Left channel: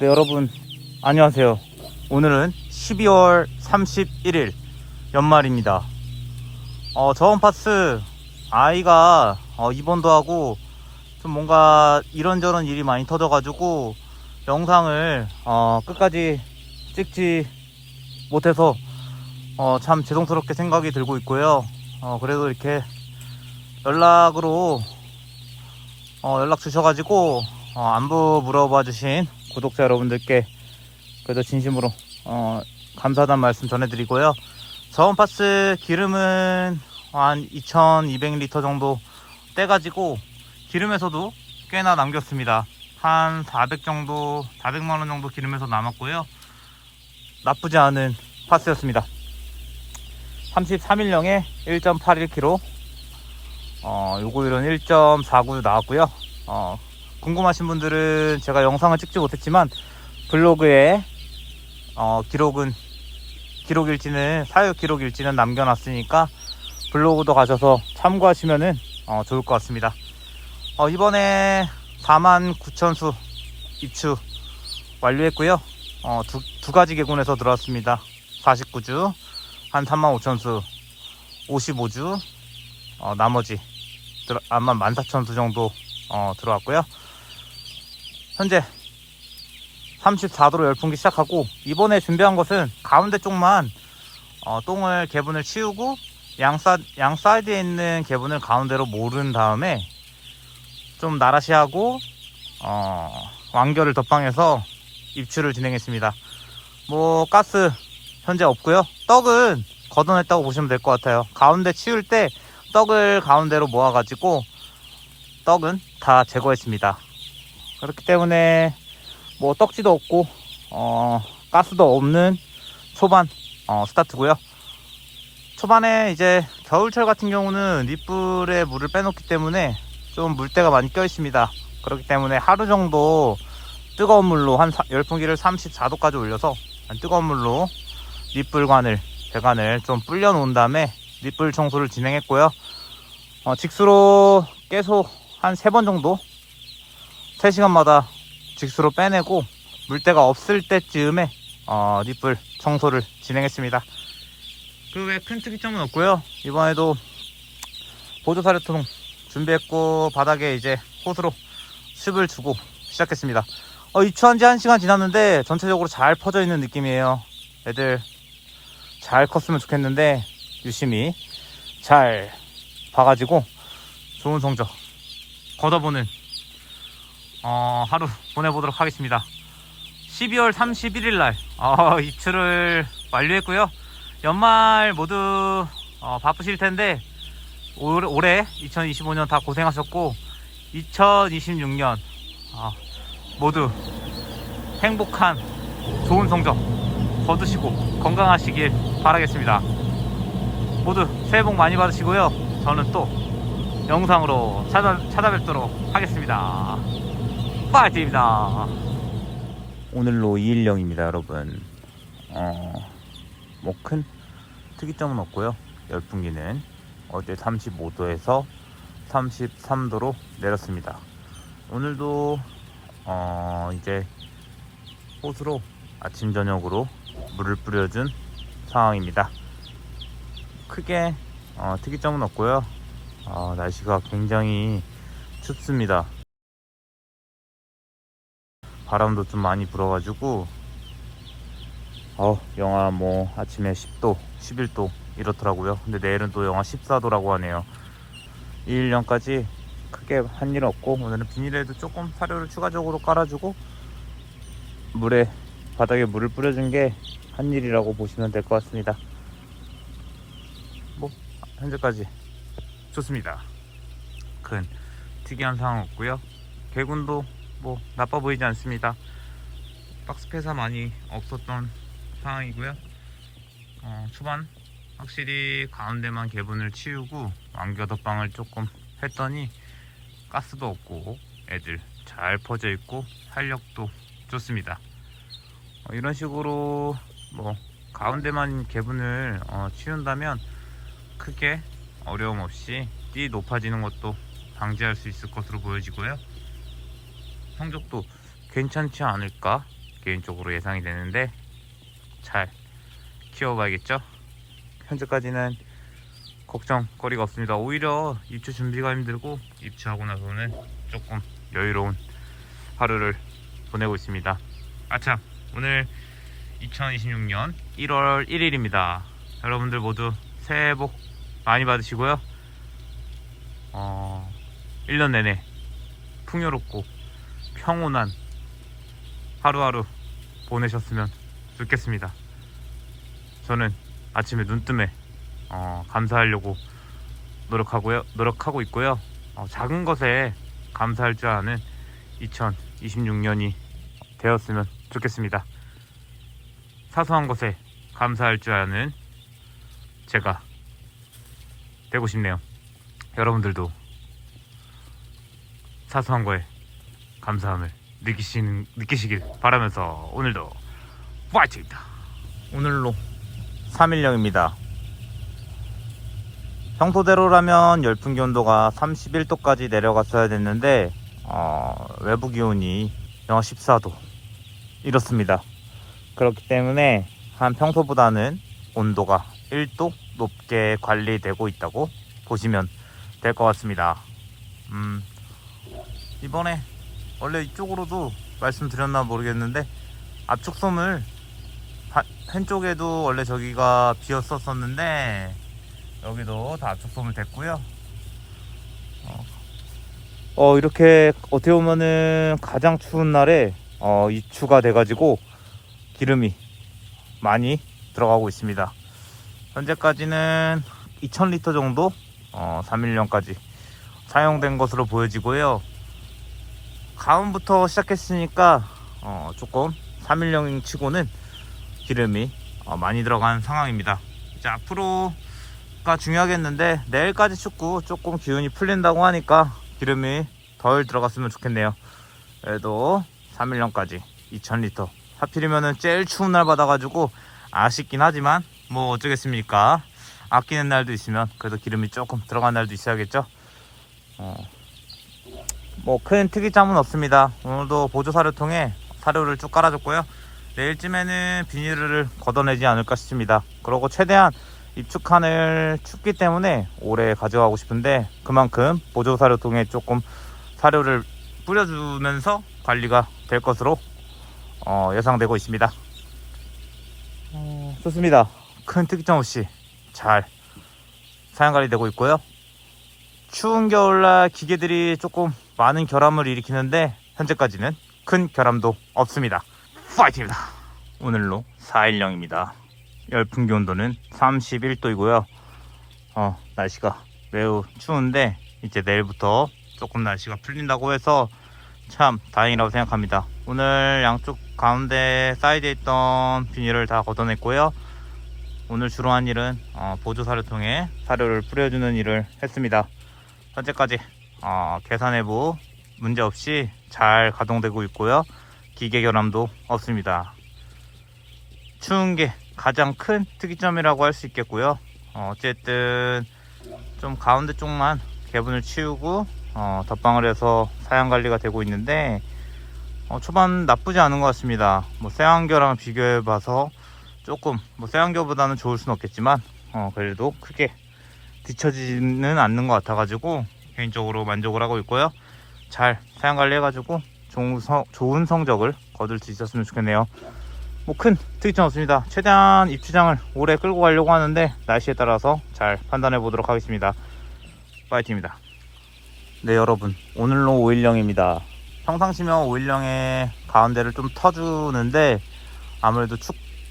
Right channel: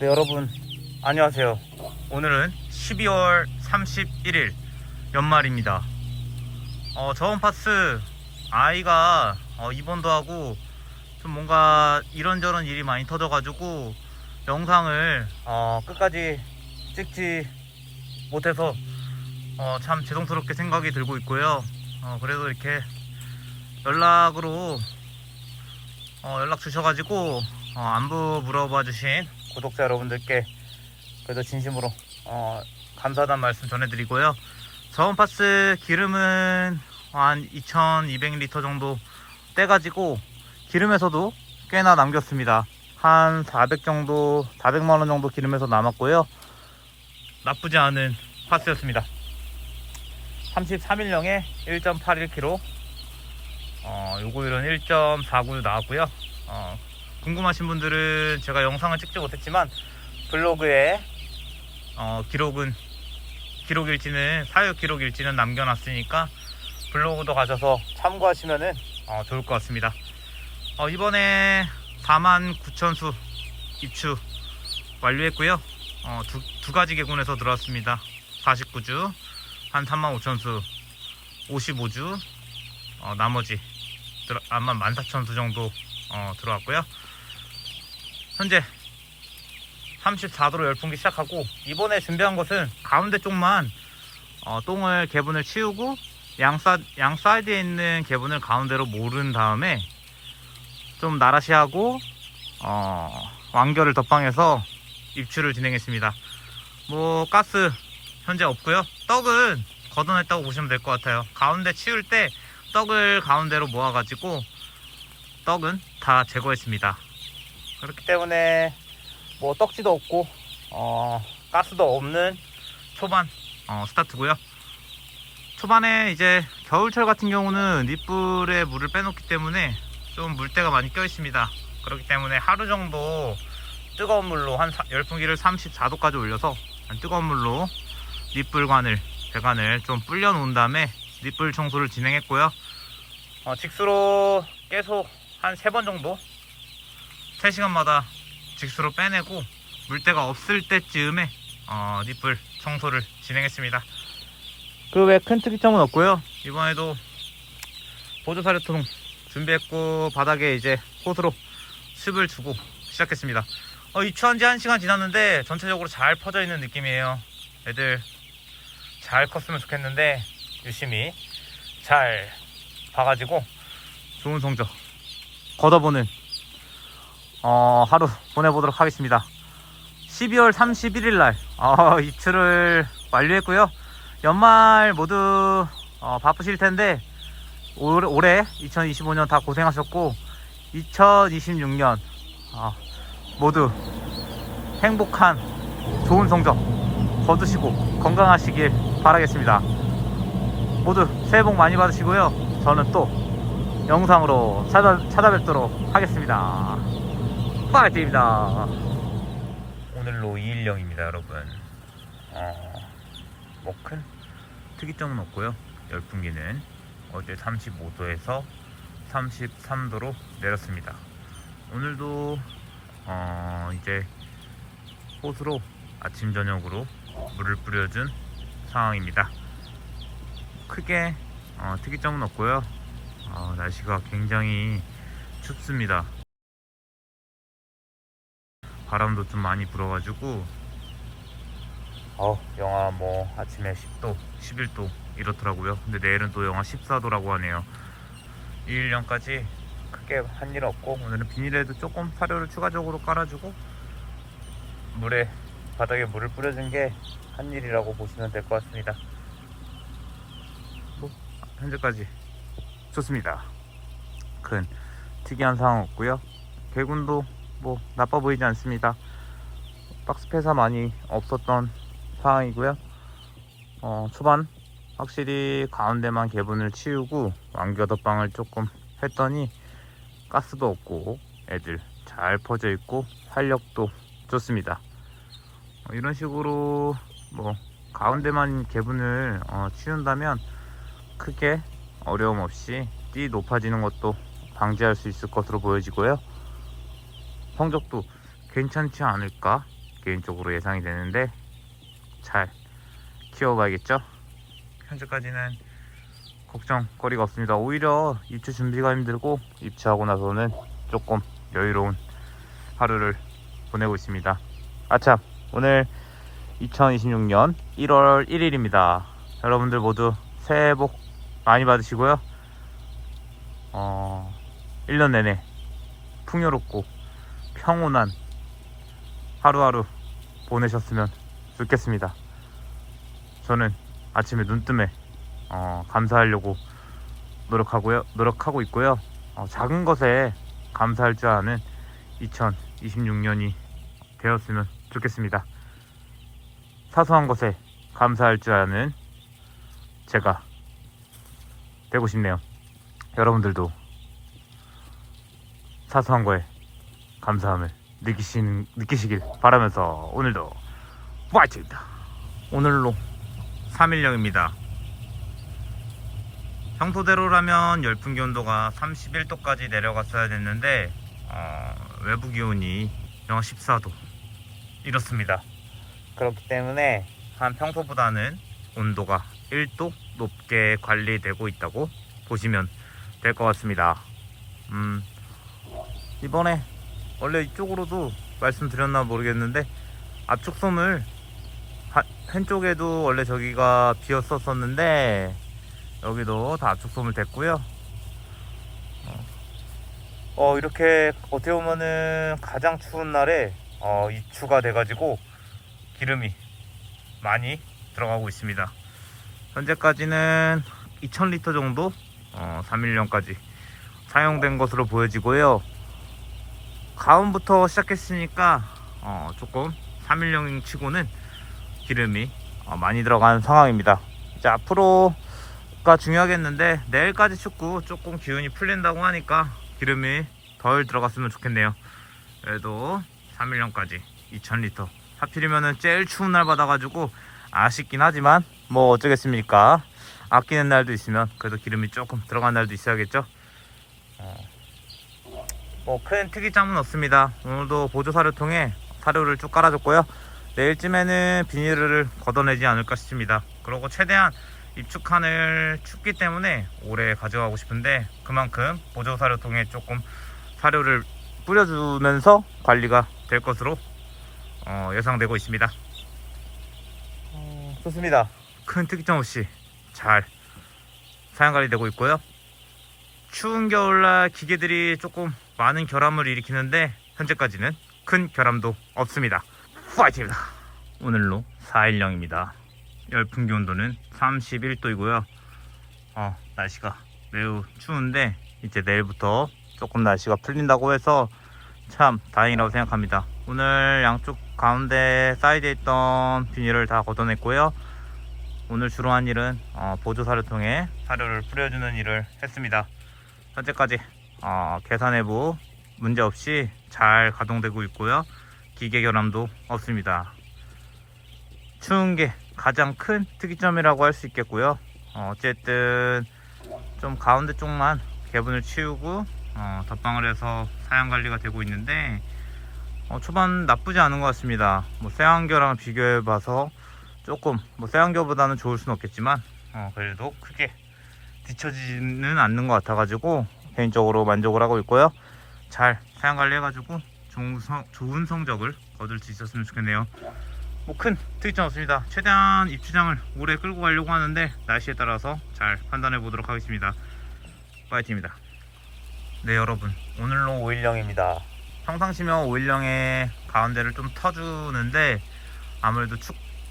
네, 여러분 안녕하세요. 오늘은 12월 31일 연말입니다. 저번 파스 아이가 입원도 하고 좀 뭔가 이런저런 일이 많이 터져가지고 영상을 끝까지 찍지 못해서 참 죄송스럽게 생각이 들고 있고요. 그래도 이렇게 연락으로 연락 주셔가지고 안부 물어봐 주신 구독자 여러분들께 그래도 진심으로 감사하다는 말씀 전해드리고요. 저온 파스 기름은 한 2200리터 정도 떼가지고 기름에서도 꽤나 남겼습니다. 한 400만원 정도 기름에서 남았고요. 나쁘지 않은 파스였습니다. 33일령에 1.81kg, 요거일은 1.49 나왔고요. 궁금하신 분들은 제가 영상을 찍지 못했지만 블로그에 사육 기록일지는 남겨놨으니까 블로그도 가셔서 참고하시면은 좋을 것 같습니다. 이번에 49,000수 입추 완료했고요. 두 가지 개군에서 들어왔습니다. 49주 한 35,000수, 55주 나머지 아마 14,000수 정도 들어왔고요. 현재 34도로 열풍기 시작하고, 이번에 준비한 것은 가운데 쪽만 똥을 개분을 치우고 양 사이드에 있는 개분을 가운데로 모른 다음에 좀 나라시 하고 완결을 덧방해서 입추를 진행했습니다. 뭐 가스 현재 없고요. 떡은 걷어냈다고 보시면 될 것 같아요. 가운데 치울 때 떡을 가운데로 모아 가지고 떡은 다 제거했습니다. 그렇기 때문에 뭐 떡지도 없고 가스도 없는 초반 스타트고요. 초반에 이제 겨울철 같은 경우는 밑불에 물을 빼놓기 때문에 좀 물때가 많이 껴 있습니다. 그렇기 때문에 하루 정도 뜨거운 물로 열풍기를 34도까지 올려서 뜨거운 물로 밑불관을 배관을 좀 불려 놓은 다음에 밑불 청소를 진행했고요. 직수로 계속 한 3번 정도 3시간마다 직수로 빼내고 물때가 없을 때쯤에 밑불 청소를 진행했습니다. 그 외 큰 특이점은 없고요. 이번에도 보조사료통 준비했고 바닥에 이제 호스로 습을 주고 시작했습니다. 입추한 지 1시간 지났는데 전체적으로 잘 퍼져 있는 느낌이에요. 애들 잘 컸으면 좋겠는데 유심히 잘 봐가지고 좋은 성적 걷어보는 하루 보내보도록 하겠습니다. 12월 31일 날 입추를 완료했고요. 연말 모두 바쁘실 텐데 올해 2025년 다 고생하셨고 2026년 모두 행복한 좋은 성적 거두시고 건강하시길 바라겠습니다. 모두 새해 복 많이 받으시고요. 저는 또 영상으로 찾아뵙도록 하겠습니다. 파이팅입니다. 오늘로 2일령입니다, 여러분. 뭐 큰 특이점은 없고요. 열풍기는 어제 35도에서 33도로 내렸습니다. 오늘도 이제 호수로 아침 저녁으로 물을 뿌려준 상황입니다. 크게 특이점은 없고요. 날씨가 굉장히 춥습니다. 바람도 좀 많이 불어가지고 영하 뭐 아침에 10도 11도 이렇더라고요. 근데 내일은 또 영하 14도라고 하네요. 2일령까지 크게 한 일 없고, 오늘은 비닐에도 조금 사료를 추가적으로 깔아주고 바닥에 물을 뿌려준 게 한 일이라고 보시면 될 것 같습니다. 뭐 현재까지 좋습니다. 큰 특이한 상황 없고요. 개군도 뭐 나빠 보이지 않습니다. 박스 폐사 많이 없었던 상황이고요. 초반 확실히 가운데만 개분을 치우고 완겨덧방을 조금 했더니 가스도 없고 애들 잘 퍼져 있고 활력도 좋습니다. 이런 식으로 뭐 가운데만 개분을 치운다면 크게 어려움 없이 띠 높아지는 것도 방지할 수 있을 것으로 보여지고요. 성적도 괜찮지 않을까 개인적으로 예상이 되는데 잘 키워봐야겠죠. 현재까지는 걱정거리가 없습니다. 오히려 입주 준비가 힘들고 입주하고 나서는 조금 여유로운 하루를 보내고 있습니다. 아참, 오늘 2026년 1월 1일입니다. 여러분들 모두 새해 복 많이 받으시고요. 1년 내내 풍요롭고 평온한 하루하루 보내셨으면 좋겠습니다. 저는 아침에 눈뜨면 감사하려고 노력하고 있고요. 작은 것에 감사할 줄 아는 2026년이 되었으면 좋겠습니다. 사소한 것에 감사할 줄 아는 제가 되고 싶네요. 여러분들도 사소한 거에 감사함을 느끼시길 바라면서 오늘도 파이팅입니다. 오늘로 3일령입니다. 평소대로라면 열풍기 온도가 31도까지 내려갔어야 됐는데 외부 기온이 영하 14도 이렇습니다. 그렇기 때문에 한 평소보다는 온도가 1도 높게 관리되고 있다고 보시면 될 것 같습니다. 이번에 원래 이쪽으로도 말씀드렸나 모르겠는데 압축솜을 한쪽에도 원래 저기가 비었었는데 여기도 다 압축솜을 댔고요. 이렇게 어떻게 보면은 가장 추운 날에 입추가 돼가지고 기름이 많이 들어가고 있습니다. 현재까지는 2000리터 정도 3일령까지 사용된 것으로 보여지고요. 가온부터 시작했으니까 조금 3일령 치고는 기름이 많이 들어간 상황입니다. 이제 앞으로가 중요하겠는데 내일까지 춥고 조금 기온이 풀린다고 하니까 기름이 덜 들어갔으면 좋겠네요. 그래도 3일령까지 2000리터 하필이면은 제일 추운 날 받아가지고 아쉽긴 하지만 뭐 어쩌겠습니까. 아끼는 날도 있으면 그래도 기름이 조금 들어간 날도 있어야겠죠. 뭐 큰 특이점은 없습니다. 오늘도 보조사료통에 사료를 쭉 깔아줬고요. 내일쯤에는 비닐을 걷어내지 않을까 싶습니다. 그리고 최대한 입축칸을 춥기 때문에 오래 가져가고 싶은데 그만큼 보조사료통에 조금 사료를 뿌려주면서 관리가 될 것으로 예상되고 있습니다. 좋습니다. 큰 특이점 없이 잘 사용관리 되고 있고요. 추운 겨울날 기계들이 조금 많은 결함을 일으키는데 현재까지는 큰 결함도 없습니다. 파이팅입니다. 오늘로 4일령입니다. 열풍기 온도는 31도이고요. 날씨가 매우 추운데 이제 내일부터 조금 날씨가 풀린다고 해서 참 다행이라고 생각합니다. 오늘 양쪽 가운데 사이드에 있던 비닐을 다 걷어냈고요. 오늘 주로 한 일은 보조사료통에 사료를 뿌려주는 일을 했습니다. 현재까지 계산해부 문제없이 잘 가동되고 있고요. 기계 결함도 없습니다. 추운 게 가장 큰 특이점이라고 할 수 있겠고요. 어쨌든 좀 가운데 쪽만 개분을 치우고 덧방을 해서 사양관리가 되고 있는데 초반 나쁘지 않은 것 같습니다. 뭐 쇠안겨랑 비교해 봐서 조금 뭐 쇠안겨보다는 좋을 수는 없겠지만 그래도 크게 뒤처지는 않는 것 같아 가지고 개인적으로 만족을 하고 있고요. 잘 사양관리 해가지고 좋은 성적을 거둘 수 있었으면 좋겠네요. 뭐 큰 특이점 없습니다. 최대한 입주장을 오래 끌고 가려고 하는데 날씨에 따라서 잘 판단해 보도록 하겠습니다. 파이팅입니다. 네, 여러분, 오늘로 5일령입니다. 평상시면 5일령에 가운데를 좀 터주는데 아무래도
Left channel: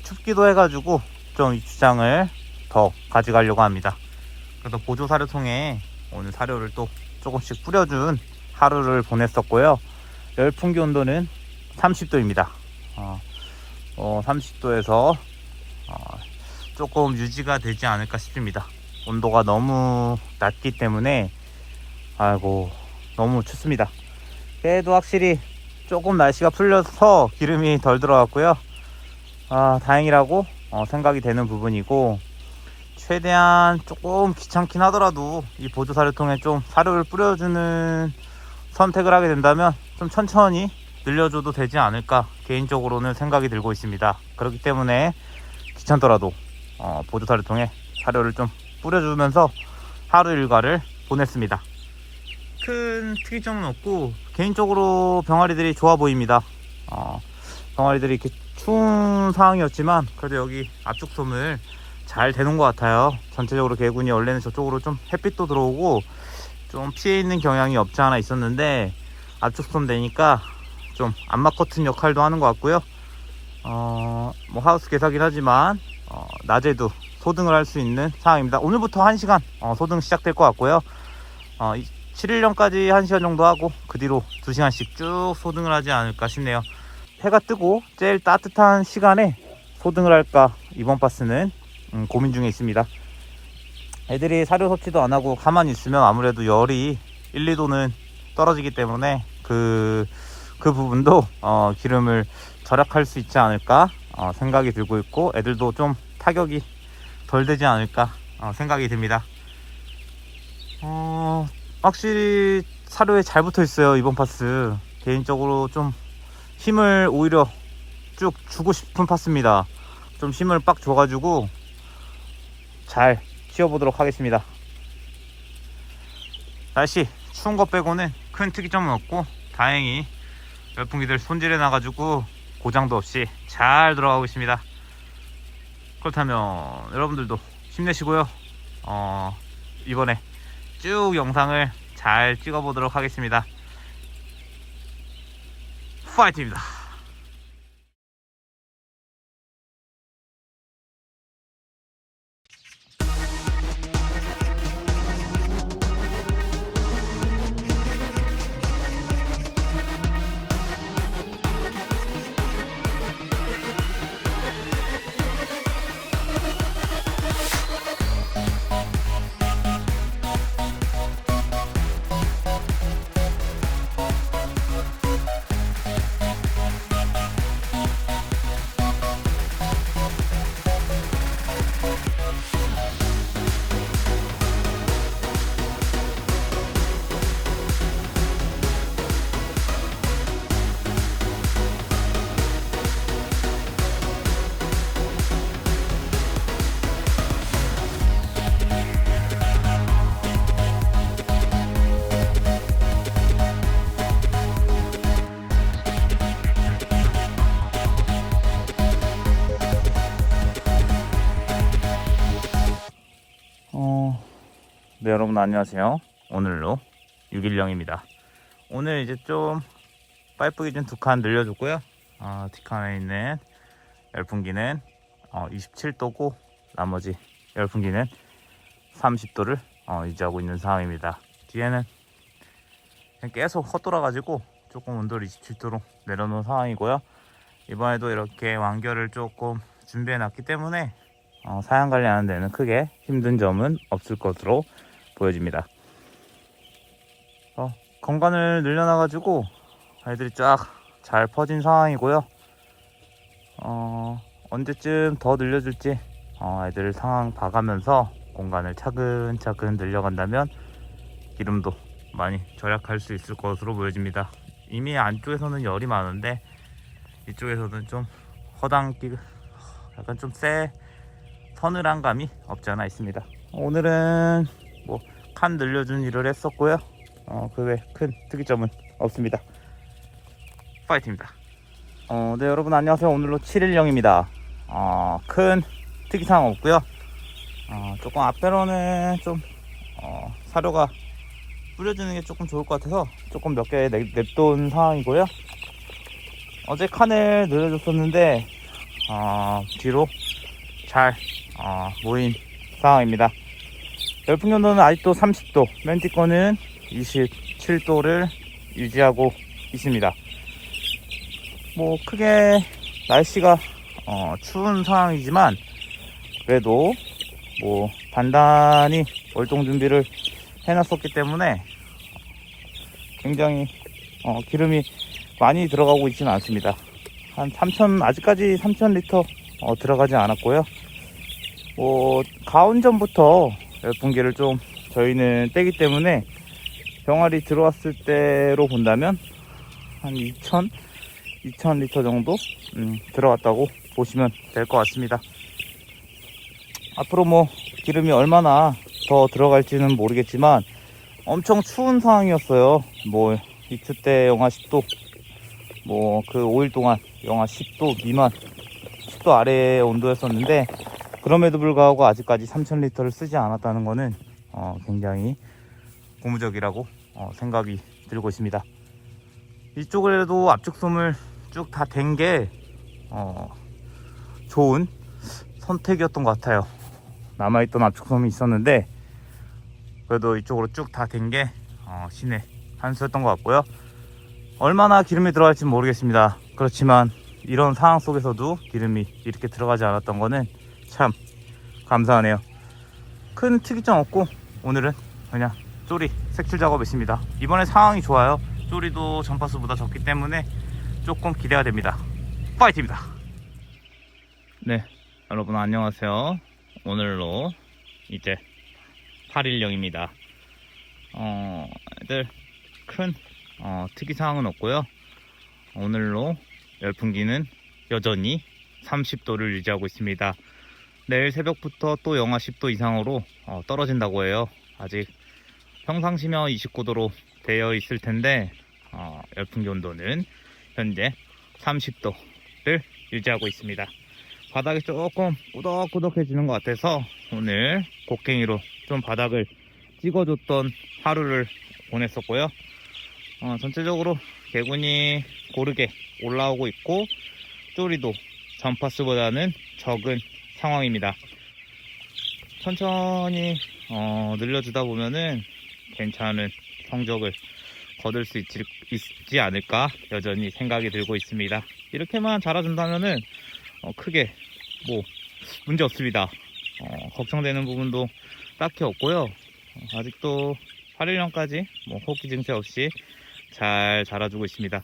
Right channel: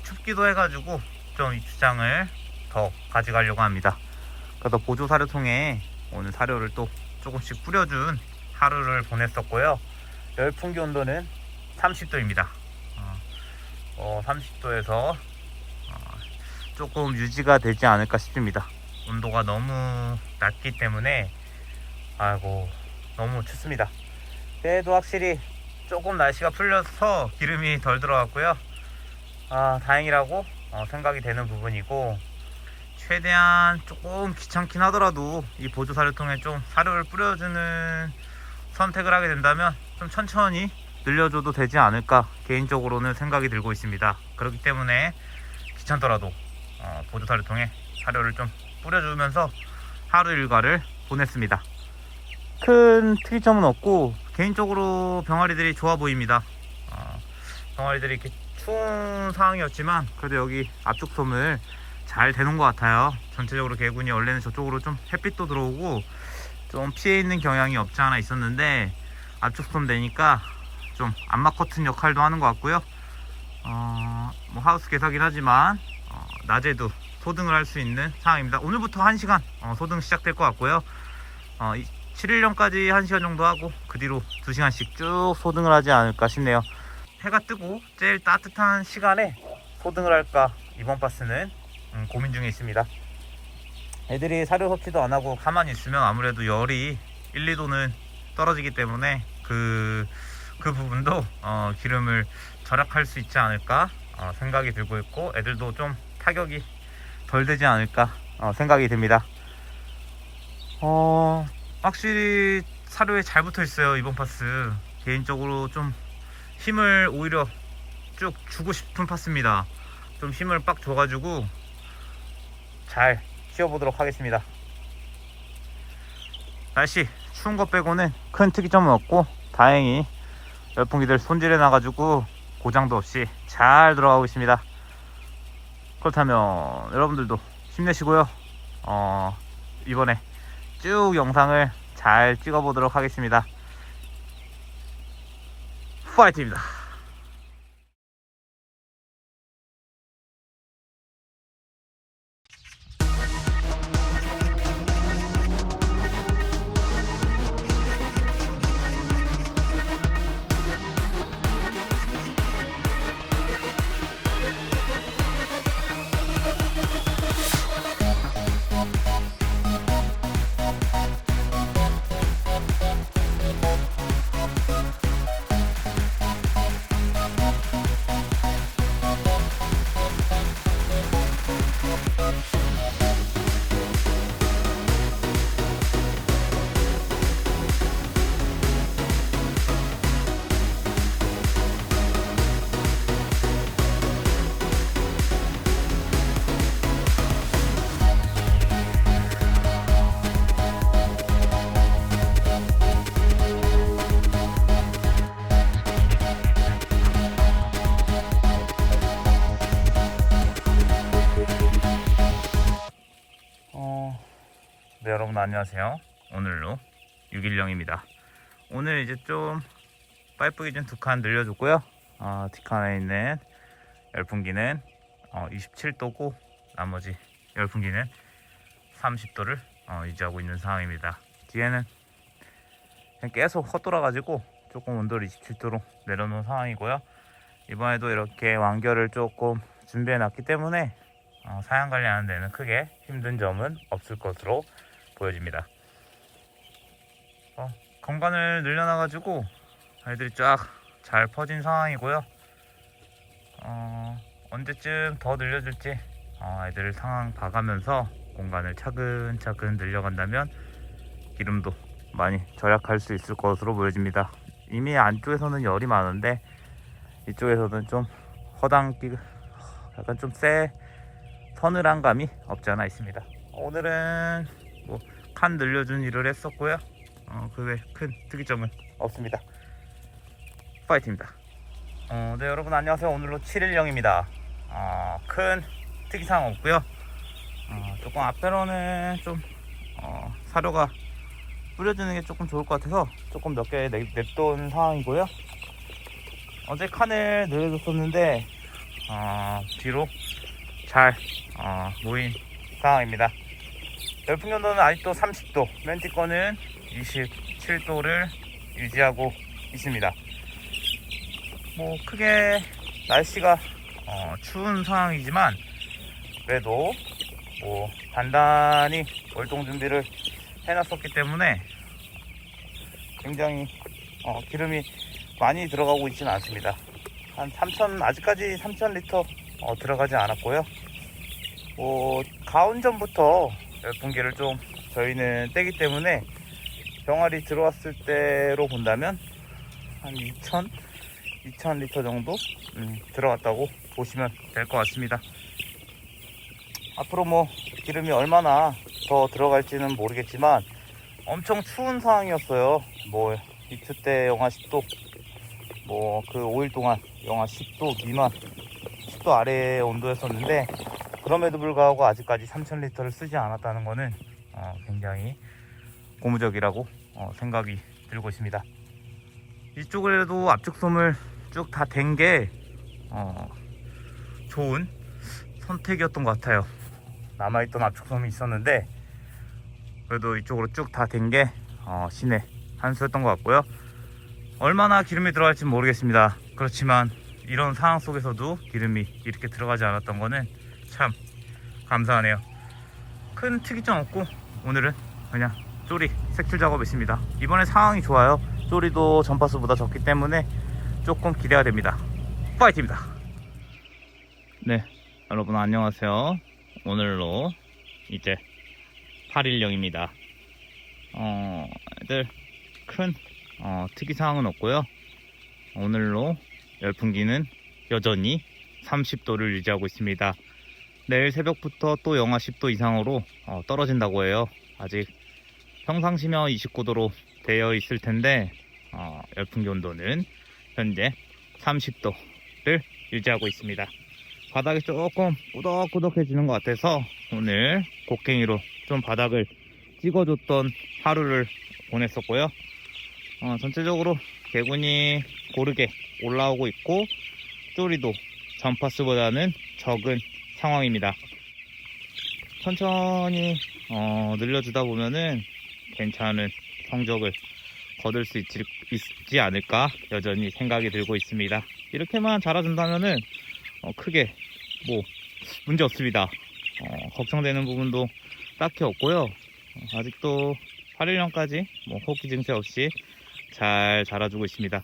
춥기도 해가지고 좀 입주장을 더 가져가려고 합니다. 그래서 보조사료통에 오늘 사료를 또 조금씩 뿌려준 하루를 보냈었고요. 열풍기 온도는 30도입니다. 30도에서 조금 유지가 되지 않을까 싶습니다. 온도가 너무 낮기 때문에 너무 춥습니다. 그래도 확실히 조금 날씨가 풀려서 기름이 덜 들어갔고요. 다행이라고 생각이 되는 부분이고, 최대한 조금 귀찮긴 하더라도 이 보조사료통에 좀 사료를 뿌려주는 선택을 하게 된다면 좀 천천히 늘려줘도 되지 않을까 개인적으로는 생각이 들고 있습니다. 그렇기 때문에 귀찮더라도 보조사를 통해 사료를 좀 뿌려주면서 하루 일과를 보냈습니다. 큰 특이점은 없고 개인적으로 병아리들이 좋아 보입니다. 병아리들이 이렇게 추운 상황이었지만 그래도 여기 압축 솜을 잘 대놓은 것 같아요. 전체적으로 개군이 원래는 저쪽으로 좀 햇빛도 들어오고 좀 피해 있는 경향이 없지 않아 있었는데 압축 솜 되니까 좀 암막 커튼 역할도 하는 것 같고요. 뭐 하우스 개사긴 하지만 낮에도 소등을 할 수 있는 상황입니다. 오늘부터 1시간 소등 시작될 것 같고요. 7일령까지 1시간 정도 하고 그 뒤로 2시간씩 쭉 소등을 하지 않을까 싶네요. 해가 뜨고 제일 따뜻한 시간에 소등을 할까 이번 파스는 고민 중에 있습니다. 애들이 사료 섭취도 안 하고 가만히 있으면 아무래도 열이 1, 2도는 떨어지기 때문에 그 부분도 기름을 절약할 수 있지 않을까 생각이 들고 있고 애들도 좀 타격이 덜 되지 않을까 생각이 듭니다. 확실히 사료에 잘 붙어 있어요. 이번 파스 개인적으로 좀 힘을 오히려 쭉 주고 싶은 파스입니다. 좀 힘을 빡 줘가지고 잘 키워보도록 하겠습니다. 날씨 추운 것 빼고는 큰 특이점은 없고 다행히 열풍기들 손질해 놔가지고 고장도 없이 잘 들어가고 있습니다. 그렇다면 여러분들도 힘내시고요. 이번에 쭉 영상을 잘 찍어보도록 하겠습니다. 파이팅입니다. 네, 여러분 안녕하세요. 오늘로 6일령입니다. 오늘 이제 좀 파이프 기준 2칸 늘려줬고요. 뒷칸에 있는 열풍기는 27도고 나머지 열풍기는 30도를 유지하고 있는 상황입니다. 뒤에는 그냥 계속 헛돌아 가지고 조금 온도를 27도로 내려놓은 상황이고요. 이번에도 이렇게 완결을 조금 준비해 놨기 때문에 사양 관리하는 데는 크게 힘든 점은 없을 것으로 보여집니다. 공간을 늘려놔 가지고 아이들이 쫙 잘 퍼진 상황이고요. 언제쯤 더 늘려줄지 아이들 상황 봐가면서 공간을 차근차근 늘려간다면 기름도 많이 절약할 수 있을 것으로 보여집니다. 이미 안쪽에서는 열이 많은데 이쪽에서는 좀 약간 좀 서늘한 감이 없지 않아 있습니다. 오늘은 뭐 칸 늘려준 일을 했었고요. 그 외 큰 특이점은 없습니다. 파이팅입니다. 네, 여러분 안녕하세요. 오늘로 7일령입니다. 큰 특이사항 없고요. 조금 앞배로는 좀 사료가 뿌려주는 게 조금 좋을 것 같아서 조금 몇 개 냅둔 상황이고요. 어제 칸을 늘려줬었는데 뒤로 잘 모인 상황입니다. 열풍연도는 아직도 30도, 맨 뒤거는 27도를 유지하고 있습니다. 뭐 크게 날씨가 추운 상황이지만 그래도 뭐 단단히 월동 준비를 해놨었기 때문에 굉장히 기름이 많이 들어가고 있지는 않습니다. 한 3,000, 아직까지 3,000리터 들어가지 않았고요. 가온 전부터 열풍기를 좀 저희는 떼기 때문에 병아리 들어왔을 때로 본다면 한 2,000 2000리터 정도 들어갔다고 보시면 될 것 같습니다. 앞으로 뭐 기름이 얼마나 더 들어갈지는 모르겠지만 엄청 추운 상황이었어요. 뭐 이틀 때 영하 10도, 뭐 그 5일 동안 영하 10도 미만, 10도 아래의 온도였었는데, 그럼에도 불구하고 아직까지 3000리터를 쓰지 않았다는 거는 굉장히 고무적이라고 생각이 들고 있습니다. 이쪽에도 압축솜을 쭉 다 댄 게 좋은 선택이었던 것 같아요. 남아있던 압축솜이 있었는데 그래도 이쪽으로 쭉 다 댄 게 신의 한 수였던 것 같고요. 얼마나 기름이 들어갈지 모르겠습니다. 그렇지만 이런 상황 속에서도 기름이 이렇게 들어가지 않았던 거는 참 감사하네요. 큰 특이점 없고 오늘은 그냥 쪼리 색출 작업했습니다. 이번에 상황이 좋아요. 쪼리도 전파수보다 적기 때문에 조금 기대가 됩니다. 파이팅입니다. 네, 여러분 안녕하세요. 오늘로 이제 8일령입니다. 애들 큰 특이사항은 없고요. 오늘로 열풍기는 여전히 30도를 유지하고 있습니다. 내일 새벽부터 또 영하 10도 이상으로 떨어진다고 해요. 아직 평상시면 29도로 되어 있을 텐데 열풍기 온도는 현재 30도를 유지하고 있습니다. 바닥이 조금 꾸덕꾸덕해지는 것 같아서 오늘 곡괭이로 좀 바닥을 찍어줬던 하루를 보냈었고요. 전체적으로 개군이 고르게 올라오고 있고 쪼리도 전파수보다는 적은 상황입니다. 천천히 늘려주다 보면은 괜찮은 성적을 거둘 수 있지 않을까 여전히 생각이 들고 있습니다. 이렇게만 자라준다면은 크게 뭐 문제 없습니다. 걱정되는 부분도 딱히 없고요. 아직도 8일령까지 뭐 호기 증세 없이 잘 자라주고 있습니다.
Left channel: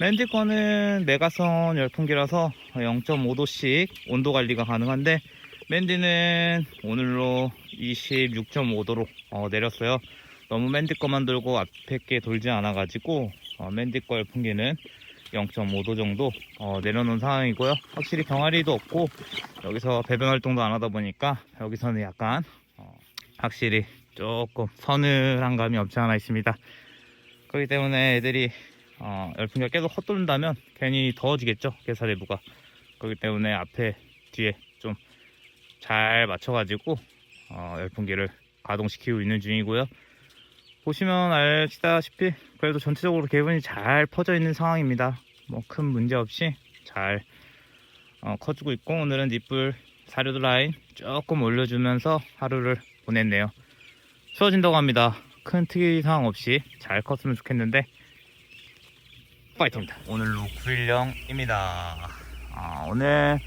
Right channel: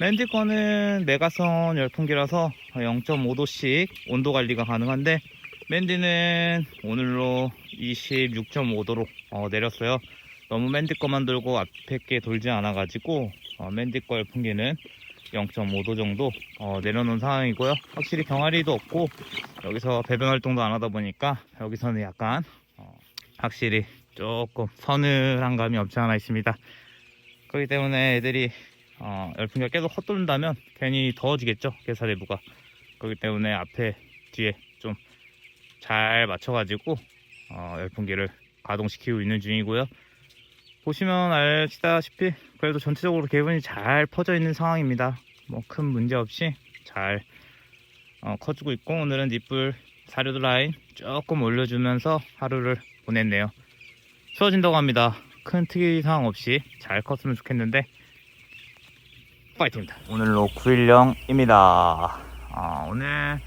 맨디 거는 메가선 열풍기라서 0.5도씩 온도 관리가 가능한데 맨디는 오늘로 26.5도로 내렸어요. 너무 맨디 거만 돌고 앞에 게 돌지 않아 가지고 맨디 거 열풍기는 0.5도 정도 내려놓은 상황이고요. 확실히 병아리도 없고 여기서 배변 활동도 안 하다 보니까 여기서는 약간 확실히 조금 서늘한 감이 없지 않아 있습니다. 그렇기 때문에 애들이 열풍기가 계속 헛돌린다면 괜히 더워지겠죠, 개사 내부가. 그렇기 때문에 앞에 뒤에 좀 잘 맞춰가지고 열풍기를 가동시키고 있는 중이고요. 보시면 아시다시피 그래도 전체적으로 개분이 잘 퍼져 있는 상황입니다. 뭐 큰 문제 없이 잘 커지고 있고, 오늘은 니뿔 사료도 라인 조금 올려주면서 하루를 보냈네요. 추워진다고 합니다. 큰 특이사항 없이 잘 컸으면 좋겠는데 파이팅입니다. 오늘로 9일령입니다. 오늘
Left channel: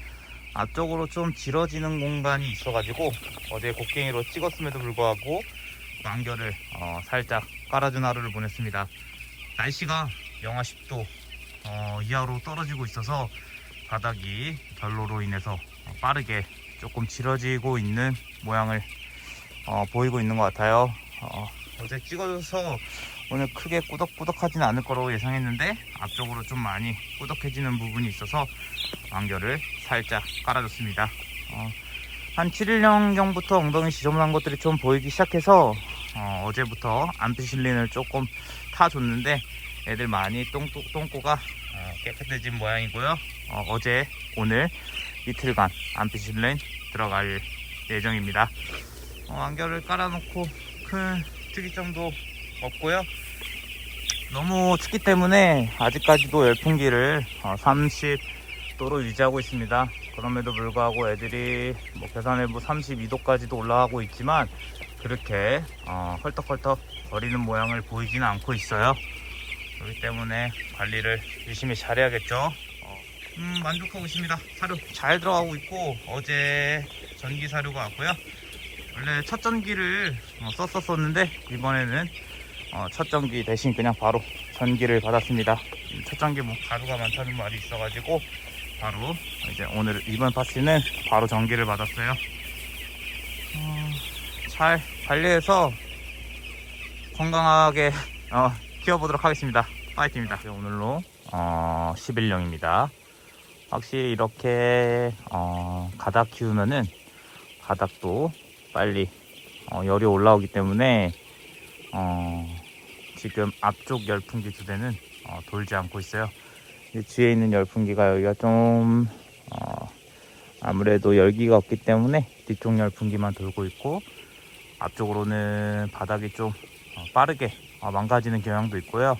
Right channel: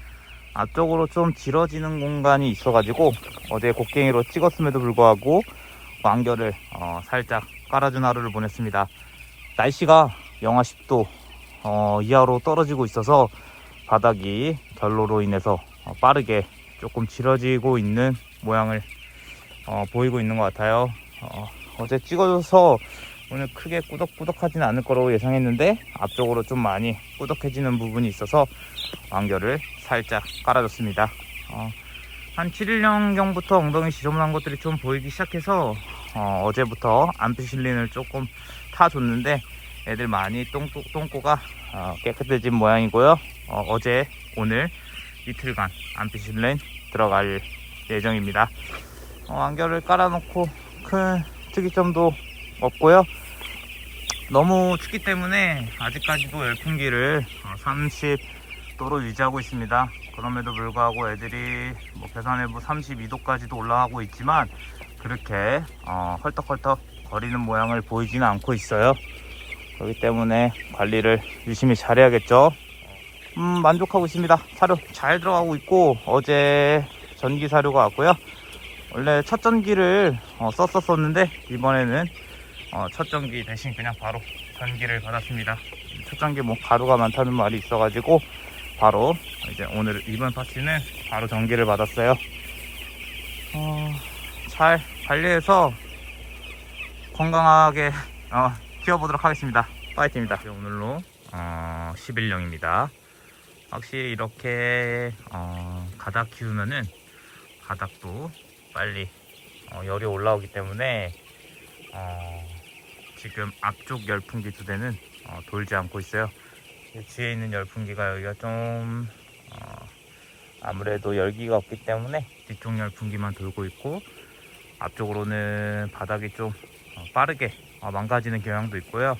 앞쪽으로 좀 길어지는 공간이 있어가지고 어제 곡괭이로 찍었음에도 불구하고 완결을 살짝 깔아준 하루를 보냈습니다. 날씨가 영하 10도 이하로 떨어지고 있어서 바닥이 결로로 인해서 빠르게 조금 길어지고 있는 모양을 보이고 있는 것 같아요. 어제 찍어줘서 오늘 크게 꾸덕꾸덕하지는 않을 거라고 예상했는데 앞쪽으로 좀 많이 꾸덕해지는 부분이 있어서 완결을 살짝 깔아줬습니다. 한 7일령경부터 엉덩이 지저분한 것들이 좀 보이기 시작해서 어제부터 암피실린을 조금 타줬는데 애들 많이 똥꼬가 깨끗해진 모양이고요. 어제 오늘 이틀간 암피실린 들어갈 예정입니다. 완결을 깔아놓고 큰 특이점도 없고요. 너무 춥기 때문에 아직까지도 열풍기를 30도로 유지하고 있습니다. 그럼에도 불구하고 애들이 뭐 계산해보 32도까지도 올라가고 있지만 그렇게 헐떡헐떡 거리는 모양을 보이지는 않고 있어요. 그렇기 때문에 관리를 유심히 잘해야겠죠. 만족하고 있습니다. 사료 잘 들어가고 있고 어제 전기 사료가 왔고요. 원래 첫 전기를 썼었는데 이번에는 첫 전기 대신 그냥 바로 전기를 받았습니다. 첫 전기 뭐 가루가 많다는 말이 있어가지고 바로 이제 오늘 이번 파티는 바로 전기를 받았어요. 잘 관리해서 건강하게 키워보도록 하겠습니다. 파이팅입니다. 오늘로 11령입니다. 확실히 이렇게 가닥 키우면은 가닥도 빨리 열이 올라오기 때문에 지금 앞쪽 열풍기 두 대는 돌지 않고 있어요. 뒤에 있는 열풍기가 여기가 좀 아무래도 열기가 없기 때문에 뒤쪽 열풍기만 돌고 있고, 앞쪽으로는 바닥이 좀 빠르게 망가지는 경향도 있고요.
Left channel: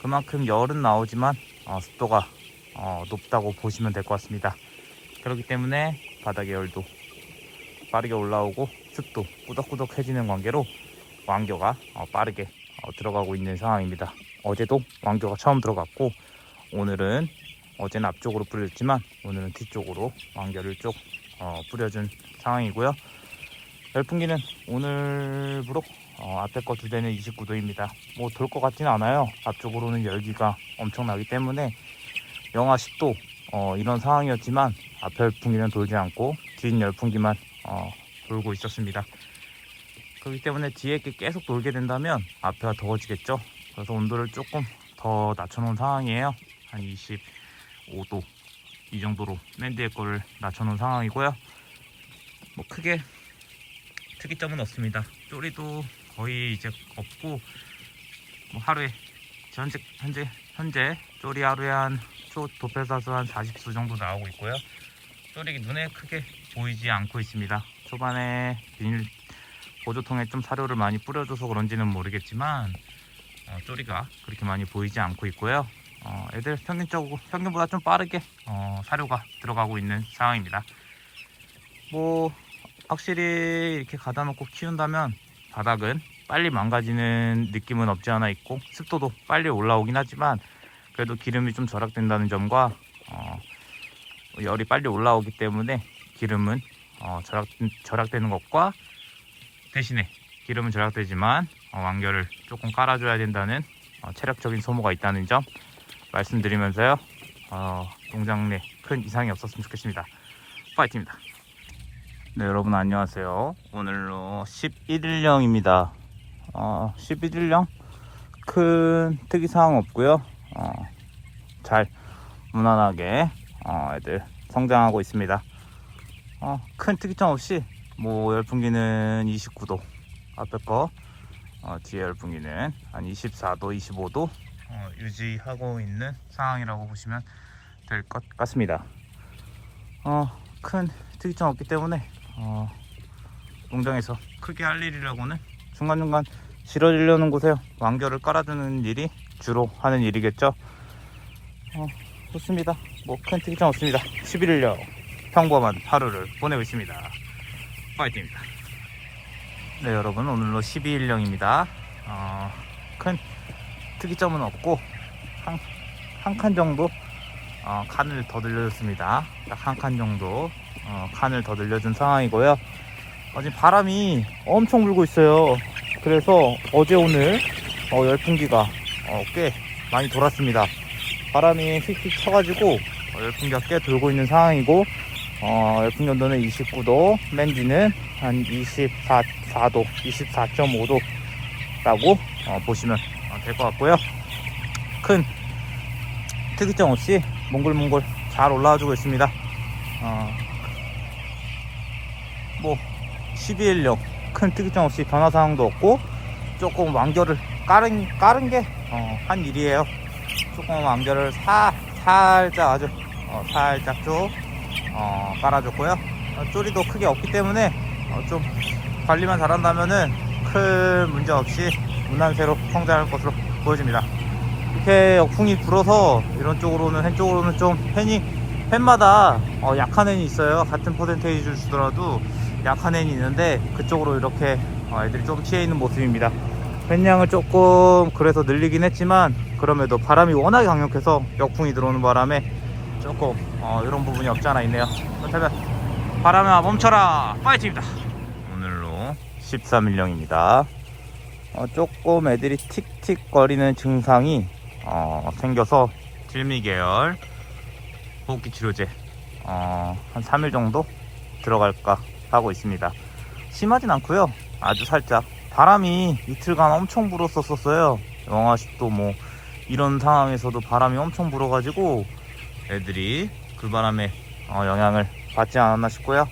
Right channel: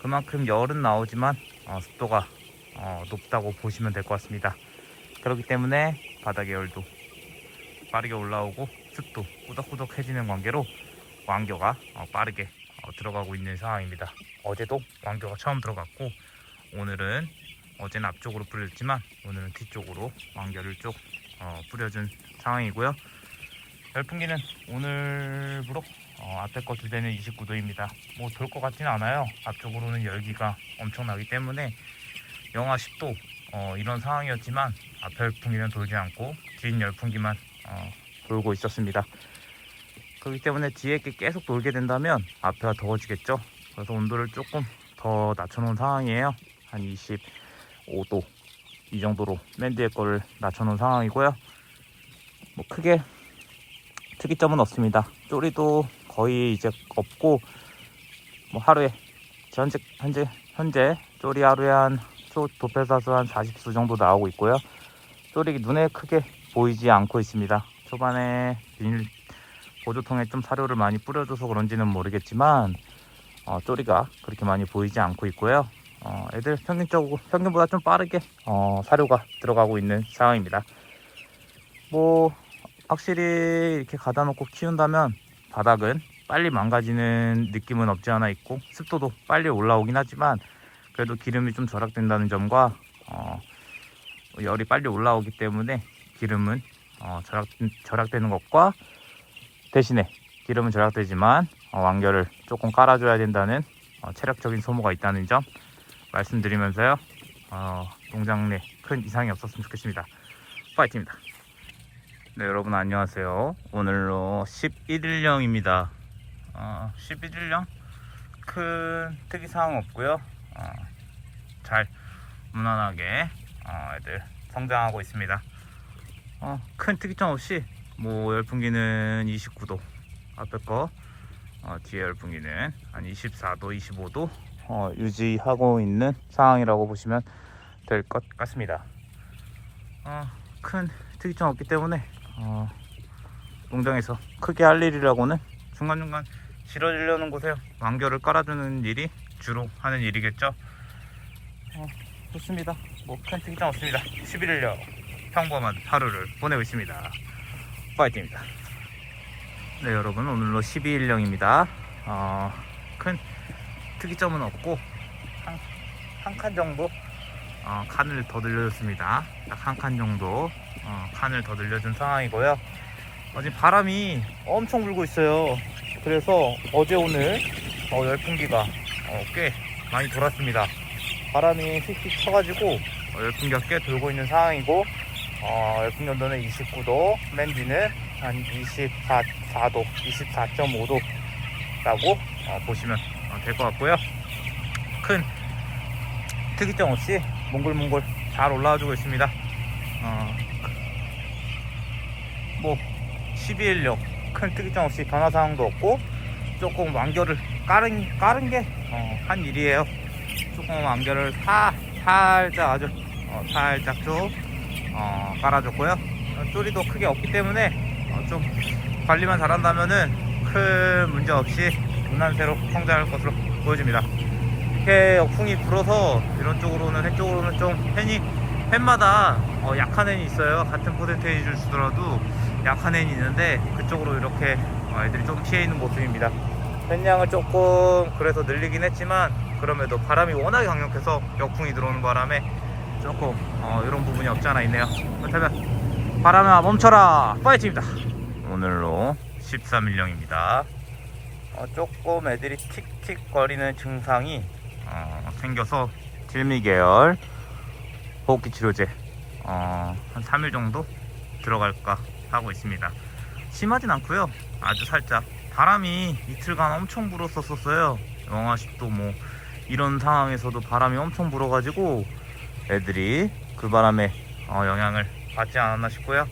그만큼 열은 나오지만 습도가 높다고 보시면 될 것 같습니다. 그렇기 때문에 바닥의 열도 빠르게 올라오고 습도 꾸덕꾸덕해지는 관계로 왕겨가 빠르게 들어가고 있는 상황입니다. 어제도 왕겨가 처음 들어갔고, 오늘은 어제는 앞쪽으로 뿌렸지만 오늘은 뒤쪽으로 왕겨를 쭉 뿌려준 상황이고요. 열풍기는 오늘부로 앞에 거 두 대는 29도입니다. 뭐 돌 것 같지는 않아요. 앞쪽으로는 열기가 엄청나기 때문에 영하 10도 이런 상황이었지만 앞에 열풍기는 돌지 않고 뒤 열풍기만 돌고 있었습니다. 그렇기 때문에 뒤에 게 계속 돌게 된다면 앞에가 더워지겠죠. 그래서 온도를 조금 더 낮춰놓은 상황이에요. 한 25도 이 정도로 맨 뒤에 거를 낮춰놓은 상황이고요. 뭐 크게 특이점은 없습니다. 쪼리도 거의 이제 없고, 뭐 하루에 현재 쪼리 하루에 한 도폐사수 한 40수 정도 나오고 있고요. 쪼리 눈에 크게 보이지 않고 있습니다. 초반에 비닐 보조통에 좀 사료를 많이 뿌려줘서 그런지는 모르겠지만 쪼리가 그렇게 많이 보이지 않고 있고요. 애들 평균보다 좀 빠르게 사료가 들어가고 있는 상황입니다. 뭐 확실히 이렇게 가다 놓고 키운다면 바닥은 빨리 망가지는 느낌은 없지 않아 있고, 습도도 빨리 올라오긴 하지만 그래도 기름이 좀 절약된다는 점과 열이 빨리 올라오기 때문에 기름은 절약되는 것과, 대신에 기름은 절약되지만 왕겨를 조금 깔아줘야 된다는 체력적인 소모가 있다는 점 말씀드리면서요, 농장 내 큰 이상이 없었으면 좋겠습니다. 파이팅입니다. 네, 여러분 안녕하세요. 오늘로 11일령입니다. 11일령 큰 특이사항 없고요. 잘 무난하게 애들 성장하고 있습니다. 큰 특이점 없이 뭐 열풍기는 29도 앞에 거, 뒤에 열풍기는 한 24도 25도 유지하고 있는 상황이라고 보시면 될 것 같습니다. 큰 특이점 없기 때문에 농장에서 크게 할 일이라고는 중간중간 실어주려는 곳에 왕겨를 깔아주는 일이 주로 하는 일이겠죠. 좋습니다. 뭐 큰 특이점 없습니다. 11일령 평범한 하루를 보내고 있습니다. 파이팅입니다. 네, 여러분 오늘로 12일령입니다. 큰 특이점은 없고 한 칸 정도 칸을 더 늘려줬습니다. 딱 한 칸 정도 칸을 더 늘려준 상황이고요. 지금 바람이 엄청 불고 있어요. 그래서 어제 오늘 열풍기가 꽤 많이 돌았습니다. 바람이 틱틱 쳐가지고 열풍기가 꽤 돌고 있는 상황이고, 열풍기 온도는 29도, 맨 뒤는 한 24도, 24.5도 라고 보시면 될 것 같고요. 큰 특이점 없이 몽글몽글 잘 올라와주고 있습니다. 뭐 12일령 큰 특이점 없이 변화사항도 없고, 조금 왕겨를 깔은 게 한 일이에요. 조금 왕겨를 살짝 아주 살짝 쭉 깔아줬고요. 쪼리도 크게 없기 때문에 좀 관리만 잘한다면은 큰 문제 없이 무난새로 성장할 것으로 보여집니다. 이렇게 역풍이 불어서 이런 쪽으로는 hen 쪽으로는 좀 펜마다 약한 헨이 있어요. 같은 퍼센테이지를 주더라도 약한 헨이 있는데 그쪽으로 이렇게 애들이 좀 튀어 있는 모습입니다. 펜량을 조금 그래서 늘리긴 했지만, 그럼에도 바람이 워낙에 강력해서 역풍이 들어오는 바람에 조금 이런 부분이 없지 않아 있네요. 그렇다면 바람아 멈춰라, 파이팅입니다. 오늘로 13일령입니다. 조금 애들이 틱틱 거리는 증상이 생겨서 질미계열 호흡기 치료제 한 3일 정도 들어갈까 하고 있습니다. 심하진 않고요. 아주 살짝 바람이 이틀간 엄청 불었었어요. 영하 10도 뭐 이런 상황에서도 바람이 엄청 불어가지고 애들이 그 바람에 영향을 받지 않았나 싶고요.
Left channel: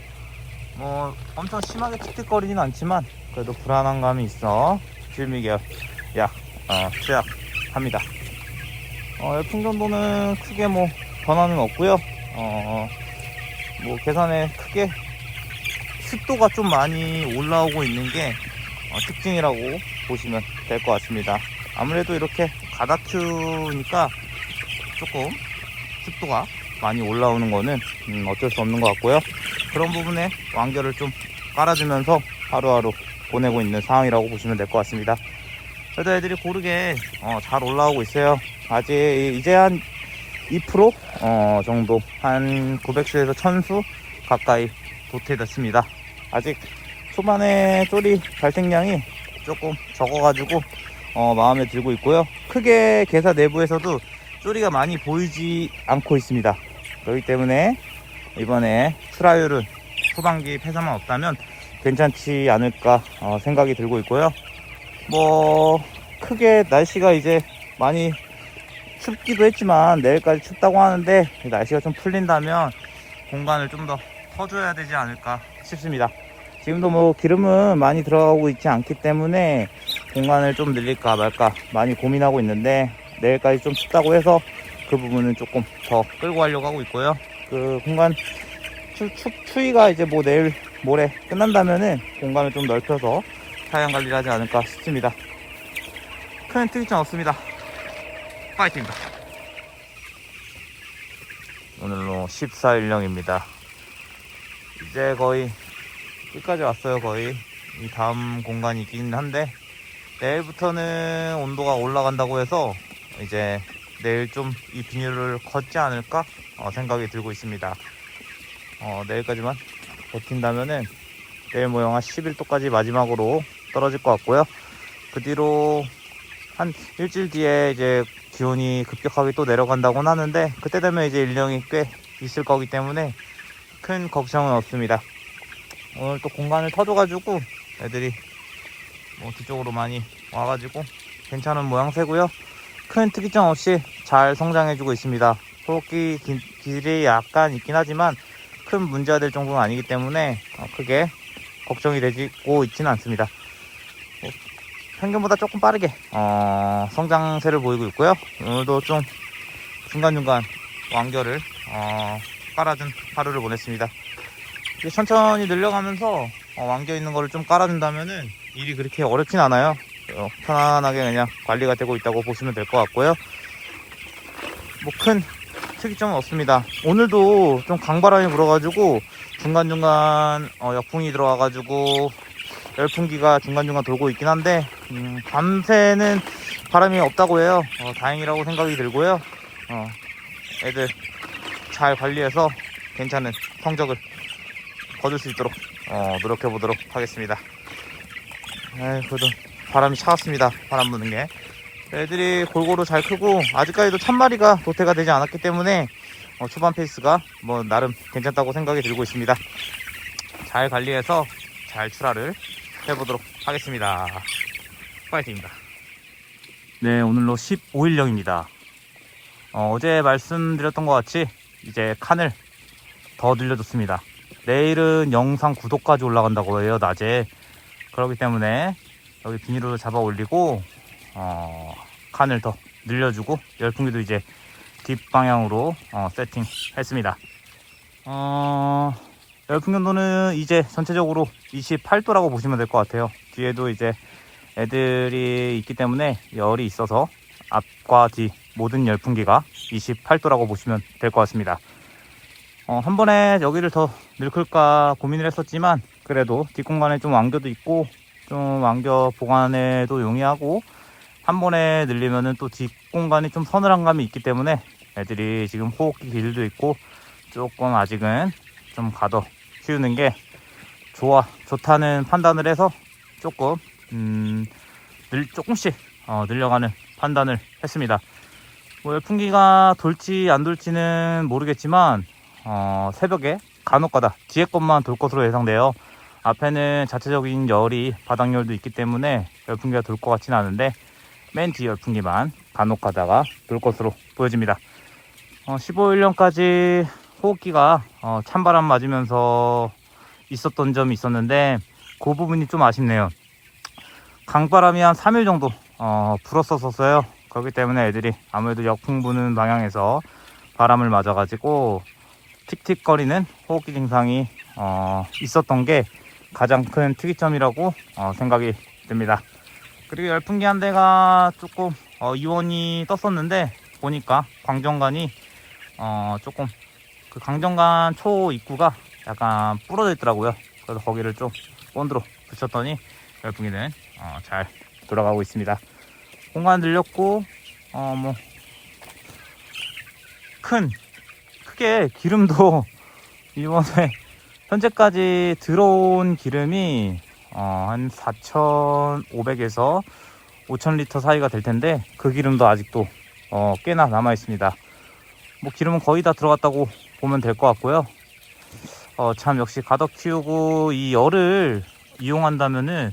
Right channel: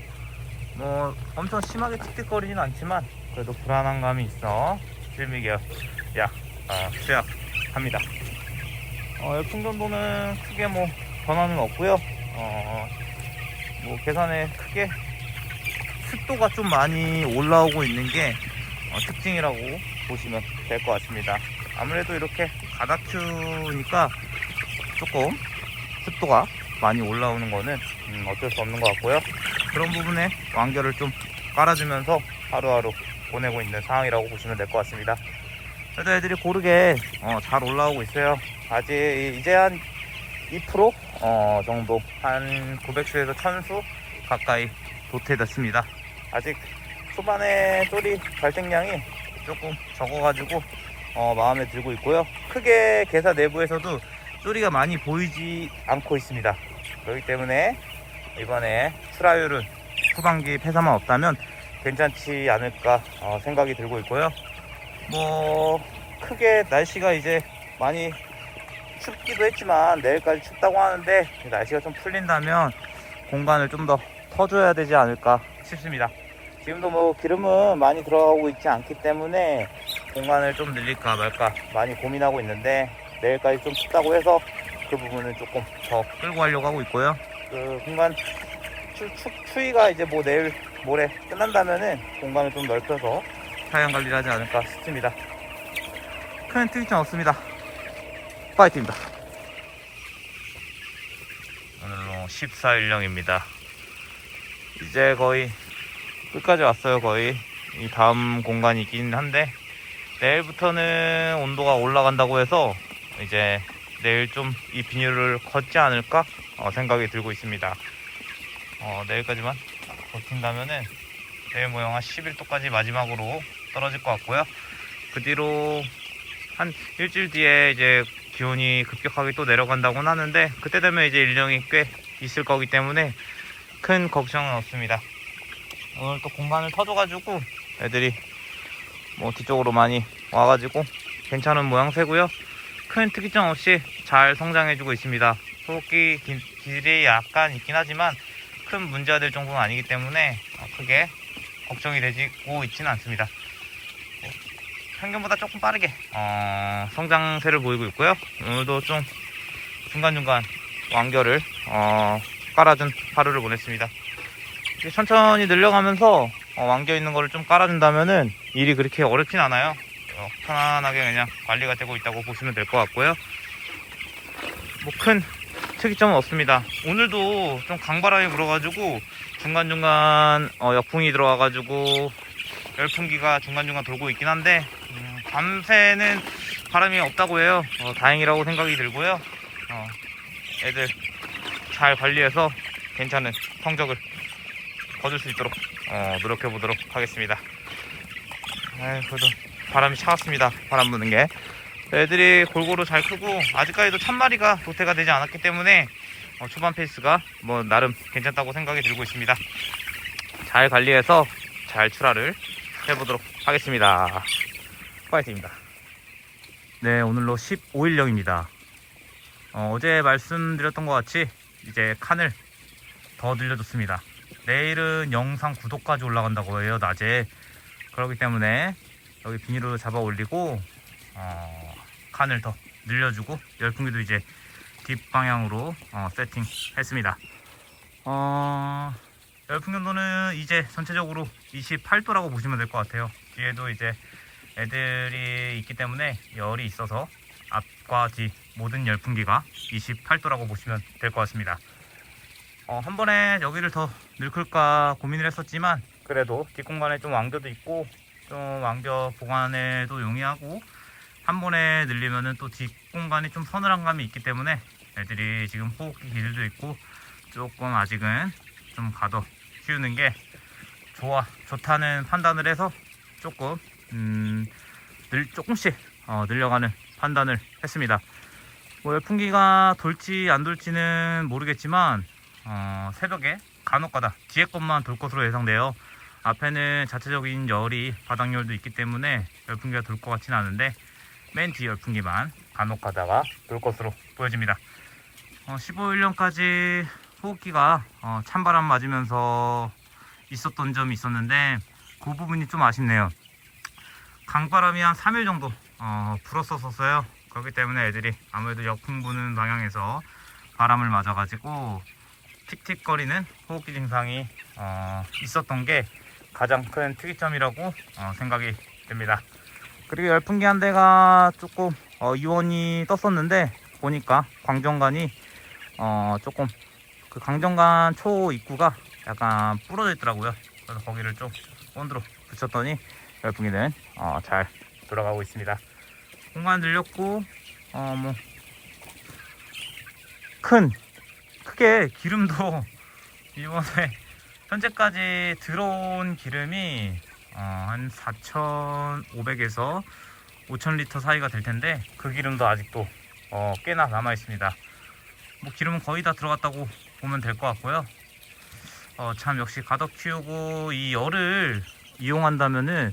뭐 엄청 심하게 틱틱거리진 않지만 그래도 불안한 감이 있어 실미계약 투약합니다. 열풍 정도는 크게 뭐 변화는 없고요. 뭐 계산에 크게 습도가 좀 많이 올라오고 있는 게 특징이라고 보시면 될 것 같습니다. 아무래도 이렇게 가다큐니까 조금 습도가 많이 올라오는 거는 어쩔 수 없는 것 같고요. 그런 부분에 완결을 좀 깔아주면서 하루하루 보내고 있는 상황이라고 보시면 될 것 같습니다. 그래도 애들이 고르게 잘 올라오고 있어요. 아직 이제 한 2% 정도, 한 900수에서 1000수 가까이 도태됐습니다. 아직 초반에 쪼리 발생량이 조금 적어가지고 마음에 들고 있고요. 크게 개사 내부에서도 쪼리가 많이 보이지 않고 있습니다. 그렇기 때문에 이번에 트라이얼은 후반기 폐사만 없다면 괜찮지 않을까 생각이 들고 있고요. 뭐 크게 날씨가 이제 많이 춥기도 했지만 내일까지 춥다고 하는데 날씨가 좀 풀린다면 공간을 좀 더 터줘야 되지 않을까 싶습니다. 지금도 뭐 기름은 많이 들어가고 있지 않기 때문에 공간을 좀 늘릴까 말까 많이 고민하고 있는데 내일까지 좀 춥다고 해서 그 부분은 조금 더 끌고 가려고 하고 있고요. 그 공간 추위가 이제 뭐 내일 모레 끝난다면은 공간을 좀 넓혀서 사양 관리를 하지 않을까 싶습니다. 큰 특이점 없습니다. 파이팅입니다. 오늘로 14일령입니다. 이제 거의 끝까지 왔어요. 거의 이 다음 공간이 있긴 한데 내일부터는 온도가 올라간다고 해서 이제 내일 좀 이 비닐을 걷지 않을까 생각이 들고 있습니다. 내일까지만 버틴다면은 내일 뭐 영하 11도까지 마지막으로 떨어질 것 같고요. 그 뒤로 한 일주일 뒤에 이제 기온이 급격하게 또 내려간다고는 하는데 그때 되면 이제 일령이 꽤 있을 거기 때문에 큰 걱정은 없습니다. 오늘 또 공간을 터줘가지고 애들이 뭐 뒤쪽으로 많이 와가지고 괜찮은 모양새고요. 큰 특이점 없이 잘 성장해주고 있습니다. 소독기 길이 약간 있긴 하지만 큰 문제가 될 정도는 아니기 때문에 크게 걱정이 되고 있지는 않습니다. 평균보다 조금 빠르게 성장세를 보이고 있고요. 오늘도 좀 중간중간 완결을 깔아준 하루를 보냈습니다. 천천히 늘려가면서 완결 있는 거를 좀 깔아준다면은 일이 그렇게 어렵진 않아요. 편안하게 그냥 관리가 되고 있다고 보시면 될 것 같고요. 뭐 큰 특이점은 없습니다. 오늘도 좀 강바람이 불어가지고 중간중간 역풍이 들어와가지고 열풍기가 중간중간 돌고 있긴 한데 밤새는 바람이 없다고 해요. 다행이라고 생각이 들고요. 애들 잘 관리해서 괜찮은 성적을 거둘 수 있도록 노력해 보도록 하겠습니다. 그래도 바람이 차갑습니다. 바람 부는 게 애들이 골고루 잘 크고 아직까지도 1000마리가 도태가 되지 않았기 때문에 초반 페이스가 뭐 나름 괜찮다고 생각이 들고 있습니다. 잘 관리해서 잘 출하를 해보도록 하겠습니다. 파이팅입니다. 네, 오늘로 15일령입니다. 어제 말씀드렸던 것 같이 이제 칸을 더 늘려줬습니다. 내일은 영상 9도까지 올라간다고 해요, 낮에. 그렇기 때문에 여기 비닐을 잡아 올리고 칸을 더 늘려주고 열풍기도 이제 뒷방향으로 세팅했습니다. 열풍 견도는 이제 전체적으로 28도라고 보시면 될 것 같아요. 뒤에도 이제 애들이 있기 때문에 열이 있어서 앞과 뒤 모든 열풍기가 28도라고 보시면 될 것 같습니다. 한 번에 여기를 더 늘클까 고민을 했었지만 그래도 뒷공간에 좀 완겨도 있고 좀 완겨 보관에도 용이하고 한 번에 늘리면은 또 뒷공간이 좀 서늘한 감이 있기 때문에 애들이 지금 호흡기 길도 있고 조금 아직은 좀 가더 키우는 게 좋다는 판단을 해서 조금 조금씩 늘려가는 판단을 했습니다. 뭐 열풍기가 돌지 안 돌지는 모르겠지만 새벽에 간혹가다 뒤에 것만 돌 것으로 예상돼요. 앞에는 자체적인 열이 바닥열도 있기 때문에 열풍기가 돌 것 같지는 않은데 맨 뒤 열풍기만 간혹 가다가 놀 것으로 보여집니다. 15일령까지 호흡기가 찬바람 맞으면서 있었던 점이 있었는데 그 부분이 좀 아쉽네요. 강바람이 한 3일 정도 불었었어요. 그렇기 때문에 애들이 아무래도 역풍 부는 방향에서 바람을 맞아가지고 틱틱거리는 호흡기 증상이 있었던 게 가장 큰 특이점이라고 생각이 듭니다. 그리고 열풍기 한 대가 조금 이원이 떴었는데 보니까 광정관이 조금 그 강정관 초 입구가 약간 부러져 있더라고요. 그래서 거기를 좀 본드로 붙였더니 열풍기는 잘 돌아가고 있습니다. 공간 늘렸고 크게 기름도 이번에 현재까지 들어온 기름이 한 4,500에서 5,000리터 사이가 될 텐데 그 기름도 아직도 꽤나 남아 있습니다. 뭐 기름은 거의 다 들어갔다고 보면 될 것 같고요. 참 역시 가덕 키우고 이 열을 이용한다면은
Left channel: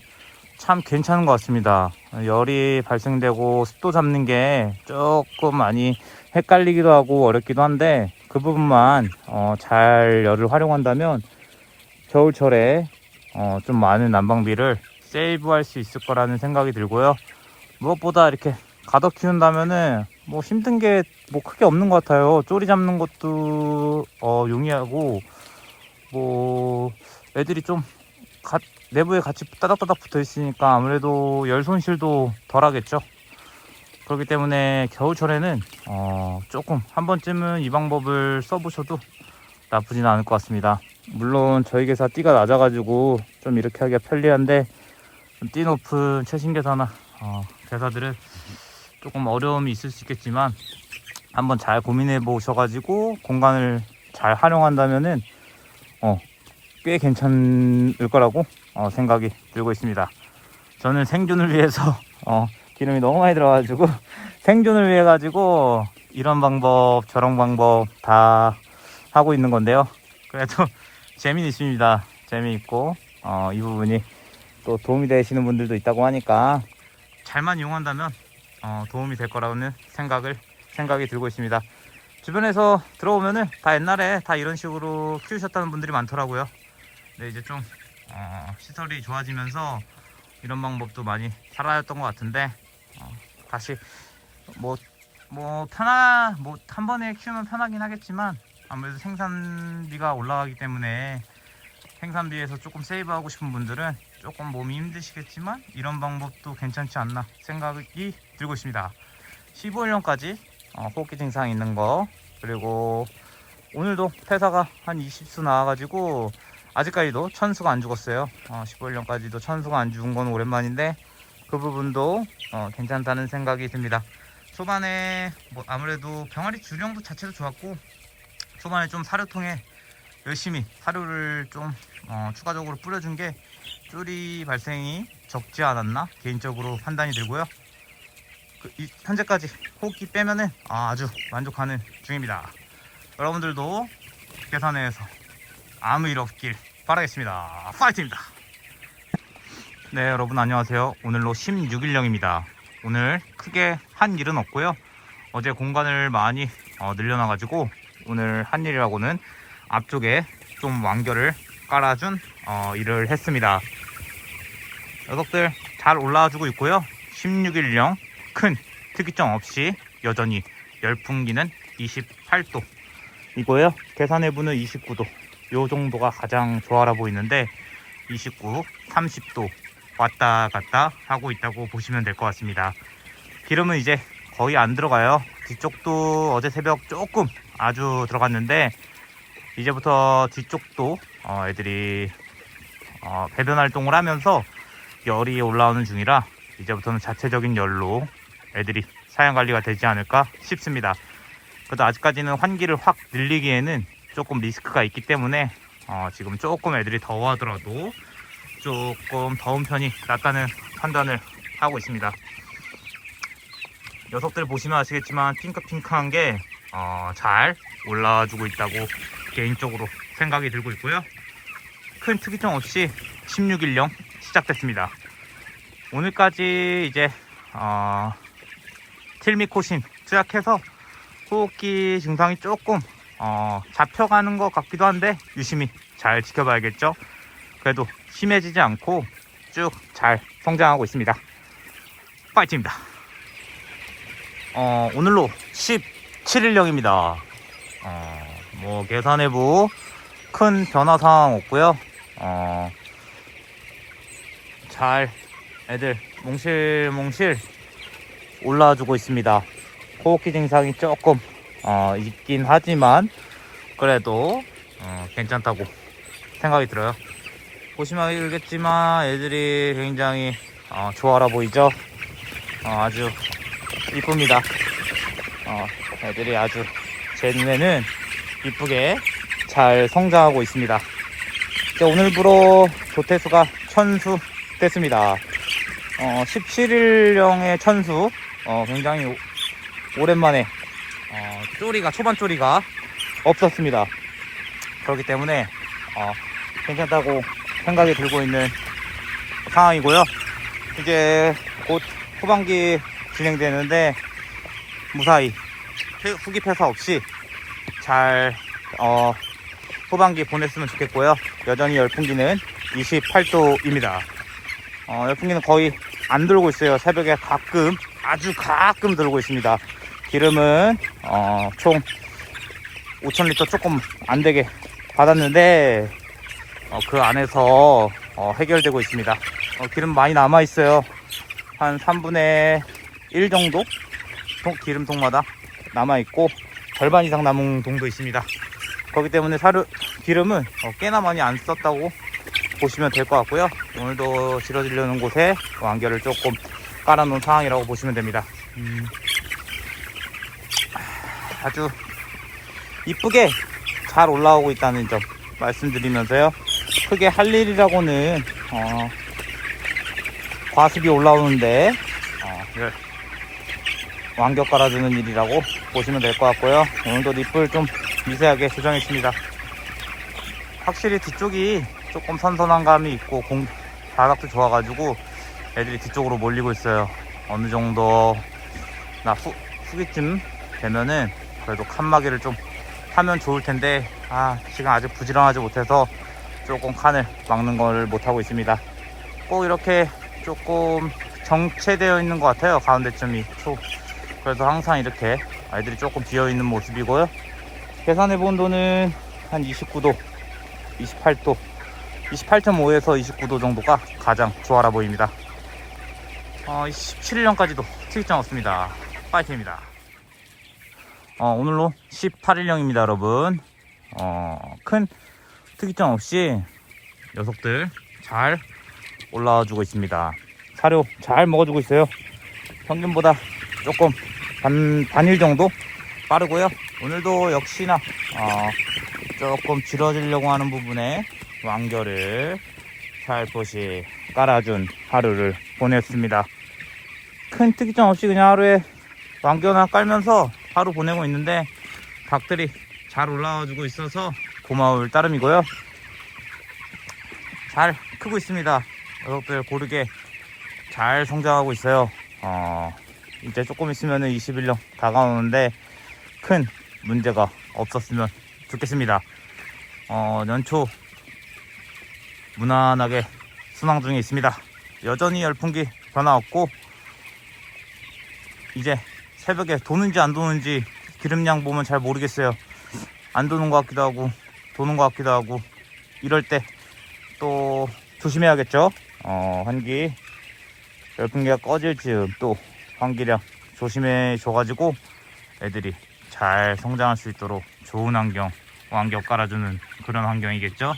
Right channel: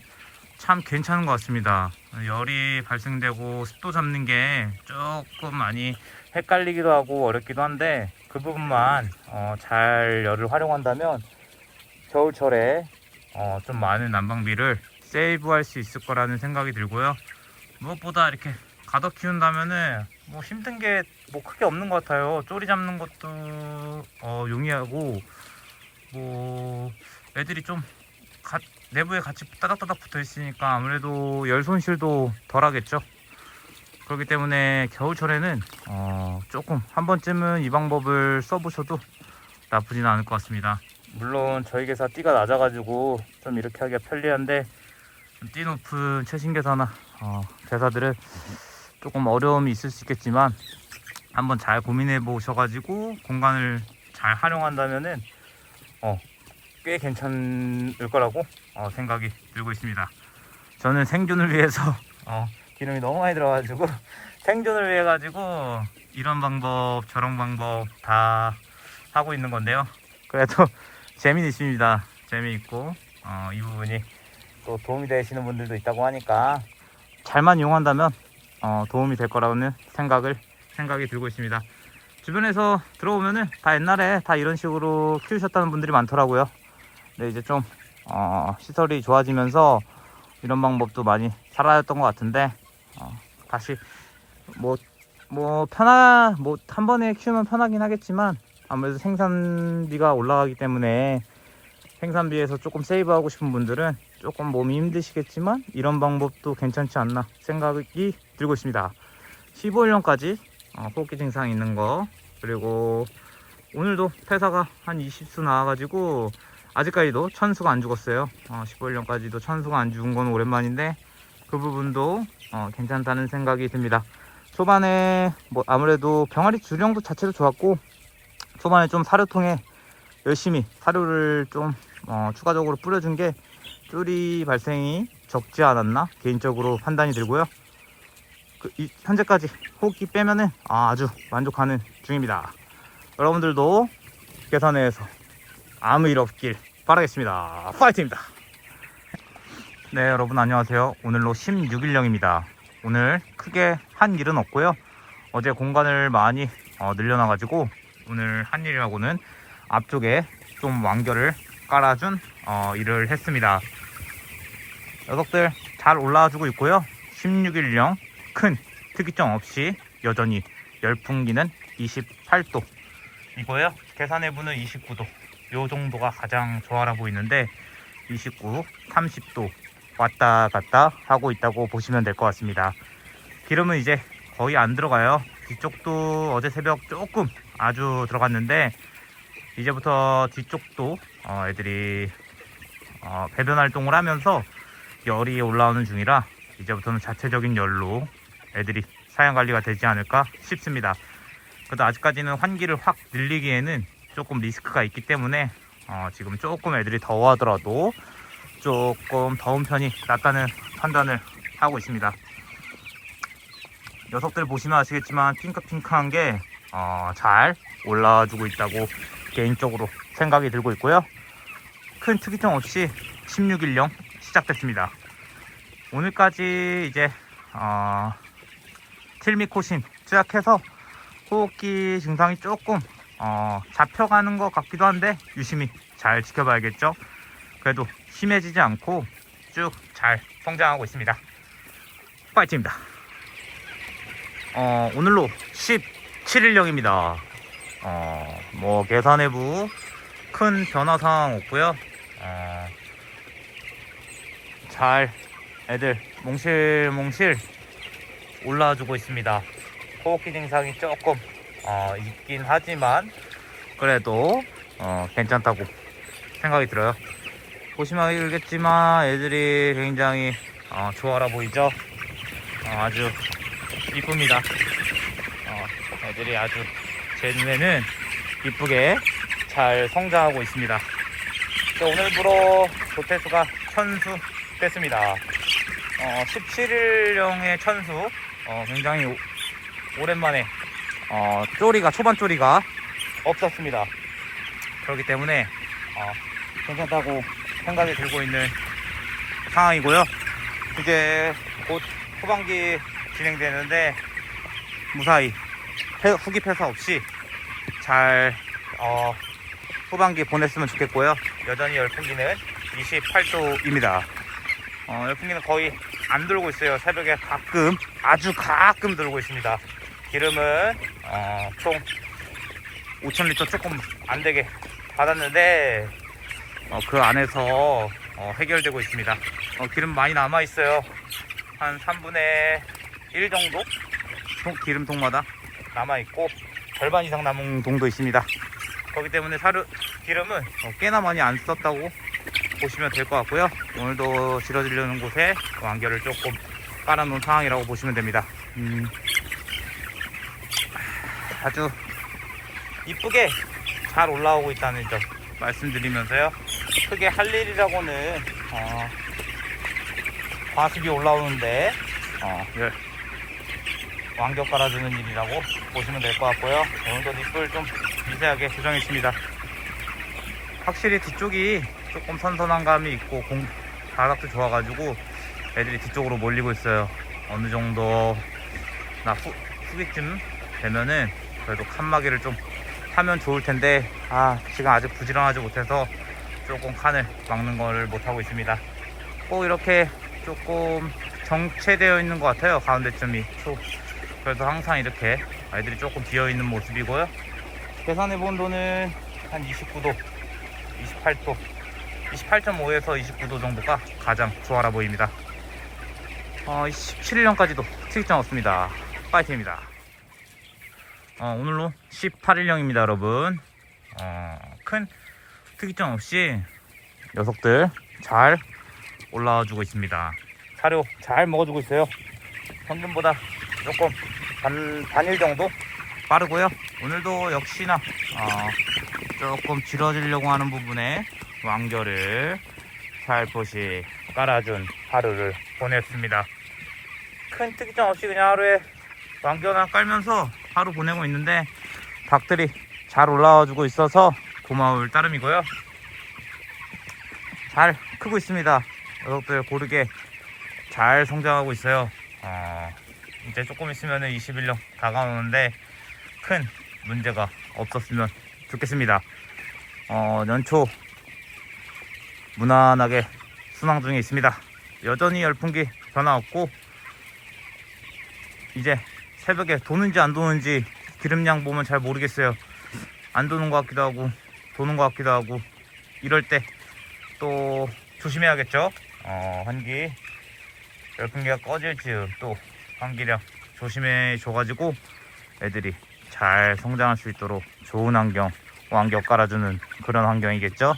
참 괜찮은 것 같습니다. 열이 발생되고 습도 잡는 게 조금 많이 헷갈리기도 하고 어렵기도 한데 그 부분만 잘 열을 활용한다면 겨울철에 좀 많은 난방비를 세이브할 수 있을 거라는 생각이 들고요. 무엇보다 이렇게 가덕 키운다면은 뭐 힘든 게 뭐 크게 없는 것 같아요. 쪼리 잡는 것도 용이하고 뭐 애들이 좀 내부에 같이 따닥따닥 붙어 있으니까 아무래도 열 손실도 덜 하겠죠. 그렇기 때문에 겨울철에는 조금 한 번쯤은 이 방법을 써보셔도 나쁘지는 않을 것 같습니다. 물론 저희 개사 띠가 낮아가지고 좀 이렇게 하기가 편리한데 좀 띠 높은 최신 개사나 개사들은 조금 어려움이 있을 수 있겠지만 한번 잘 고민해 보셔가지고 공간을 잘 활용한다면은 꽤 괜찮을 거라고 생각이 들고 있습니다. 저는 생존을 위해서 기름이 너무 많이 들어가지고 생존을 위해 가지고 이런 방법 저런 방법 다 하고 있는 건데요. 그래도 재미는 있습니다. 재미있고 이 부분이 또 도움이 되시는 분들도 있다고 하니까 잘만 이용한다면 도움이 될 거라는 생각이 들고 있습니다. 주변에서 들어오면은 다 옛날에 다 이런 식으로 키우셨다는 분들이 많더라고요. 근데 이제 좀 시설이 좋아지면서 이런 방법도 많이 사라졌던 것 같은데 다시 뭐 한 번에 키우면 편하긴 하겠지만 아무래도 생산비가 올라가기 때문에 생산비에서 조금 세이브하고 싶은 분들은 조금 몸이 힘드시겠지만 이런 방법도 괜찮지 않나 생각이 들고 있습니다. 15일령까지 호흡기 증상 있는 거, 그리고 오늘도 폐사가 한 20수 나와가지고 아직까지도 천수가 안 죽었어요. 15일령까지도 천수가 안 죽은 건 오랜만인데 그 부분도 괜찮다는 생각이 듭니다. 초반에 뭐 아무래도 병아리 주령도 자체도 좋았고 초반에 좀 사료통에 열심히 사료를 좀 추가적으로 뿌려준 게 쪼리 발생이 적지 않았나 개인적으로 판단이 들고요. 현재까지 호흡기 빼면은 아주 만족하는 중입니다. 여러분들도 계산해서 아무 일 없길 바라겠습니다. 파이팅입니다. 네, 여러분 안녕하세요. 오늘로 16일령입니다. 오늘 크게 한 일은 없고요. 어제 공간을 많이 늘려놔가지고 오늘 한 일이라고는 앞쪽에 좀 완결을 깔아준 일을 했습니다. 녀석들 잘 올라와주고 있고요. 16일령 큰 특이점 없이 여전히 열풍기는 28도 이고요. 계산 내부는 29도 요 정도가 가장 좋아라 보이는데 29, 30도 왔다 갔다 하고 있다고 보시면 될 것 같습니다. 기름은 이제 거의 안 들어가요. 뒤쪽도 어제 새벽 조금 아주 들어갔는데 이제부터 뒤쪽도 애들이 배변 활동을 하면서 열이 올라오는 중이라 이제부터는 자체적인 열로 애들이 사양 관리가 되지 않을까 싶습니다. 그래도 아직까지는 환기를 확 늘리기에는 조금 리스크가 있기 때문에 지금 조금 애들이 더워하더라도 조금 더운 편이 낫다는 판단을 하고 있습니다. 녀석들 보시면 아시겠지만 핑크핑크한 게 잘 올라와주고 있다고 개인적으로 생각이 들고 있고요. 큰 특이점 없이 16일령 시작됐습니다. 오늘까지 이제 틸미코신 투약해서 호흡기 증상이 조금 잡혀가는 것 같기도 한데 유심히 잘 지켜봐야겠죠. 그래도 심해지지 않고 쭉 잘 성장하고 있습니다. 파이팅입니다. 오늘로 17일령입니다. 뭐 계산 내부 큰 변화 상황 없고요. 잘 애들 몽실몽실 올라와주고 있습니다. 호흡기 증상이 조금 있긴 하지만 그래도 괜찮다고 생각이 들어요. 보시면 알겠지만 애들이 굉장히 좋아라 보이죠. 아주 이쁩니다. 애들이 아주 제 눈에는 이쁘게 잘 성장하고 있습니다. 오늘부로 조태수가 천수 됐습니다. 17일령의 천수 굉장히 오랜만에 초반 쪼리가 없었습니다. 그렇기 때문에 괜찮다고 생각이 들고 있는 상황이고요. 이제 곧 후반기 진행되는데 무사히 후기 폐사 없이 잘 후반기 보냈으면 좋겠고요. 여전히 열풍기는 28도입니다. 열풍기는 거의 안 들고 있어요. 새벽에 가끔, 아주 가끔 들고 있습니다. 기름은 총 5,000리터 조금 안 되게 받았는데 그 안에서 해결되고 있습니다. 기름 많이 남아 있어요. 한 3분의 1 정도 기름통마다 남아 있고 절반 이상 남은 동도 있습니다. 그렇기 때문에 기름은 꽤나 많이 안 썼다고 보시면 될 것 같고요. 오늘도 실어주려는 곳에 완결을 조금 깔아놓은 상황이라고 보시면 됩니다. 아주 이쁘게 잘 올라오고 있다는 점 말씀드리면서요. 크게 할 일이라고는 과습이 올라오는데 완격 깔아주는 일이라고 보시면 될 것 같고요. 오늘도 잎을 좀 미세하게 수정했습니다. 확실히 뒤쪽이 조금 선선한 감이 있고 바닥도 좋아가지고 애들이 뒤쪽으로 몰리고 있어요. 어느 정도 후기쯤 되면은 그래도 칸막이를 좀 하면 좋을 텐데 지금 아직 부지런하지 못해서 조금 칸을 막는 걸 못하고 있습니다. 꼭 이렇게 조금 정체되어 있는 것 같아요. 가운데쯤이 그래서 항상 이렇게 아이들이 조금 비어있는 모습이고요. 계산해 본 온도는 한 29도 28도 28.5에서 29도 정도가 가장 좋아라 보입니다. 17일령까지도 특이점 없습니다. 파이팅입니다. 오늘로 18일령입니다 여러분. 큰 특이점 없이 녀석들 잘 올라와 주고 있습니다. 사료 잘 먹어주고 있어요. 평균보다 조금 반일 정도 빠르고요. 오늘도 역시나 조금 길어지려고 하는 부분에 완결을 살포시 깔아준 하루를 보냈습니다. 큰 특이점 없이 그냥 하루에 완결을 깔면서 하루 보내고 있는데 닭들이 잘 올라와 주고 있어서 고마울 따름이고요. 잘 크고 있습니다. 녀석들 고르게 잘 성장하고 있어요. 이제 조금 있으면 21령 다가오는데 큰 문제가 없었으면 좋겠습니다. 연초 무난하게 순항 중에 있습니다. 여전히 열풍기 변화 없고 이제 새벽에 도는지 안 도는지 기름량 보면 잘 모르겠어요. 안 도는 것 같기도 하고 도는 것 같기도 하고 이럴 때 또 조심해야겠죠. 환기 열풍기가 꺼질 즈음 또 환기량 조심해 줘가지고 애들이 잘 성장할 수 있도록 좋은 완경 깔아주는 그런 환경이겠죠.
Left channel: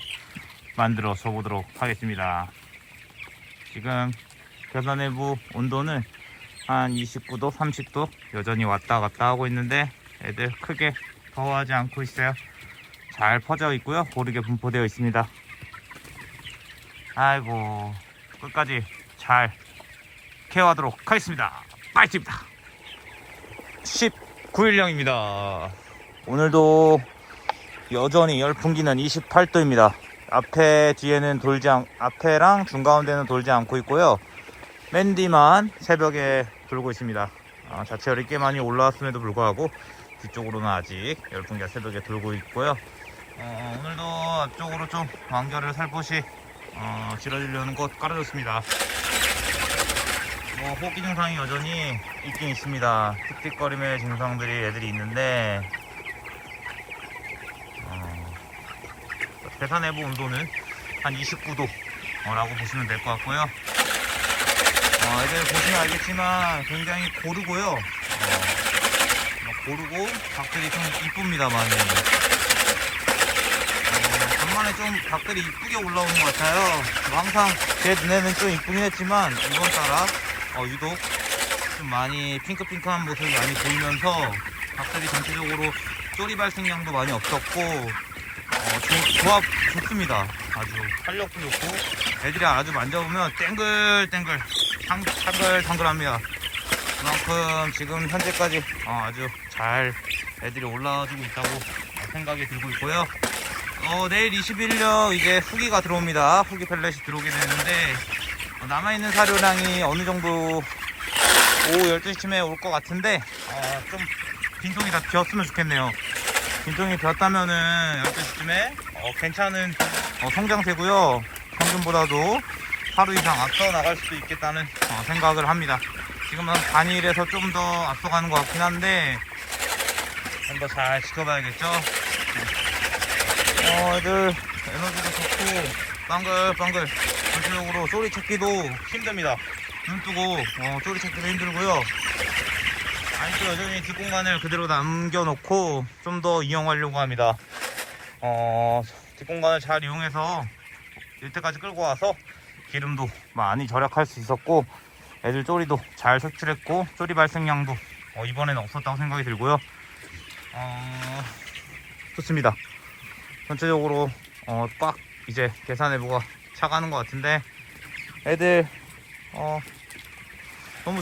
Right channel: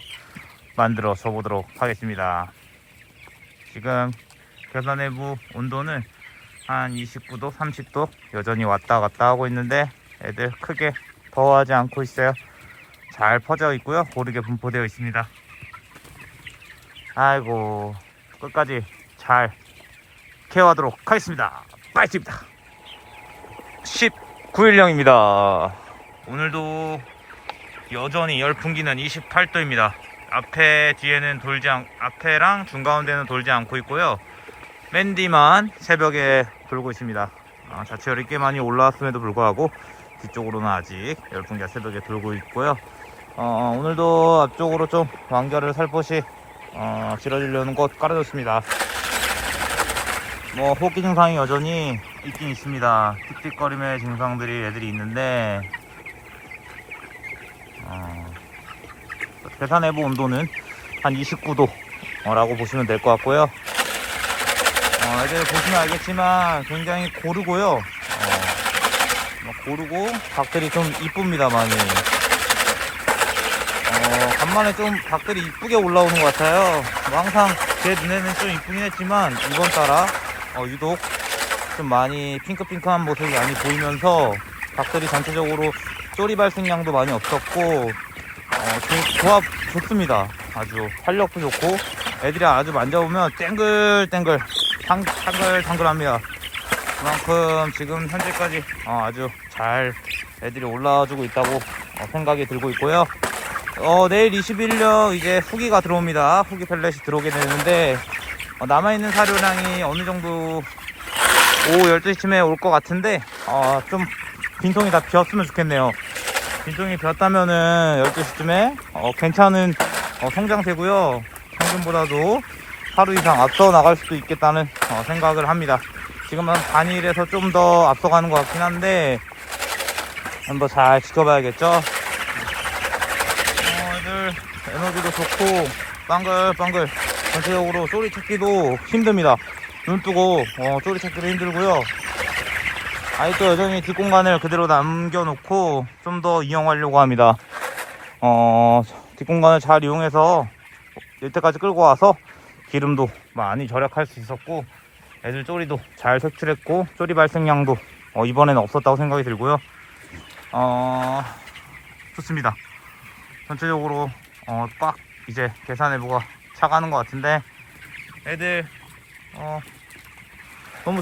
만들어 줘 보도록 하겠습니다. 지금 계산 내부 온도는 한 29도 30도 여전히 왔다 갔다 하고 있는데 애들 크게 더워하지 않고 있어요. 잘 퍼져 있고요. 고르게 분포되어 있습니다. 아이고 끝까지 잘 케어하도록 하겠습니다. 파이팅입니다. 19일령입니다. 오늘도 여전히 열풍기는 28도입니다. 앞에랑 중가운데는 돌지 않고 있고요. 맨 뒤만 새벽에 돌고 있습니다. 자체열이 꽤 많이 올라왔음에도 불구하고 뒤쪽으로는 아직 열풍기가 새벽에 돌고 있고요. 오늘도 앞쪽으로 좀 완결을 살포시 길어지려는 곳 깔아줬습니다. 뭐 호흡기 증상이 여전히 있긴 있습니다. 틱틱거림의 증상들이 애들이 있는데 계산 내부 온도는 한 29도 라고 보시면 될 것 같고요. 애들 보시면 알겠지만 굉장히 고르고요. 고르고 닭들이 좀 이쁩니다. 많이 간만에 좀 닭들이 이쁘게 올라오는 것 같아요. 뭐 항상 제 눈에는 좀 이쁘긴 했지만 이번 따라 유독 좀 많이 핑크핑크한 모습이 많이 보이면서 닭들이 전체적으로 쪼리 발생량도 많이 없었고 조합 좋습니다. 아주 활력도 좋고 애들이 아주 만져보면 땡글땡글 탕글탕글합니다. 그만큼 지금 현재까지 아주 잘 애들이 올라와주고 있다고 생각이 들고 있고요. 내일 21일 이제 후기가 들어옵니다. 후기 펠렛이 들어오게 되는데 남아있는 사료량이 어느 정도 오후 12시쯤에 올 것 같은데 좀 빈통이 다 비었으면 좋겠네요. 빈통이 비었다면은 12시쯤에 괜찮은 성장세고요. 평균보다도 하루 이상 앞서 나갈 수도 있겠다는 생각을 합니다. 지금은 단일에서 좀 더 앞서가는 것 같긴 한데 한번 잘 지켜봐야겠죠. 애들 에너지도 좋고 빵글빵글 전체적으로 쪼리 찾기도 힘듭니다. 눈 뜨고 쪼리 찾기도 힘들고요. 아직도 여전히 뒷공간을 그대로 남겨놓고 좀 더 이용하려고 합니다. 뒷공간을 잘 이용해서 이때까지 끌고 와서 기름도 많이 절약할 수 있었고 애들 쪼리도 잘 색출했고 쪼리 발생량도 이번에는 없었다고 생각이 들고요. 좋습니다. 전체적으로 꽉 이제 계산 내부가 차가는 것 같은데 애들 너무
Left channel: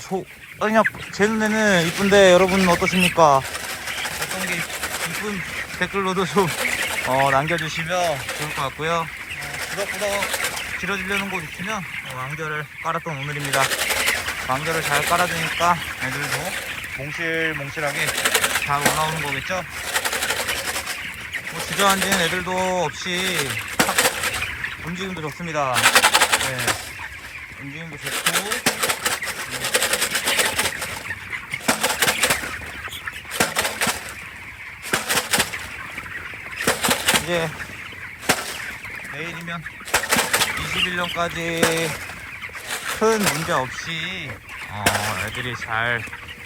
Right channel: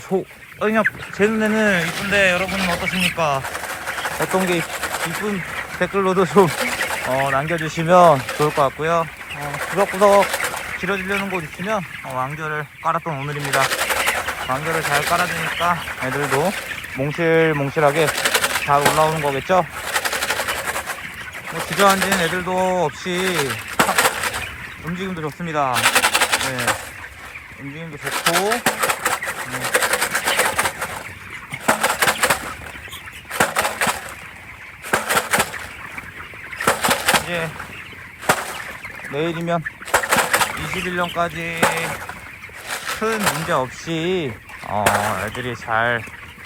그냥 제 눈에는 이쁜데 여러분은 어떠십니까? 어떤 게 이쁜 댓글로도 좀 남겨주시면 좋을 것 같고요. 구석구석 길어지려는 곳 있으면 완결을 깔았던 오늘입니다. 완결을 잘 깔아주니까 애들도 몽실몽실하게 잘 올라오는 거겠죠. 뭐 주저앉은 애들도 없이 움직임도 좋습니다. 네, 움직임도 좋고 이제 내일이면 21년까지 큰 문제 없이 애들이 잘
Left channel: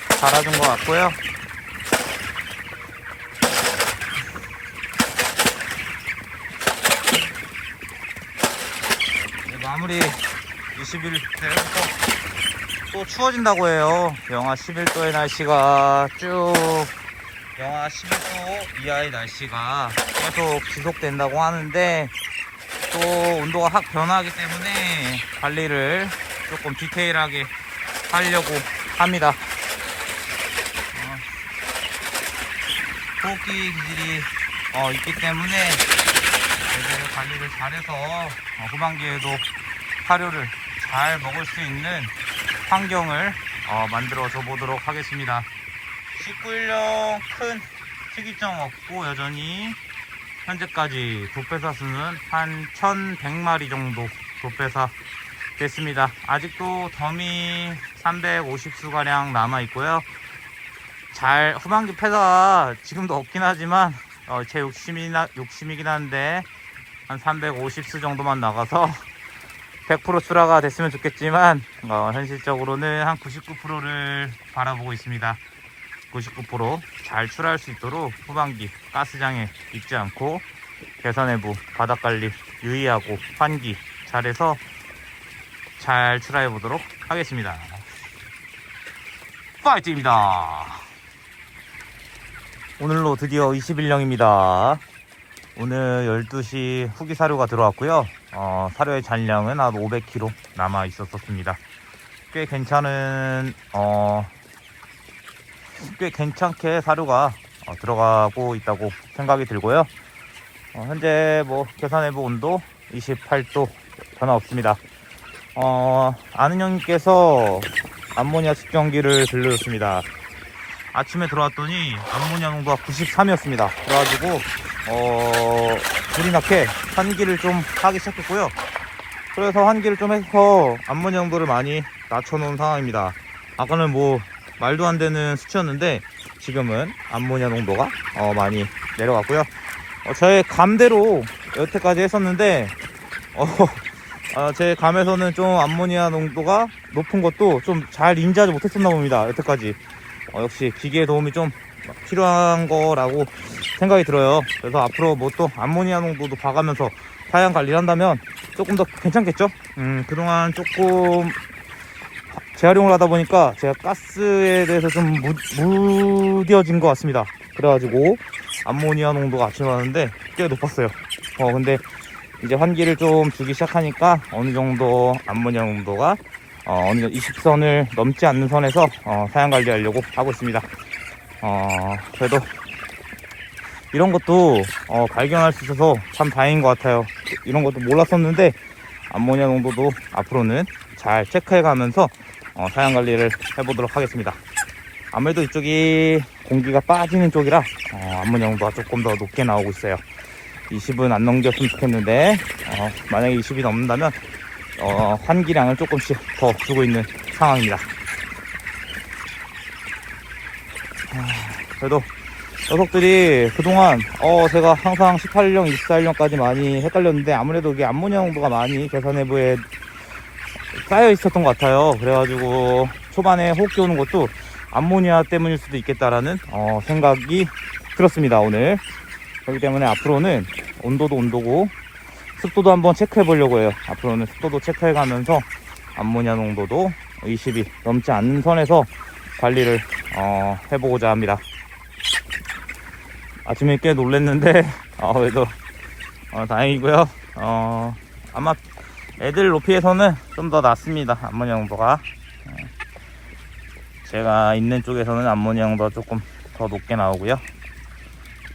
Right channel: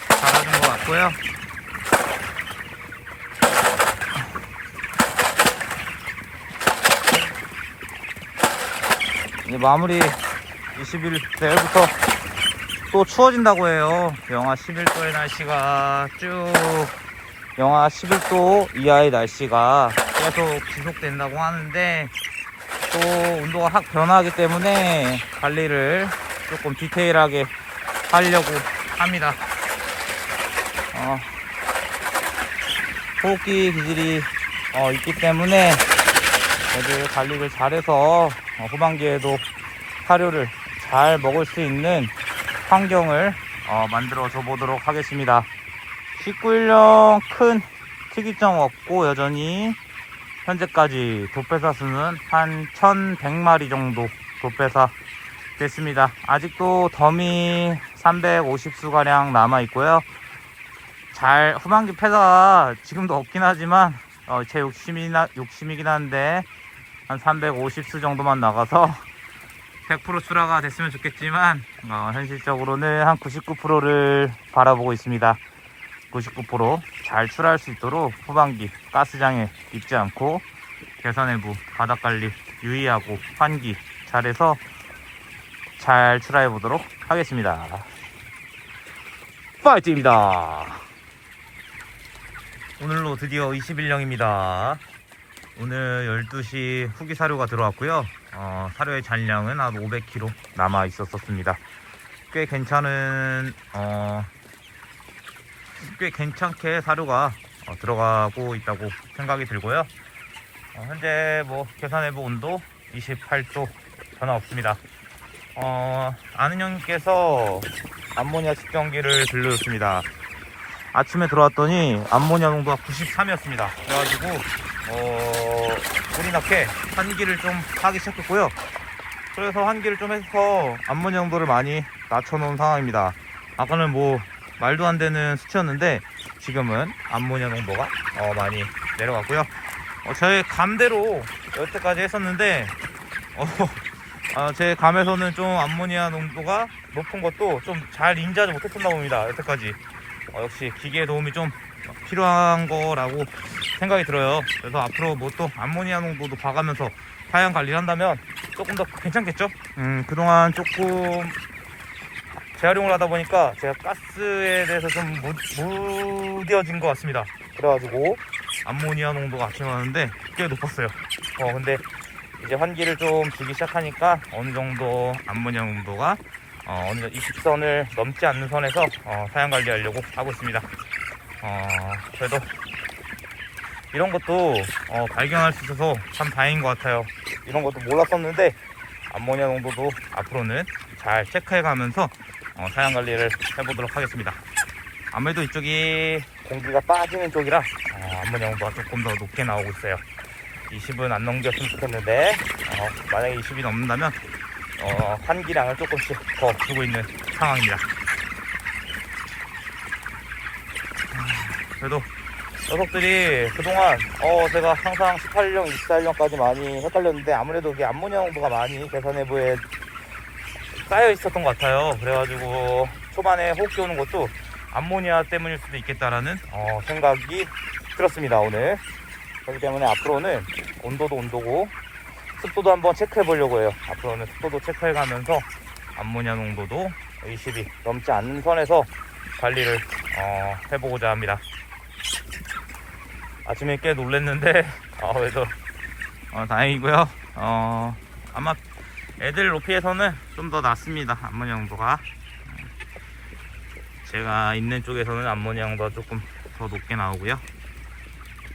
자라준 것 같고요. 이제 마무리 20일 내일부터 또 추워진다고 해요. 영하 11도의 날씨가 쭉 영하 11도 이하의 날씨가 계속 지속된다고 하는데 또 온도가 확 변하기 때문에 관리를 조금 디테일하게 하려고 합니다. 호흡기 기질이 있기 때문에 애들 관리를 잘해서 후반기에도 사료를 잘 먹을 수 있는 환경을 만들어 줘 보도록 하겠습니다. 19일령 큰 특이점 없고 여전히 현재까지 도배사 수는 한 1100마리 정도 도배사 됐습니다. 아직도 더미 350수가량 남아 있고요. 잘 후반기 폐사가 지금도 없긴 하지만 제 욕심이긴 한데 한 350수 정도만 나가서 100% 수라가 됐으면 좋겠지만 현실적으로는 한 99%를 바라보고 있습니다. 99% 잘 출하할 수 있도록 후반기 가스장에 입지 않고 개선 내부 바닥관리 유의하고 환기 잘해서 잘 출하해 보도록 하겠습니다. 파이팅입니다. 오늘로 드디어 21령입니다. 오늘 12시 후기 사료가 들어왔고요. 사료의 잔량은 한 500kg 남아 있었습니다. 꽤 괜찮게 사료가 들어가고 있다고 생각이 들고요. 현재 뭐 계산 내부 온도 28도 변화 없습니다. 아는 형님께서 암모니아 측정기를 들려줬습니다. 아침에 들어왔더니 암모니아 농도가 93이었습니다. 그래가지고 불이 나게 환기를 좀 하기 시작했고요. 그래서 환기를 좀 해서 암모니아 농도를 많이 낮춰놓은 상황입니다. 아까는 뭐 말도 안 되는 수치였는데 지금은 암모니아 농도가 많이 내려갔고요. 제 감대로 여태까지 했었는데 제 감에서는 좀 암모니아 농도가 높은 것도 좀 잘 인지하지 못했었나 봅니다. 여태까지 역시 기계의 도움이 좀 필요한 거라고 생각이 들어요. 그래서 앞으로 뭐 또 암모니아 농도도 봐가면서 사양 관리를 한다면 조금 더 괜찮겠죠. 그동안 조금 재활용을 하다 보니까 제가 가스에 대해서 좀 무뎌진 것 같습니다. 그래가지고 암모니아 농도가 아침에 왔는데 꽤 높았어요. 근데 이제 환기를 좀 주기 시작하니까 어느 정도 암모니아 농도가 어느 정도 20선을 넘지 않는 선에서 사양 관리하려고 하고 있습니다. 그래도 이런 것도 발견할 수 있어서 참 다행인 것 같아요. 이런 것도 몰랐었는데 암모니아 농도도 앞으로는 잘 체크해 가면서 사양 관리를 해보도록 하겠습니다. 아무래도 이쪽이 공기가 빠지는 쪽이라 암모니아 농도가 조금 더 높게 나오고 있어요. 20은 안 넘겼으면 좋겠는데 만약에 20이 넘는다면 환기량을 조금씩 더 주고 있는 상황입니다. 그래도 녀석들이 그동안 제가 항상 18년, 24년까지 많이 헷갈렸는데 아무래도 이게 암모니아 농도가 많이 계산 내부에 쌓여 있었던 것 같아요. 그래가지고 초반에 호흡기 오는 것도 암모니아 때문일 수도 있겠다라는 생각이 들었습니다. 오늘 그렇기 때문에 앞으로는 온도도 온도고 습도도 한번 체크해 보려고 해요. 앞으로는 습도도 체크해 가면서 암모니아 농도도 20이 넘지 않는 선에서 관리를 해보고자 합니다. 아침에 꽤 놀랬는데 그래도 다행이고요. 아마 애들 높이에서는 좀 더 낮습니다. 암모니아 농도가 제가 있는 쪽에서는 암모니아 농도가 조금 더 높게 나오고요.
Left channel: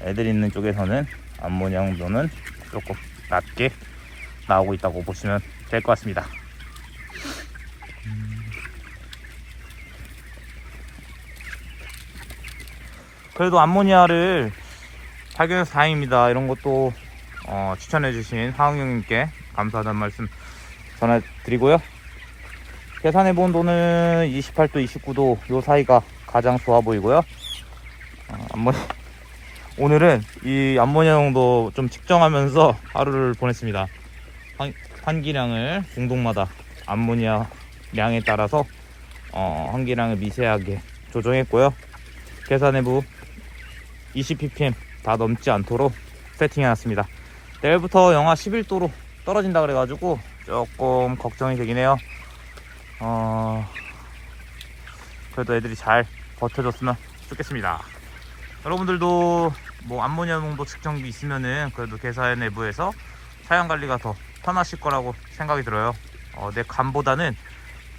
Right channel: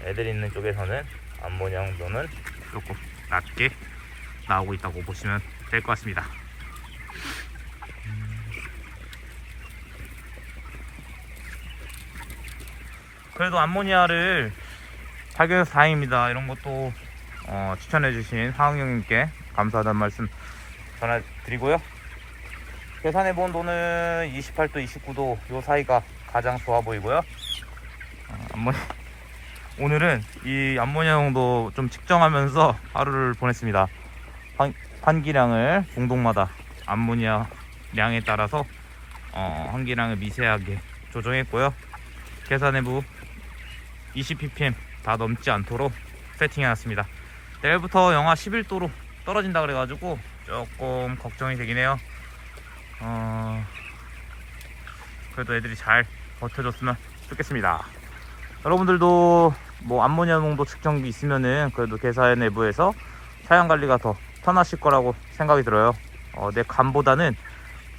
애들 있는 쪽에서는 암모니아 농도는 조금 낮게 나오고 있다고 보시면 될 것 같습니다. 그래도 암모니아를 발견해서 다행입니다. 이런 것도 추천해주신 하은경님께 감사하다는 말씀 전해드리고요. 계산해본 온도는 28도, 29도 요 사이가 가장 좋아 보이고요. 오늘은 이 암모니아 농도 좀 측정하면서 하루를 보냈습니다. 환기량을 공동마다 암모니아 량에 따라서 환기량을 미세하게 조정했고요. 계산 내부 20ppm 다 넘지 않도록 세팅해놨습니다. 내일부터 영하 11도로 떨어진다 그래가지고 조금 걱정이 되긴 해요. 그래도 애들이 잘 버텨줬으면 좋겠습니다. 여러분들도 뭐 암모니아 농도 측정기 있으면은 그래도 계산 내부에서 사양 관리가 더 편하실 거라고 생각이 들어요. 내 감보다는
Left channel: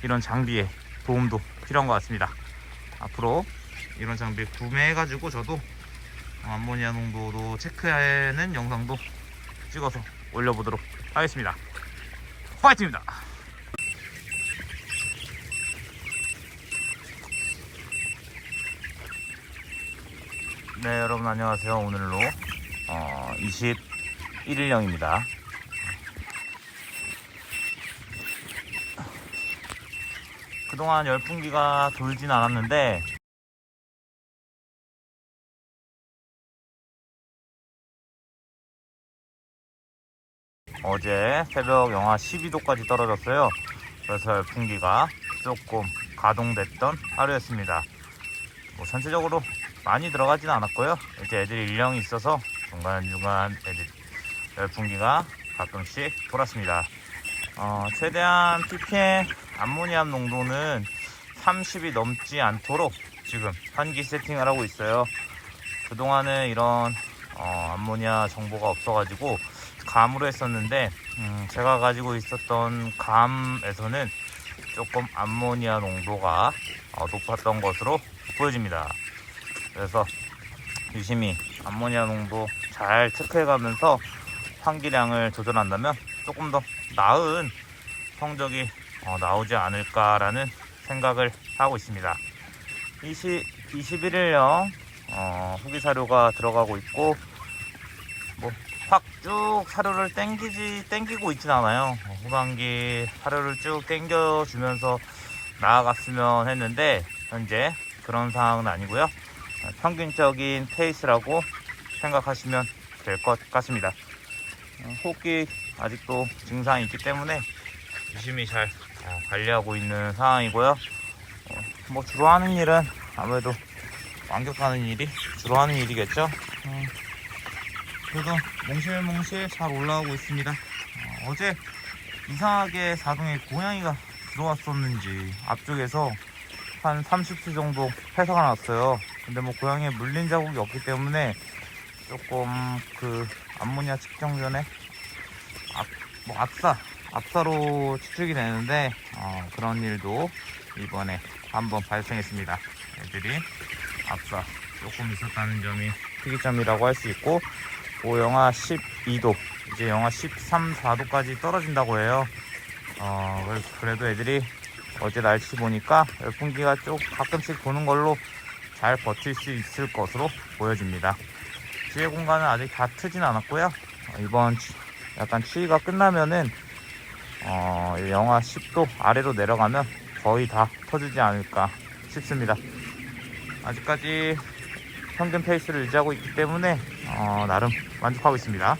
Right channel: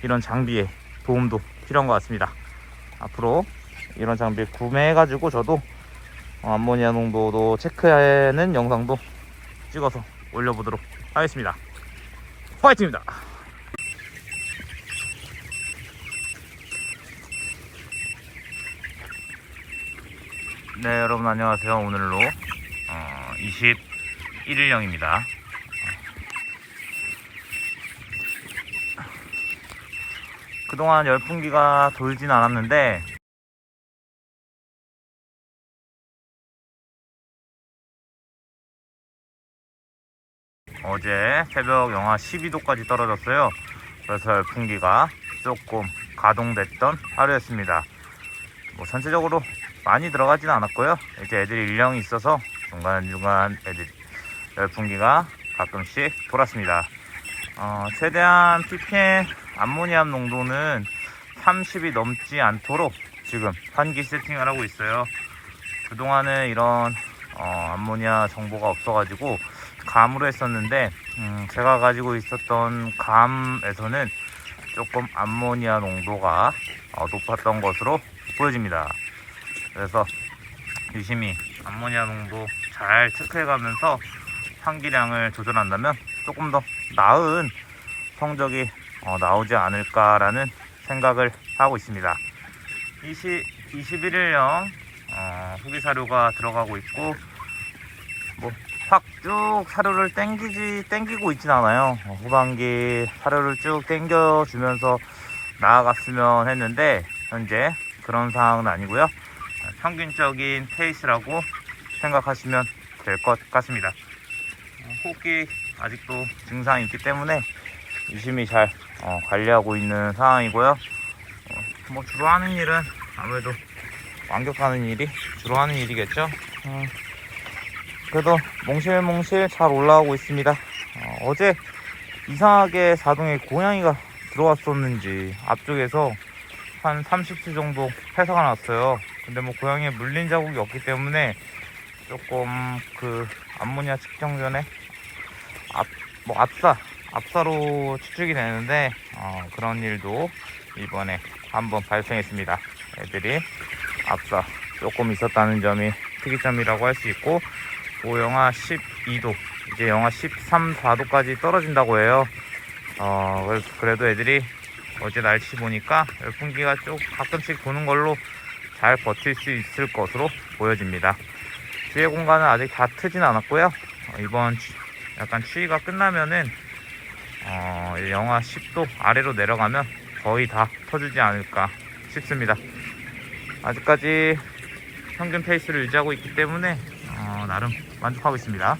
이런 장비의 도움도 필요한 것 같습니다. 앞으로 이런 장비 구매해가지고 저도 암모니아 농도도 체크하는 영상도 찍어서 올려보도록 하겠습니다. 화이팅입니다. 네, 여러분 안녕하세요. 오늘로 21일령입니다. 그동안 열풍기가 돌진 않았는데 어제 새벽 영하 12도까지 떨어졌어요. 그래서 열풍기가 조금 가동됐던 하루였습니다. 뭐 전체적으로 많이 들어가지는 않았고요. 이제 애들이 일령이 있어서 중간중간 애들 열풍기가 가끔씩 돌았습니다. 최대한 ppm 암모니아 농도는 30이 넘지 않도록 지금 환기 세팅을 하고 있어요. 그동안은 이런 암모니아 정보가 없어가지고 감으로 했었는데 제가 가지고 있었던 감에서는 조금 암모니아 농도가 높았던 것으로 보여집니다. 그래서 유심히 암모니아 농도 잘 체크해 가면서 환기량을 조절한다면 조금 더 나은 성적이 나오지 않을까라는 생각을 하고 있습니다. 21일형 후기 사료가 들어가고 있고, 뭐 확 쭉 사료를 땡기고 있진 않아요. 후반기 사료를 쭉 땡겨주면서 나아갔으면 했는데 현재 그런 상황은 아니고요. 평균적인 페이스라고 생각하시면 될 것 같습니다. 호흡기 아직도 증상이 있기 때문에 유심히 잘 관리하고 있는 상황이고요. 뭐 주로 하는 일은 아무래도 완격하는 일이 주로 하는 일이겠죠. 그래도 몽실몽실 잘 올라오고 있습니다. 어제 이상하게 자동에 고양이가 들어왔었는지 앞쪽에서 한 30수 정도 폐사가 났어요. 근데 뭐 고양이에 물린 자국이 없기 때문에 조금 그 암모니아 측정 전에 압사로 추측이 되는데 그런 일도 이번에 한번 발생했습니다. 애들이 압사 조금 있었다는 점이 특이점이라고 할 수 있고, 또 영하 12도 이제 영하 13, 4도까지 떨어진다고 해요. 그래도 애들이 어제 날씨 보니까 열풍기가 쭉 가끔씩 도는 걸로 잘 버틸 수 있을 것으로 보여집니다. 지혜 공간은 아직 다 트진 않았고요. 이번 약간 추위가 끝나면은 영하 10도 아래로 내려가면 거의 다 터지지 않을까 싶습니다. 아직까지 평균 페이스를 유지하고 있기 때문에 나름 만족하고 있습니다.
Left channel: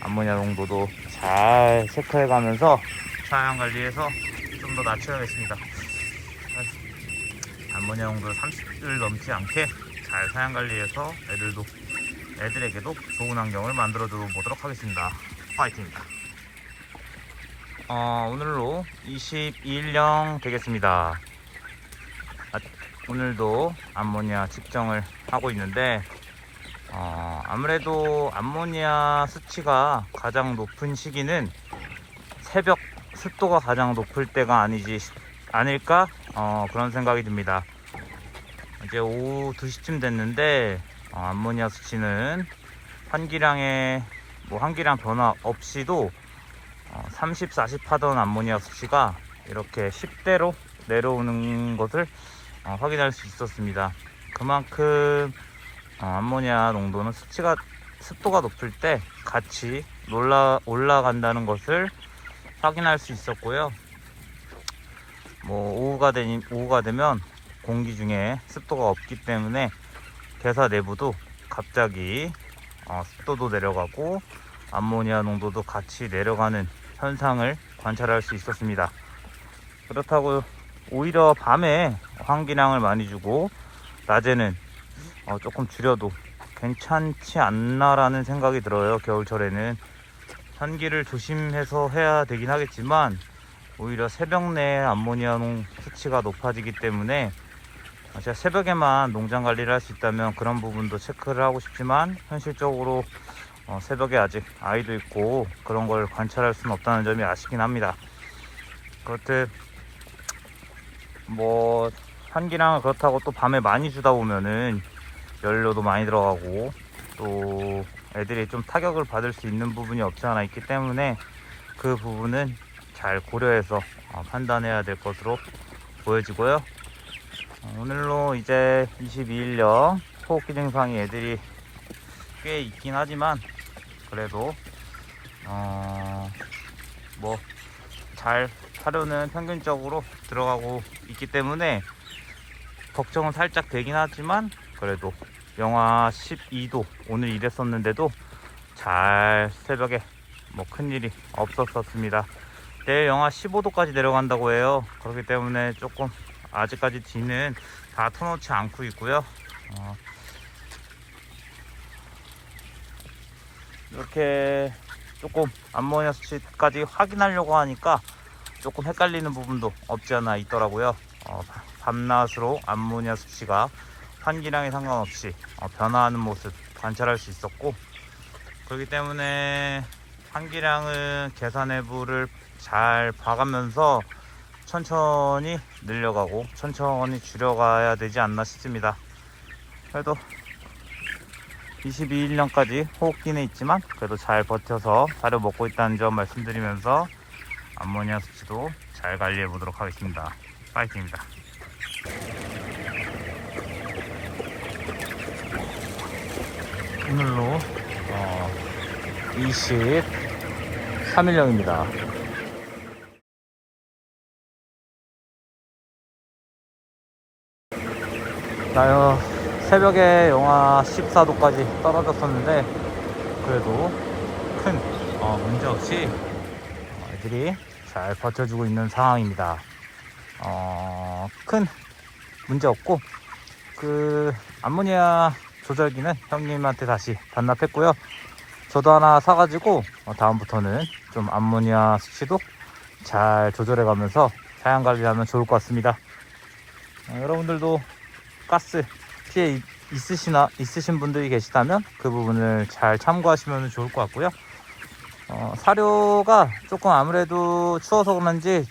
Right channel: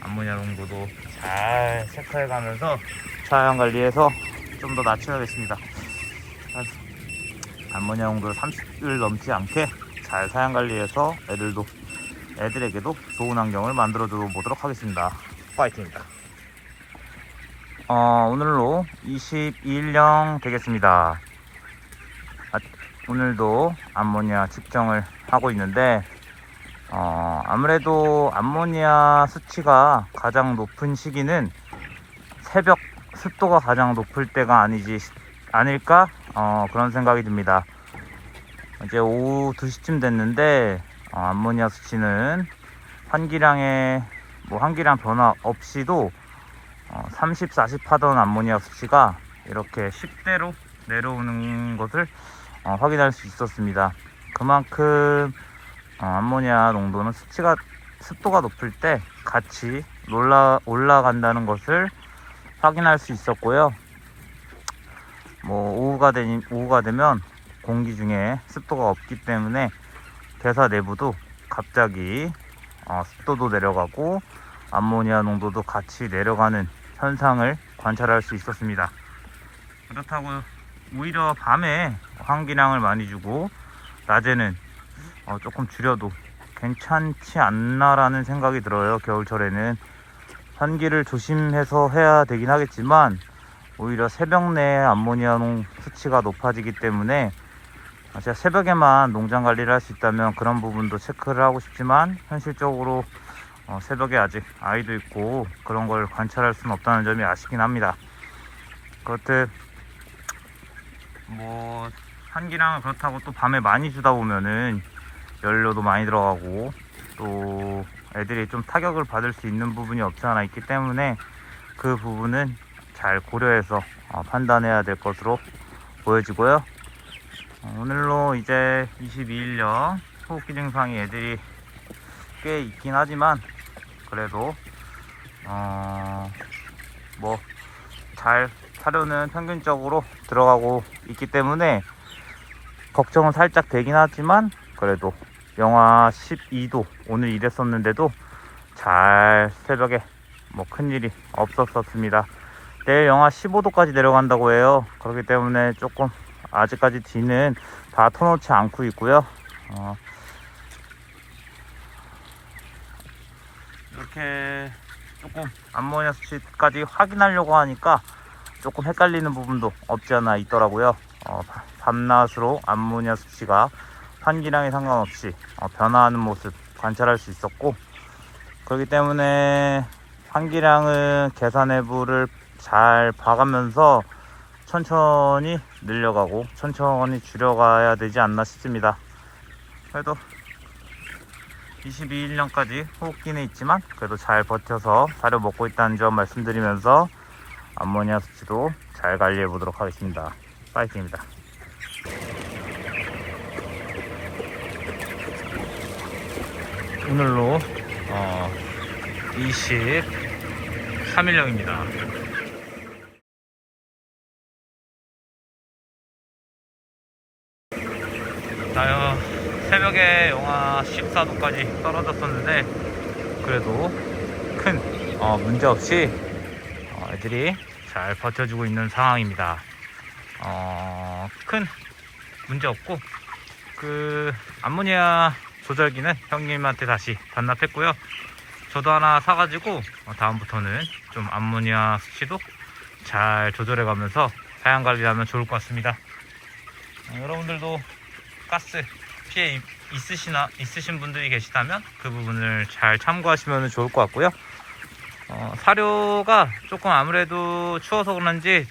암모니아 농도도 잘 체크해가면서 사양 관리해서 좀 더 낮춰야겠습니다. 암모니아 농도 30을 넘지 않게 잘 사양 관리해서 애들에게도 좋은 환경을 만들어 줘 보도록 하겠습니다. 파이팅입니다. 오늘로 22일령 되겠습니다. 오늘도 암모니아 측정을 하고 있는데 아무래도 암모니아 수치가 가장 높은 시기는 새벽 습도가 가장 높을 때가 아닐까 그런 생각이 듭니다. 이제 오후 2시쯤 됐는데 암모니아 수치는 환기량 변화 없이도 30, 40 하던 암모니아 수치가 이렇게 10대로 내려오는 것을 확인할 수 있었습니다. 그만큼 암모니아 농도는 습도가 높을 때 같이 올라간다는 것을 확인할 수 있었고요. 뭐 오후가 되면 공기 중에 습도가 없기 때문에 대사 내부도 갑자기 습도도 내려가고 암모니아 농도도 같이 내려가는 현상을 관찰할 수 있었습니다. 그렇다고 오히려 밤에 환기량을 많이 주고 낮에는 조금 줄여도 괜찮지 않나라는 생각이 들어요. 겨울철에는 환기를 조심해서 해야 되긴 하겠지만 오히려 새벽 내에 암모니아 수치가 높아지기 때문에 제가 새벽에만 농장 관리를 할 수 있다면 그런 부분도 체크를 하고 싶지만 현실적으로 새벽에 아직 아이도 있고 그런 걸 관찰할 수는 없다는 점이 아쉽긴 합니다. 그렇듯 뭐 환기량을 그렇다고 또 밤에 많이 주다 보면은 연료도 많이 들어가고 또 애들이 좀 타격을 받을 수 있는 부분이 없지 않아 있기 때문에 그 부분은 잘 고려해서 판단해야 될 것으로 보여지고요. 오늘로 이제 22일령 호흡기 증상이 애들이 꽤 있긴 하지만 그래도 뭐 잘 사료는 평균적으로 들어가고 있기 때문에 걱정은 살짝 되긴 하지만 그래도 영하 12도 오늘 이랬었는데도 잘 새벽에 뭐 큰일이 없었습니다. 내일 영하 15도까지 내려간다고 해요. 그렇기 때문에 조금 아직까지 뒤는 다 터놓지 않고 있고요. 이렇게 조금 암모니아 수치까지 확인하려고 하니까 조금 헷갈리는 부분도 없지 않아 있더라고요. 밤낮으로 암모니아 수치가 환기량에 상관없이 변화하는 모습 관찰할 수 있었고, 그렇기 때문에 환기량은 계산 내부를 잘 봐가면서 천천히 늘려가고 천천히 줄여가야 되지 않나 싶습니다. 그래도 22일령까지 호흡기는 있지만 그래도 잘 버텨서 사료 먹고 있다는 점 말씀드리면서 암모니아 수치도 잘 관리해 보도록 하겠습니다. 파이팅입니다. 오늘로 23일령입니다. 새벽에 영하 14도까지 떨어졌었는데 그래도 큰 문제 없이 애들이 잘 버텨주고 있는 상황입니다. 큰 문제 없고 그 암모니아 조절기는 형님한테 다시 반납했고요. 저도 하나 사가지고 다음부터는 좀 암모니아 수치도 잘 조절해 가면서 사양 관리하면 좋을 것 같습니다. 여러분들도 가스 피해 있으신 분들이 계시다면 그 부분을 잘 참고하시면 좋을 것 같고요. 사료가 조금 아무래도 추워서 그런지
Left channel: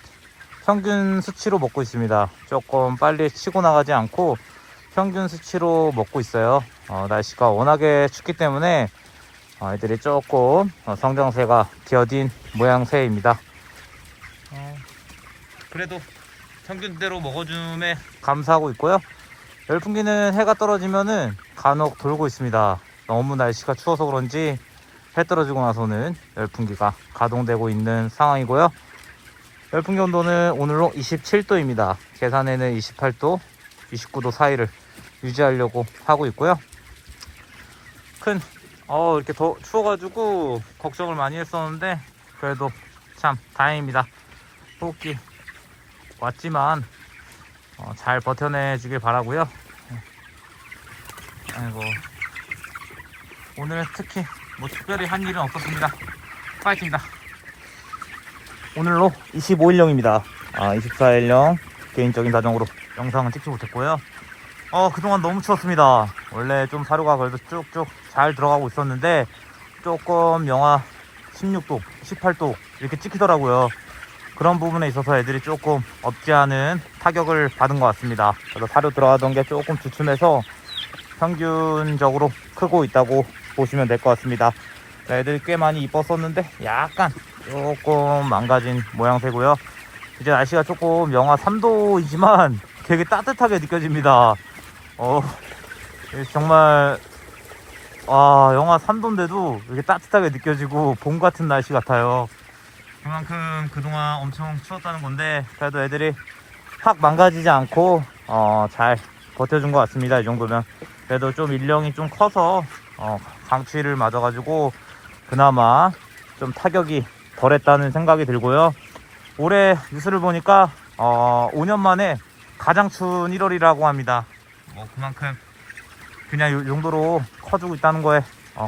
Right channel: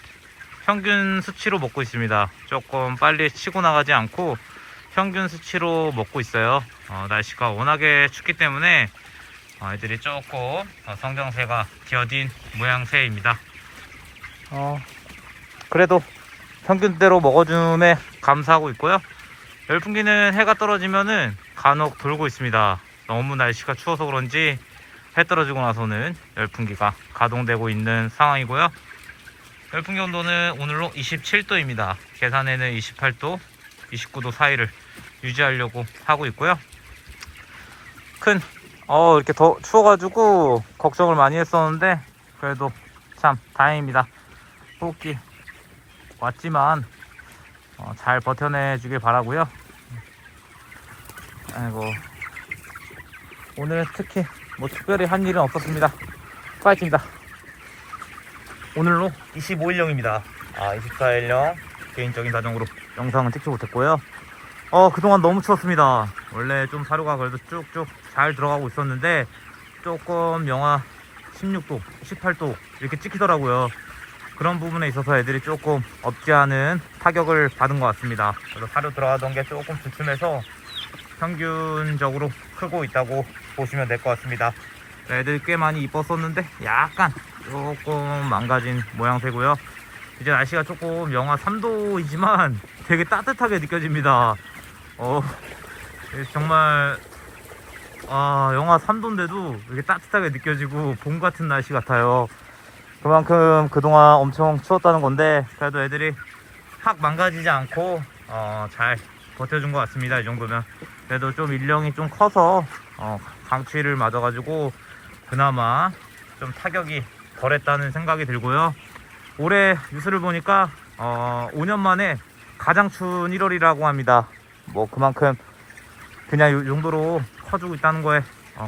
평균 수치로 먹고 있습니다. 조금 빨리 치고 나가지 않고 평균 수치로 먹고 있어요. 날씨가 워낙에 춥기 때문에 애들이 조금 성장세가 더딘 모양새입니다. 그래도 평균대로 먹어줌에 감사하고 있고요. 열풍기는 해가 떨어지면은 간혹 돌고 있습니다. 너무 날씨가 추워서 그런지 해 떨어지고 나서는 열풍기가 가동되고 있는 상황이고요. 열풍기 온도는 오늘로 27도입니다. 계산에는 28도, 29도 사이를 유지하려고 하고 있고요. 이렇게 더 추워가지고 걱정을 많이 했었는데 그래도 참 다행입니다. 호흡기 왔지만 잘 버텨내 주길 바라고요. 아이고, 오늘은 특히 특별히 한 일은 없었습니다. 파이팅입니다. 오늘로 25일령입니다. 24일령 개인적인 사정으로 영상은 찍지 못했고요. 그동안 너무 추웠습니다. 원래 좀 사료가 그래도 쭉쭉 잘 들어가고 있었는데 조금 영하 16도, 18도 이렇게 찍히더라고요. 그런 부분에 있어서 애들이 조금 없지 않은 타격을 받은 것 같습니다. 그래서 사료 들어가던 게 조금 주춤해서 평균적으로 크고 있다고 보시면 될 것 같습니다. 애들이 꽤 많이 이뻤었는데 약간 조금 망가진 모양새고요. 이제 날씨가 조금 영하 3도이지만 되게 따뜻하게 느껴집니다. 정말 영하 3도인데도 이렇게 따뜻하게 느껴지고 봄 같은 날씨 같아요. 그만큼 그동안 엄청 추웠다는 건데 그래도 애들이 확 망가지지 않고 잘 버텨준 것 같습니다. 이 정도면 그래도 좀 일령이 좀 커서 강치를 맞아가지고 그나마 좀 타격이 덜했다는 생각이 들고요. 올해 뉴스를 보니까 5년 만에 가장 추운 1월이라고 합니다. 그만큼 그냥 이 정도로 커지고 있다는 거에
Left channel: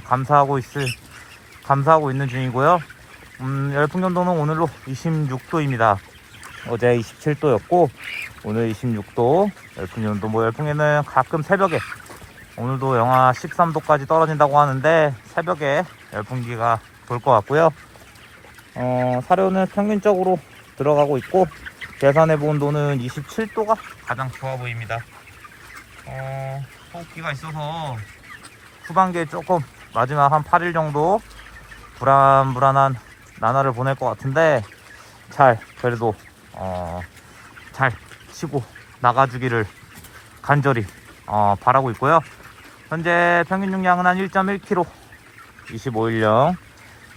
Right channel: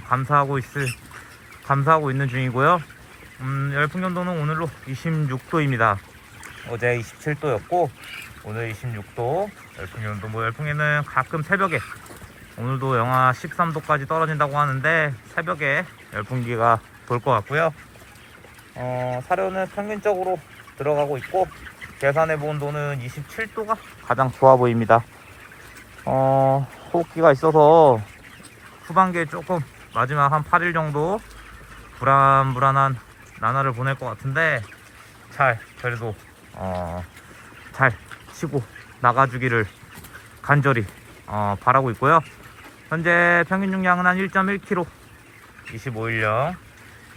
감사하고 있는 중이고요. 열풍온도는 오늘로 26도입니다. 어제 27도였고 오늘 26도 열풍온도. 열풍에는 가끔 새벽에 오늘도 영하 13도까지 떨어진다고 하는데 새벽에 열풍기가 돌 것 같고요. 사료는 평균적으로 들어가고 있고 계산해본 온도는 27도가 가장 좋아 보입니다. 호흡기가 있어서 후반기에 조금 마지막 한 8일 정도 불안한 나날을 보낼 것 같은데 그래도 잘 치고 나가주기를 간절히 바라고 있고요. 현재 평균 용량은 한 1.1kg, 25일령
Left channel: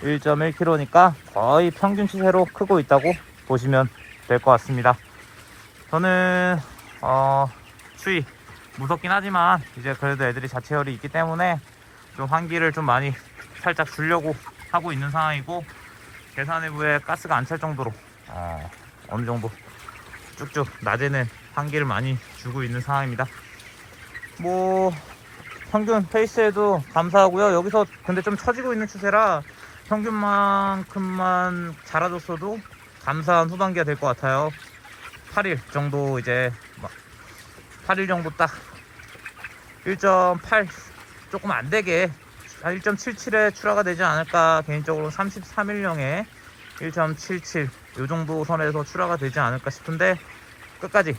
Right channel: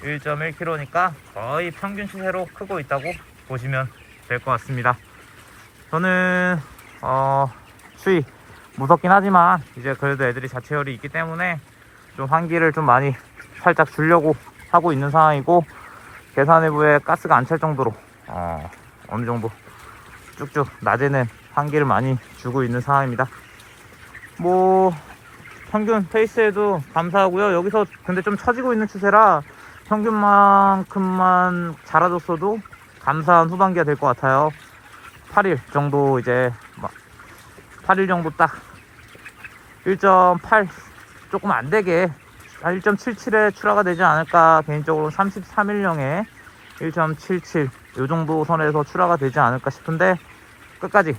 1.1kg니까 거의 평균 추세로 크고 있다고 보시면 될 것 같습니다. 저는 추위 무섭긴 하지만 이제 그래도 애들이 자체열이 있기 때문에 좀 환기를 좀 많이 살짝 주려고 하고 있는 상황이고 계산해부에 가스가 안 찰 정도로 어느 정도 쭉쭉 낮에는 환기를 많이 주고 있는 상황입니다. 평균 페이스에도 감사하고요. 여기서 근데 좀 처지고 있는 추세라 평균만큼만 자라줬어도 감사한 후반기가 될 것 같아요. 8일 정도 이제 8일 정도 딱 1.8 조금 안 되게 1.77에 출하가 되지 않을까. 개인적으로 33일령에 1.77 요 정도 선에서 출하가 되지 않을까 싶은데 끝까지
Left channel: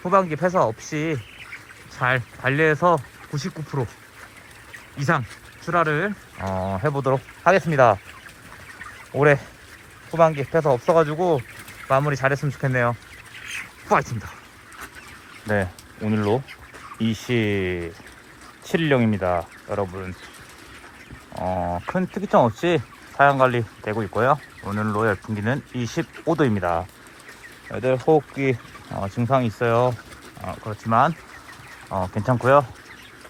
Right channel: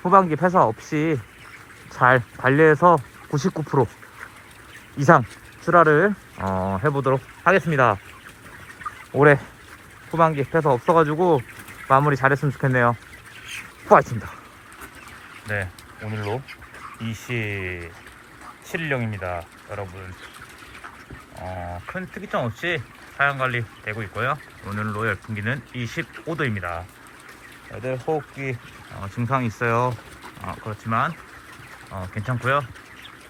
후반기 폐사 없이 잘 관리해서 99% 이상 출하를 해보도록 하겠습니다. 올해 후반기 패서 없어가지고 마무리 잘했으면 좋겠네요. 파이팅입니다. 네, 오늘로 27일령입니다 여러분. 큰 특이점 없이 사양관리 되고 있고요. 오늘로 열풍기는 25도입니다 애들 호흡기 증상이 있어요. 그렇지만 괜찮고요.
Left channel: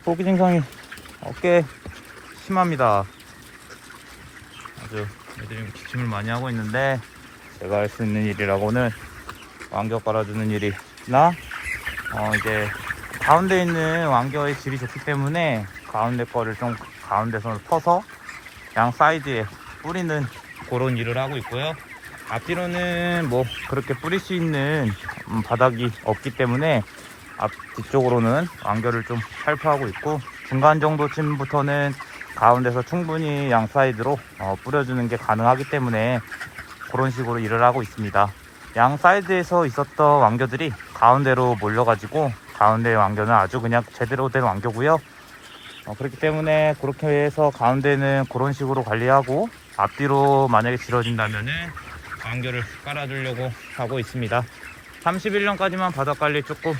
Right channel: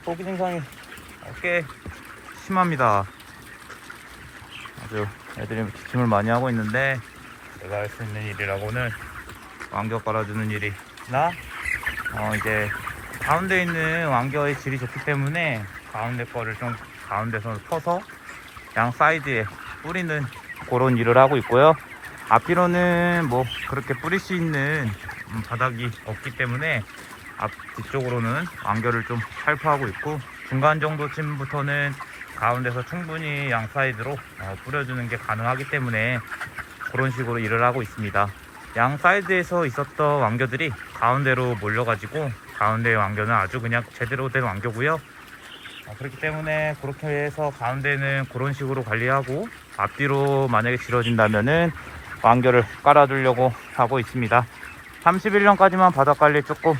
호흡기 증상이 꽤 심합니다. 아주 애들이 기침을 많이 하고 있는데, 제가 할 수 있는 일이라고는 왕겨 깔아주는 일이나 이제 가운데 있는 왕겨의 질이 좋기 때문에 가운데 거를 좀 가운데서 퍼서 양 사이드에 뿌리는 그런 일을 하고 있고요. 앞뒤로는 뭐 그렇게 뿌릴 수 있는 바닥이 없기 때문에 뒤쪽으로는 왕겨를 좀 살포하고 있고, 중간 정도쯤부터는 가운데서 충분히 양 사이드로 뿌려주는 게 가능하기 때문에 그런 식으로 일을 하고 있습니다. 양 사이드에서 있었던 왕겨들이 가운데로 몰려가지고, 가운데의 왕겨는 아주 그냥 제대로 된 왕겨고요. 그렇기 때문에 그렇게 해서 가운데는 그런 식으로 관리하고, 앞뒤로 만약에 질어진다면은 왕겨를 깔아주려고 하고 있습니다. 31년까지만 바닥 관리 조금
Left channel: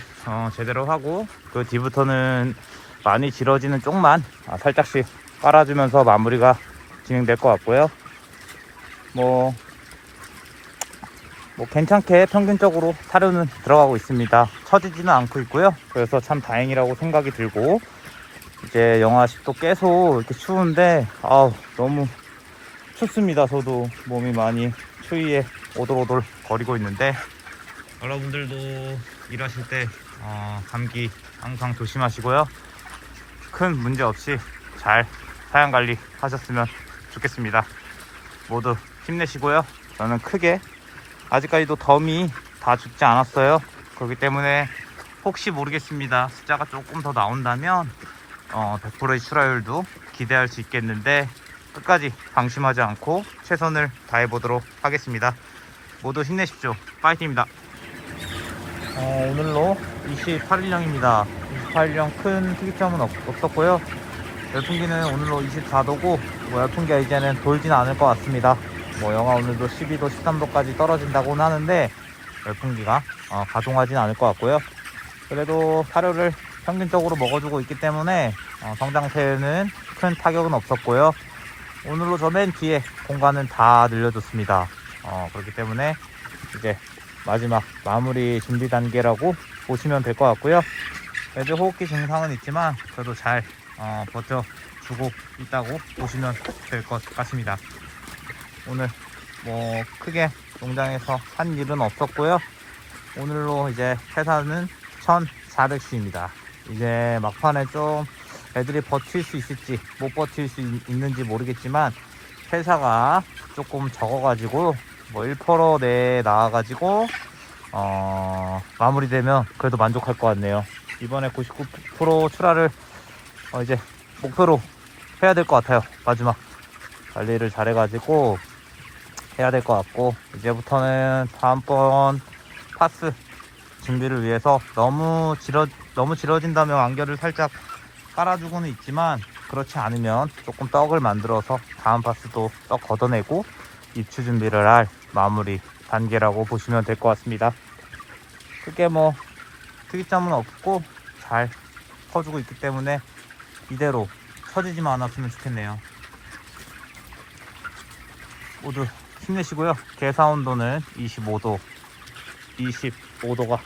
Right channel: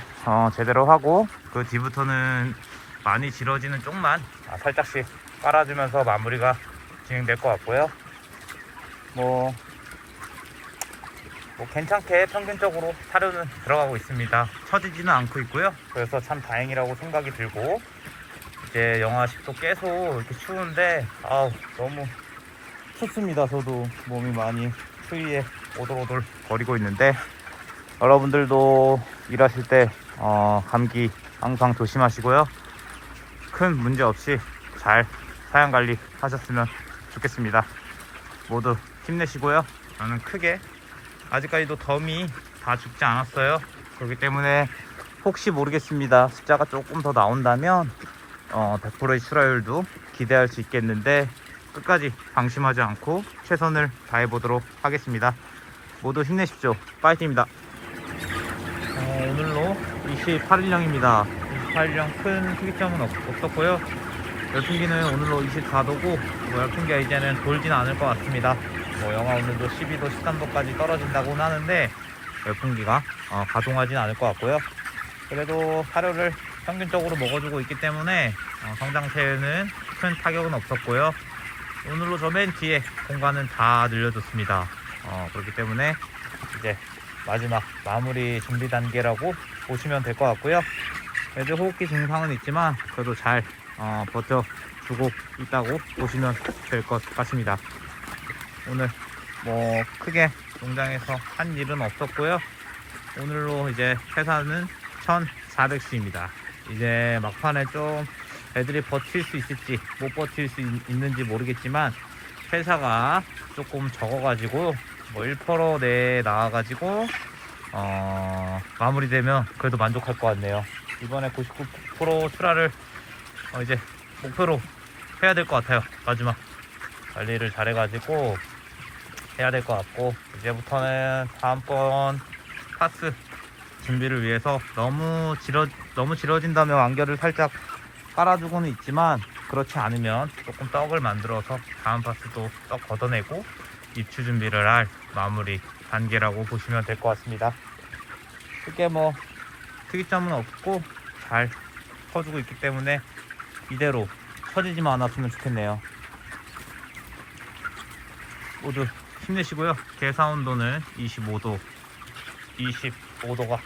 제대로 하고, 그 뒤부터는 많이 질어지는 쪽만 살짝씩 깔아주면서 마무리가 진행될 것 같고요. 뭐 괜찮게 평균적으로 사료는 들어가고 있습니다. 처지지는 않고 있고요. 그래서 참 다행이라고 생각이 들고, 이제 영하 10도 계속 이렇게 추운데 너무 춥습니다. 저도 몸이 많이 추위에 오돌오돌 거리고 있는데, 여러분들도 일하실 때 감기 항상 조심하시고요. 큰 문제 없이 잘 사양관리 하셨으면 좋겠습니다. 모두 힘내시고요. 저는 크게 아직까지도 덤이 다 죽지 않았어요. 그렇기 때문에 혹시 모르겠습니다. 숫자가 조금 더 나온다면 100%의 출하율도 기대할 수 있겠는데, 끝까지 방심하지 않고 최선을 다해보도록 하겠습니다. 모두 힘내십시오. 파이팅입니다. 오늘로 28일령입니다 28일령 큰 특이점은 없었고요. 열풍기는 오늘로 24도고, 열풍기가 이제는 돌진 않을 것 같습니다. 영하 오늘도 12도 13도까지 떨어진다고는 하는데, 열풍기가 가동하진 않을 것 같고요. 그래도 사료를 평균적으로 먹어주고 있기 때문에 성장세에는 큰 타격은 없었고요. 오늘로 저 맨 뒤에 공간은 다 늘려줬습니다. 그렇기 때문에 이제 마지막 마무리 준비 단계라고 보시면 될 것 같고요. 애들 호흡기 증상은 있지만 그래도 잘 버텨주고 있다고 보시면 될 것 같습니다. 오늘 뭐 크게 농장에서 한 일은 없었고요. 오늘로 이제 회사는 1400수입니다. 이제 막판에 좀 애들이 버틸 수 있을지 못 버틸 수 있는지 모르겠지만, 회사가 조금 적어가지고 1% 내에 나와가지고 마무리되면 그래도 만족할 것 같네요. 이번에 99% 출하를 이제 목표로 해야 될 것 같아요. 마지막 관리를 잘해가지고 해야 될 것 같고, 이제부터는 다음번 파스 준비를 위해서 너무 질어진다면 완결을 살짝 깔아주고는 있지만, 그렇지 않으면 조금 떡을 만들어서 다음 파스도 떡 걷어내고 입추 준비를 할 마무리 단계라고 보시면 될 것 같습니다. 크게 뭐 특이점은 없고 잘 퍼주고 있기 때문에 이대로 처지지만 않았으면 좋겠네요. 모두 힘내시고요. 개사 온도는 25도 25도?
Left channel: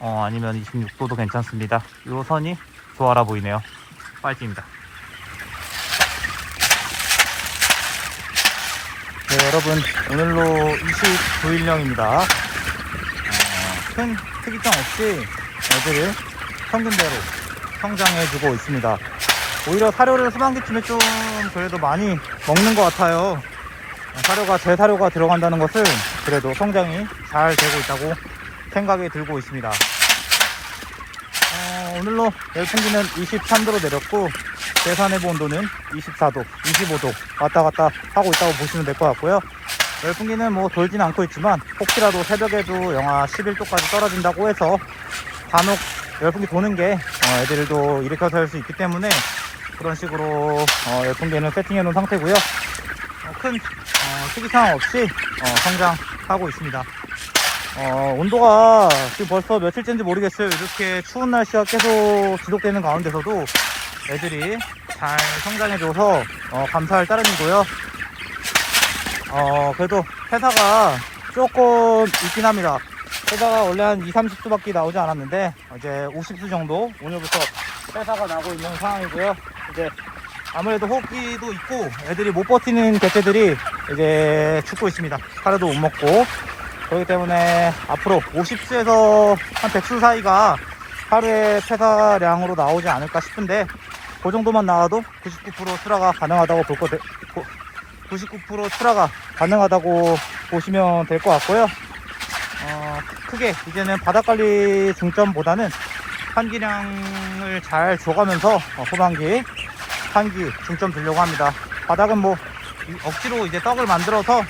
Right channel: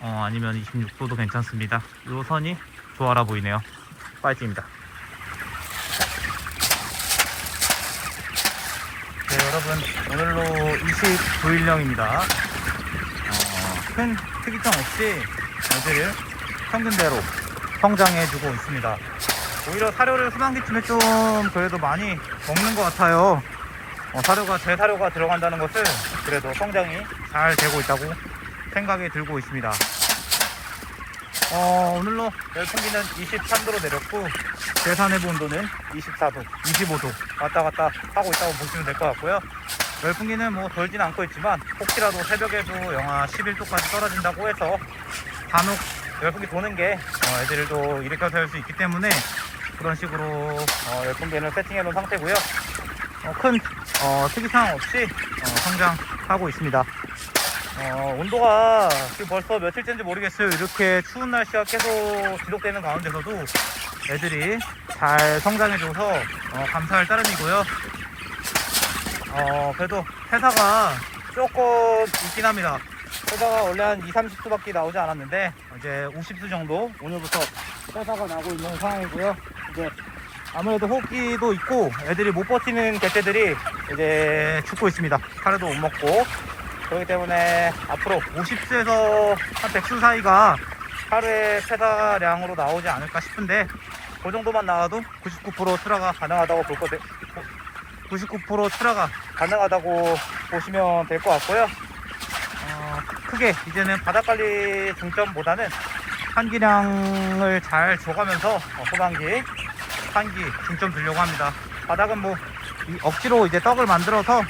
아니면 26도도 괜찮습니다. 이 선이 조화라 보이네요. 파이팅입니다. 네, 여러분, 오늘로 29일령입니다. 큰 특이점 없이 애들을 평균대로 성장해주고 있습니다. 오히려 사료를 후반기쯤에 좀 그래도 많이 먹는 것 같아요. 제 사료가 들어간다는 것은 그래도 성장이 잘 되고 있다고 생각이 들고 있습니다. 오늘로 열풍기는 23도로 내렸고, 대산해부 온도는 24도, 25도 왔다 갔다 하고 있다고 보시면 될 것 같고요. 열풍기는 뭐 돌진 않고 있지만, 혹시라도 새벽에도 영하 11도까지 떨어진다고 해서 간혹 열풍기 도는 게 애들도 일으켜서 할 수 있기 때문에 그런 식으로 열풍기는 세팅해 놓은 상태고요. 큰 특이사항 없이 성장하고 있습니다. 온도가 지금 벌써 며칠째인지 모르겠어요. 이렇게 추운 날씨가 계속 지속되는 가운데서도 애들이 잘 성장해줘서 감사할 따름이고요. 그래도 회사가 조금 있긴 합니다. 회사가 원래 한 2~30수 밖에 나오지 않았는데 이제 50수 정도 오늘부터 회사가 나고 있는 상황이고요. 이제 아무래도 호흡기도 있고 애들이 못 버티는 개체들이 이제 죽고 있습니다. 하루도 못 먹고. 그렇기 때문에 앞으로 50수에서 한 100수 사이가 하루에 폐사량으로 나오지 않을까 싶은데, 그 정도만 나와도 99% 출하가 가능하다고 99% 출하가 가능하다고 보시면 될 것 같고요. 크게 이제는 바닥관리 중점보다는 한기량을 잘 줘가면서 후반기 한기 중점 두려고 합니다. 바닥은 뭐 억지로 이제 떡을 만들어서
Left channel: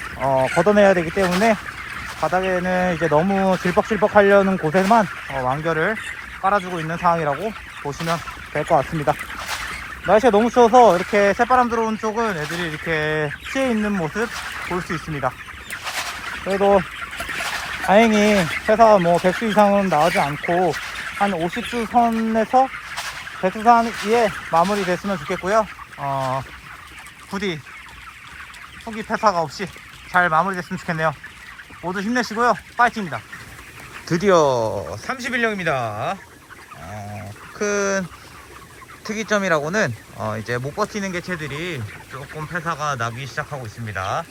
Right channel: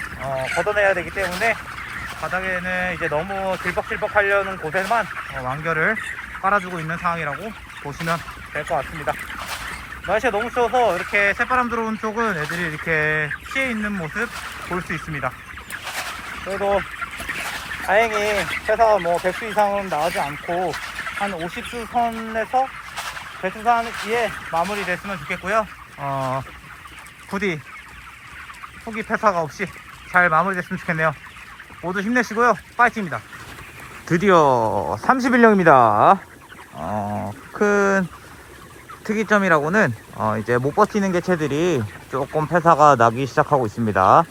걷어내야 되기 때문에 바닥에는 이제 너무 질퍽질퍽 하려는 곳에만 완결을 깔아주고 있는 상황이라고 보시면 될 것 같습니다. 날씨가 너무 추워서 이렇게 새바람 들어온 쪽은 애들이 이렇게 피해 있는 모습 볼 수 있습니다. 그래도 다행히 회사가 뭐 100수 이상은 나오지 않고 한 50수 선에서 100수 사이에 마무리 됐으면 좋겠고요. 부디 후기 폐사가 없이 잘 마무리됐으면 좋겠네요. 모두 힘내시고요. 파이팅입니다. 드디어 31령입니다. 큰 특이점이라고는 이제 못 버티는 개체들이 조금 폐사가 나기 시작하고 있습니다.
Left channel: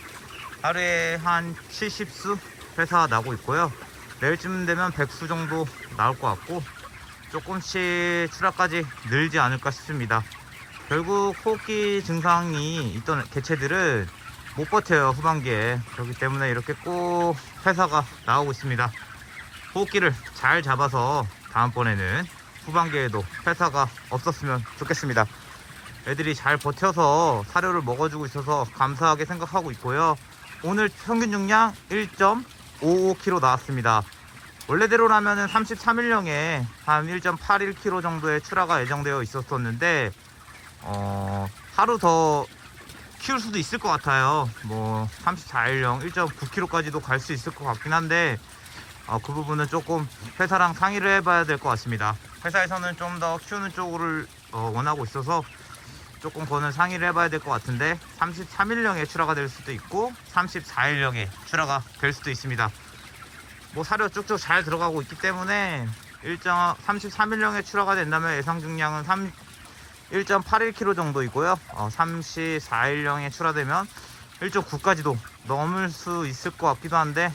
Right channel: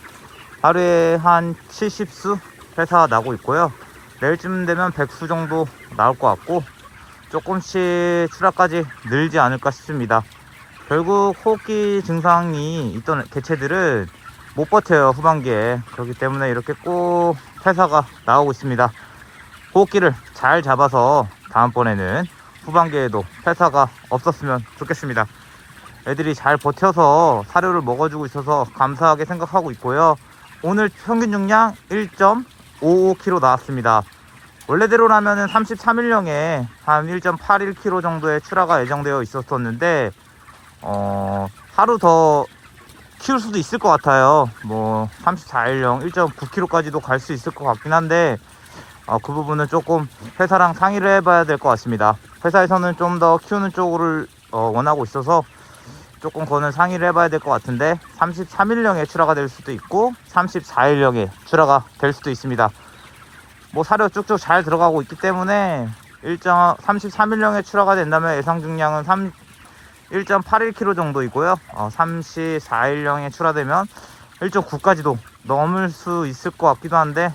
하루에 한 70수 폐사 나고 있고요. 내일쯤 되면 100수 정도 나올 것 같고, 조금씩 출하까지 늘지 않을까 싶습니다. 결국 호흡기 증상이 있던 개체들은 못 버텨요, 후반기에. 그렇기 때문에 이렇게 꼭 폐사가 나오고 있습니다. 호흡기를 잘 잡아서 다음번에는 후반기에도 폐사가 없었으면 좋겠습니다. 애들이 잘 버텨서 사료를 먹어주고 있어서 감사하게 생각하고 있고요. 오늘 평균 중량 1.55kg 나왔습니다. 원래대로라면 33일령에 한 1.81kg 정도의 출하가 예정되어 있었었는데 하루 더 키울 수도 있을 것 같아요. 뭐 34일령 1.9kg까지도 갈 수 있을 것 같긴 한데, 그 부분은 조금 회사랑 상의를 해봐야 될 것 같습니다. 회사에서는 좀 더 키우는 쪽을 원하고 있어서 조금 그거는 상의를 해봐야 될 것 같은데, 33일령에 출하가 될 수도 있고 34일령에 출하가 될 수도 있습니다. 뭐 사료 쭉쭉 잘 들어가고 있기 때문에 33일령에 출하가 된다면 예상 중량은 1.81kg 정도이고요. 34일령에 출하되면 1.9까지도 넘을 수 있을 것 같기도 한데,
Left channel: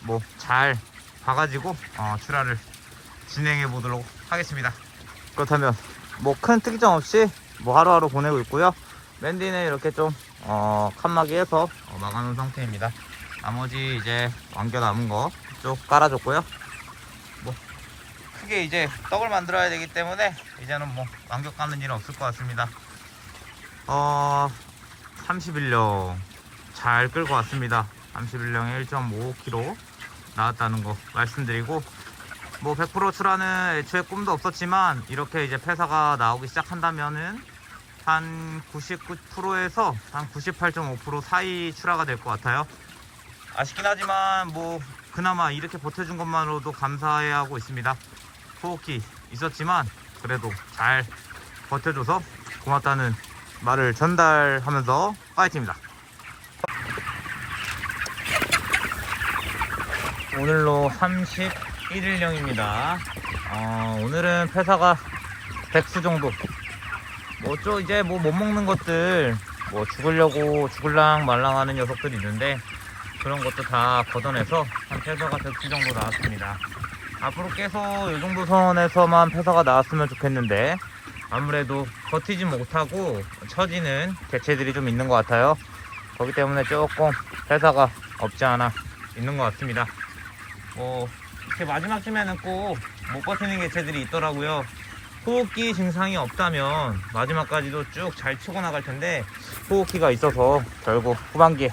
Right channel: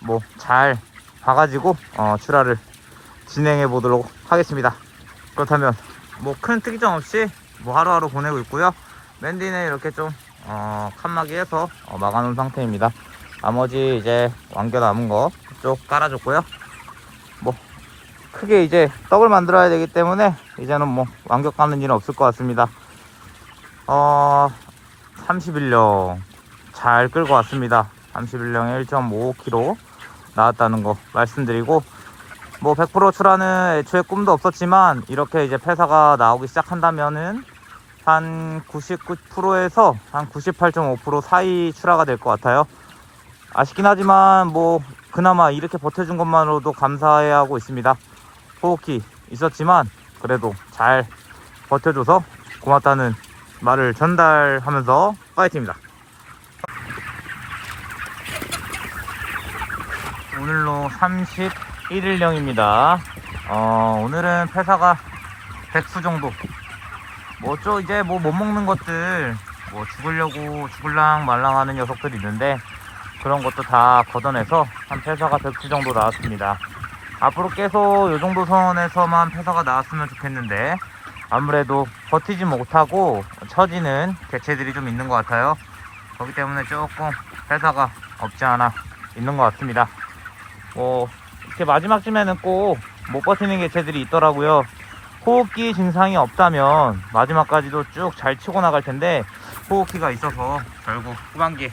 뭐 잘 봐가지고 출하를 진행해 보도록 하겠습니다. 그렇다면 뭐 큰 특이점 없이 뭐 하루하루 보내고 있고요. 맨디는 이렇게 좀 칸막이해서 막아놓은 상태입니다. 나머지 이제 완결 남은 거 쭉 깔아줬고요. 뭐 크게 이제 떡을 만들어야 되기 때문에 이제는 뭐 완결 까는 일은 없을 것 같습니다. 31령 잘 끌고 왔습니다. 31령에 1.55kg 나왔다는 거 말씀드리고, 뭐 100% 출하는 애초에 꿈도 없었지만 이렇게 이제 폐사가 나오기 시작한다면은 한 99%에서 한 98.5% 사이 출하가 될 것 같아요. 아쉽긴 하지만 뭐 그나마 이렇게 버텨준 것만으로도 감사해야 하고 있습니다. 호흡기 있었지만 그래도 잘 버텨줘서 고맙다는 말을 전달하면서 파이팅입니다. 오늘로 31일령입니다. 오늘은 폐사가 100수 정도. 이제 뭐 못 먹는 것들, 뭐 죽을랑 말랑 하는 녀석들이 있는데, 그런 것도 다 걷어내서 한 폐사가 100수 정도 나왔습니다. 앞으로 계속 이 정도 선에서만 폐사가 나왔으면 좋겠는데, 아무래도 버티지 못하고 처지는 개체들이 좀 있는 것 같아요. 그렇기 때문에 조금 폐사가 없지 않아 있는 것 같습니다. 뭐 이렇게 마지막쯤에는 꼭 못 버티는 개체들이 있더라고요. 호흡기 증상이 없다면 마지막까지도 쭉 잘 치고 나갈 텐데, 호흡기가 있어서 결국 후반기에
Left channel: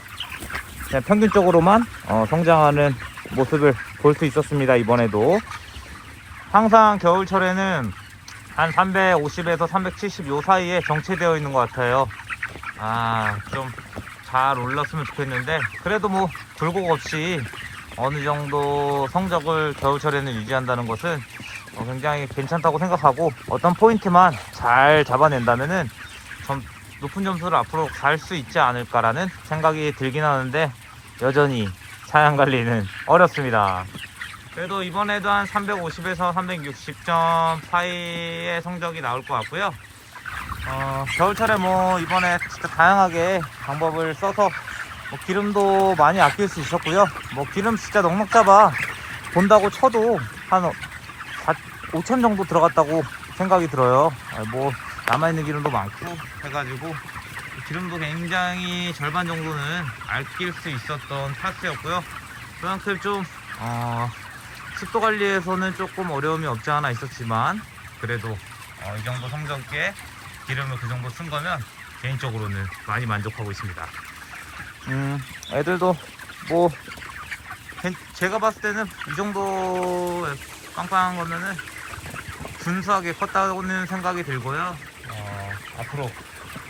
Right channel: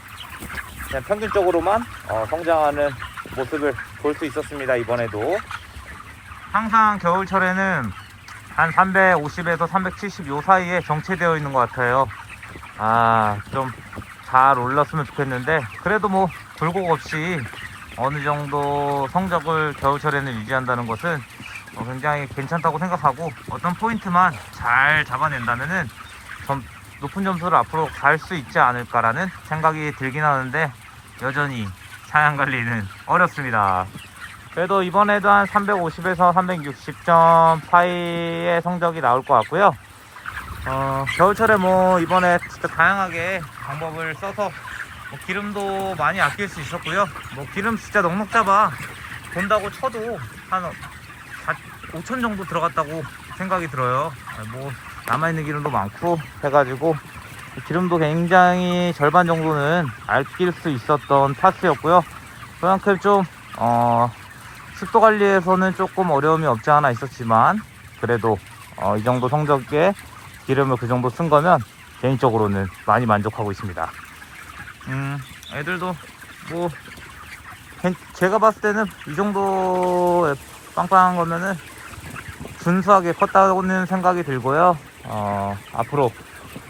그냥 평균적으로만 성장하는 모습을 볼 수 있었습니다. 이번에도 항상 겨울철에는 한 350에서 370 요 사이에 정체되어 있는 것 같아요. 좀 잘 올랐으면 좋겠는데, 그래도 뭐 굴곡 없이 어느 정도 성적을 겨울철에는 유지한다는 것은 굉장히 괜찮다고 생각하고, 어떤 포인트만 잘 잡아낸다면은 높은 점수를 앞으로 갈 수 있지 않을까라는 생각이 들긴 하는데, 여전히 사양 관리는 어렵습니다. 그래도 이번에도 한 350에서 360점 파이의 성적이 나올 것 같고요. 겨울철에 뭐 이번에 진짜 다양하게 방법을 써서 기름도 많이 아낄 수 있었고요. 뭐 기름 진짜 넉넉 잡아 본다고 쳐도 한 5천 정도 들어갔다고 생각이 들어요. 뭐 남아있는 기름도 많고 해가지고 기름도 굉장히 절반 정도는 아낄 수 있었던 파스였고요. 그만큼 좀 습도 관리에서는 조금 어려움이 없지 않아 있었지만, 그래도 이 정도 성적에 기름을 그 정도 쓴 거면 개인적으로는 많이 만족하고 있습니다. 애들도 뭐 제가 봤을 때는 이 정도 빵빵한 거면은 준수하게 컸다고는 생각이 들고요. 앞으로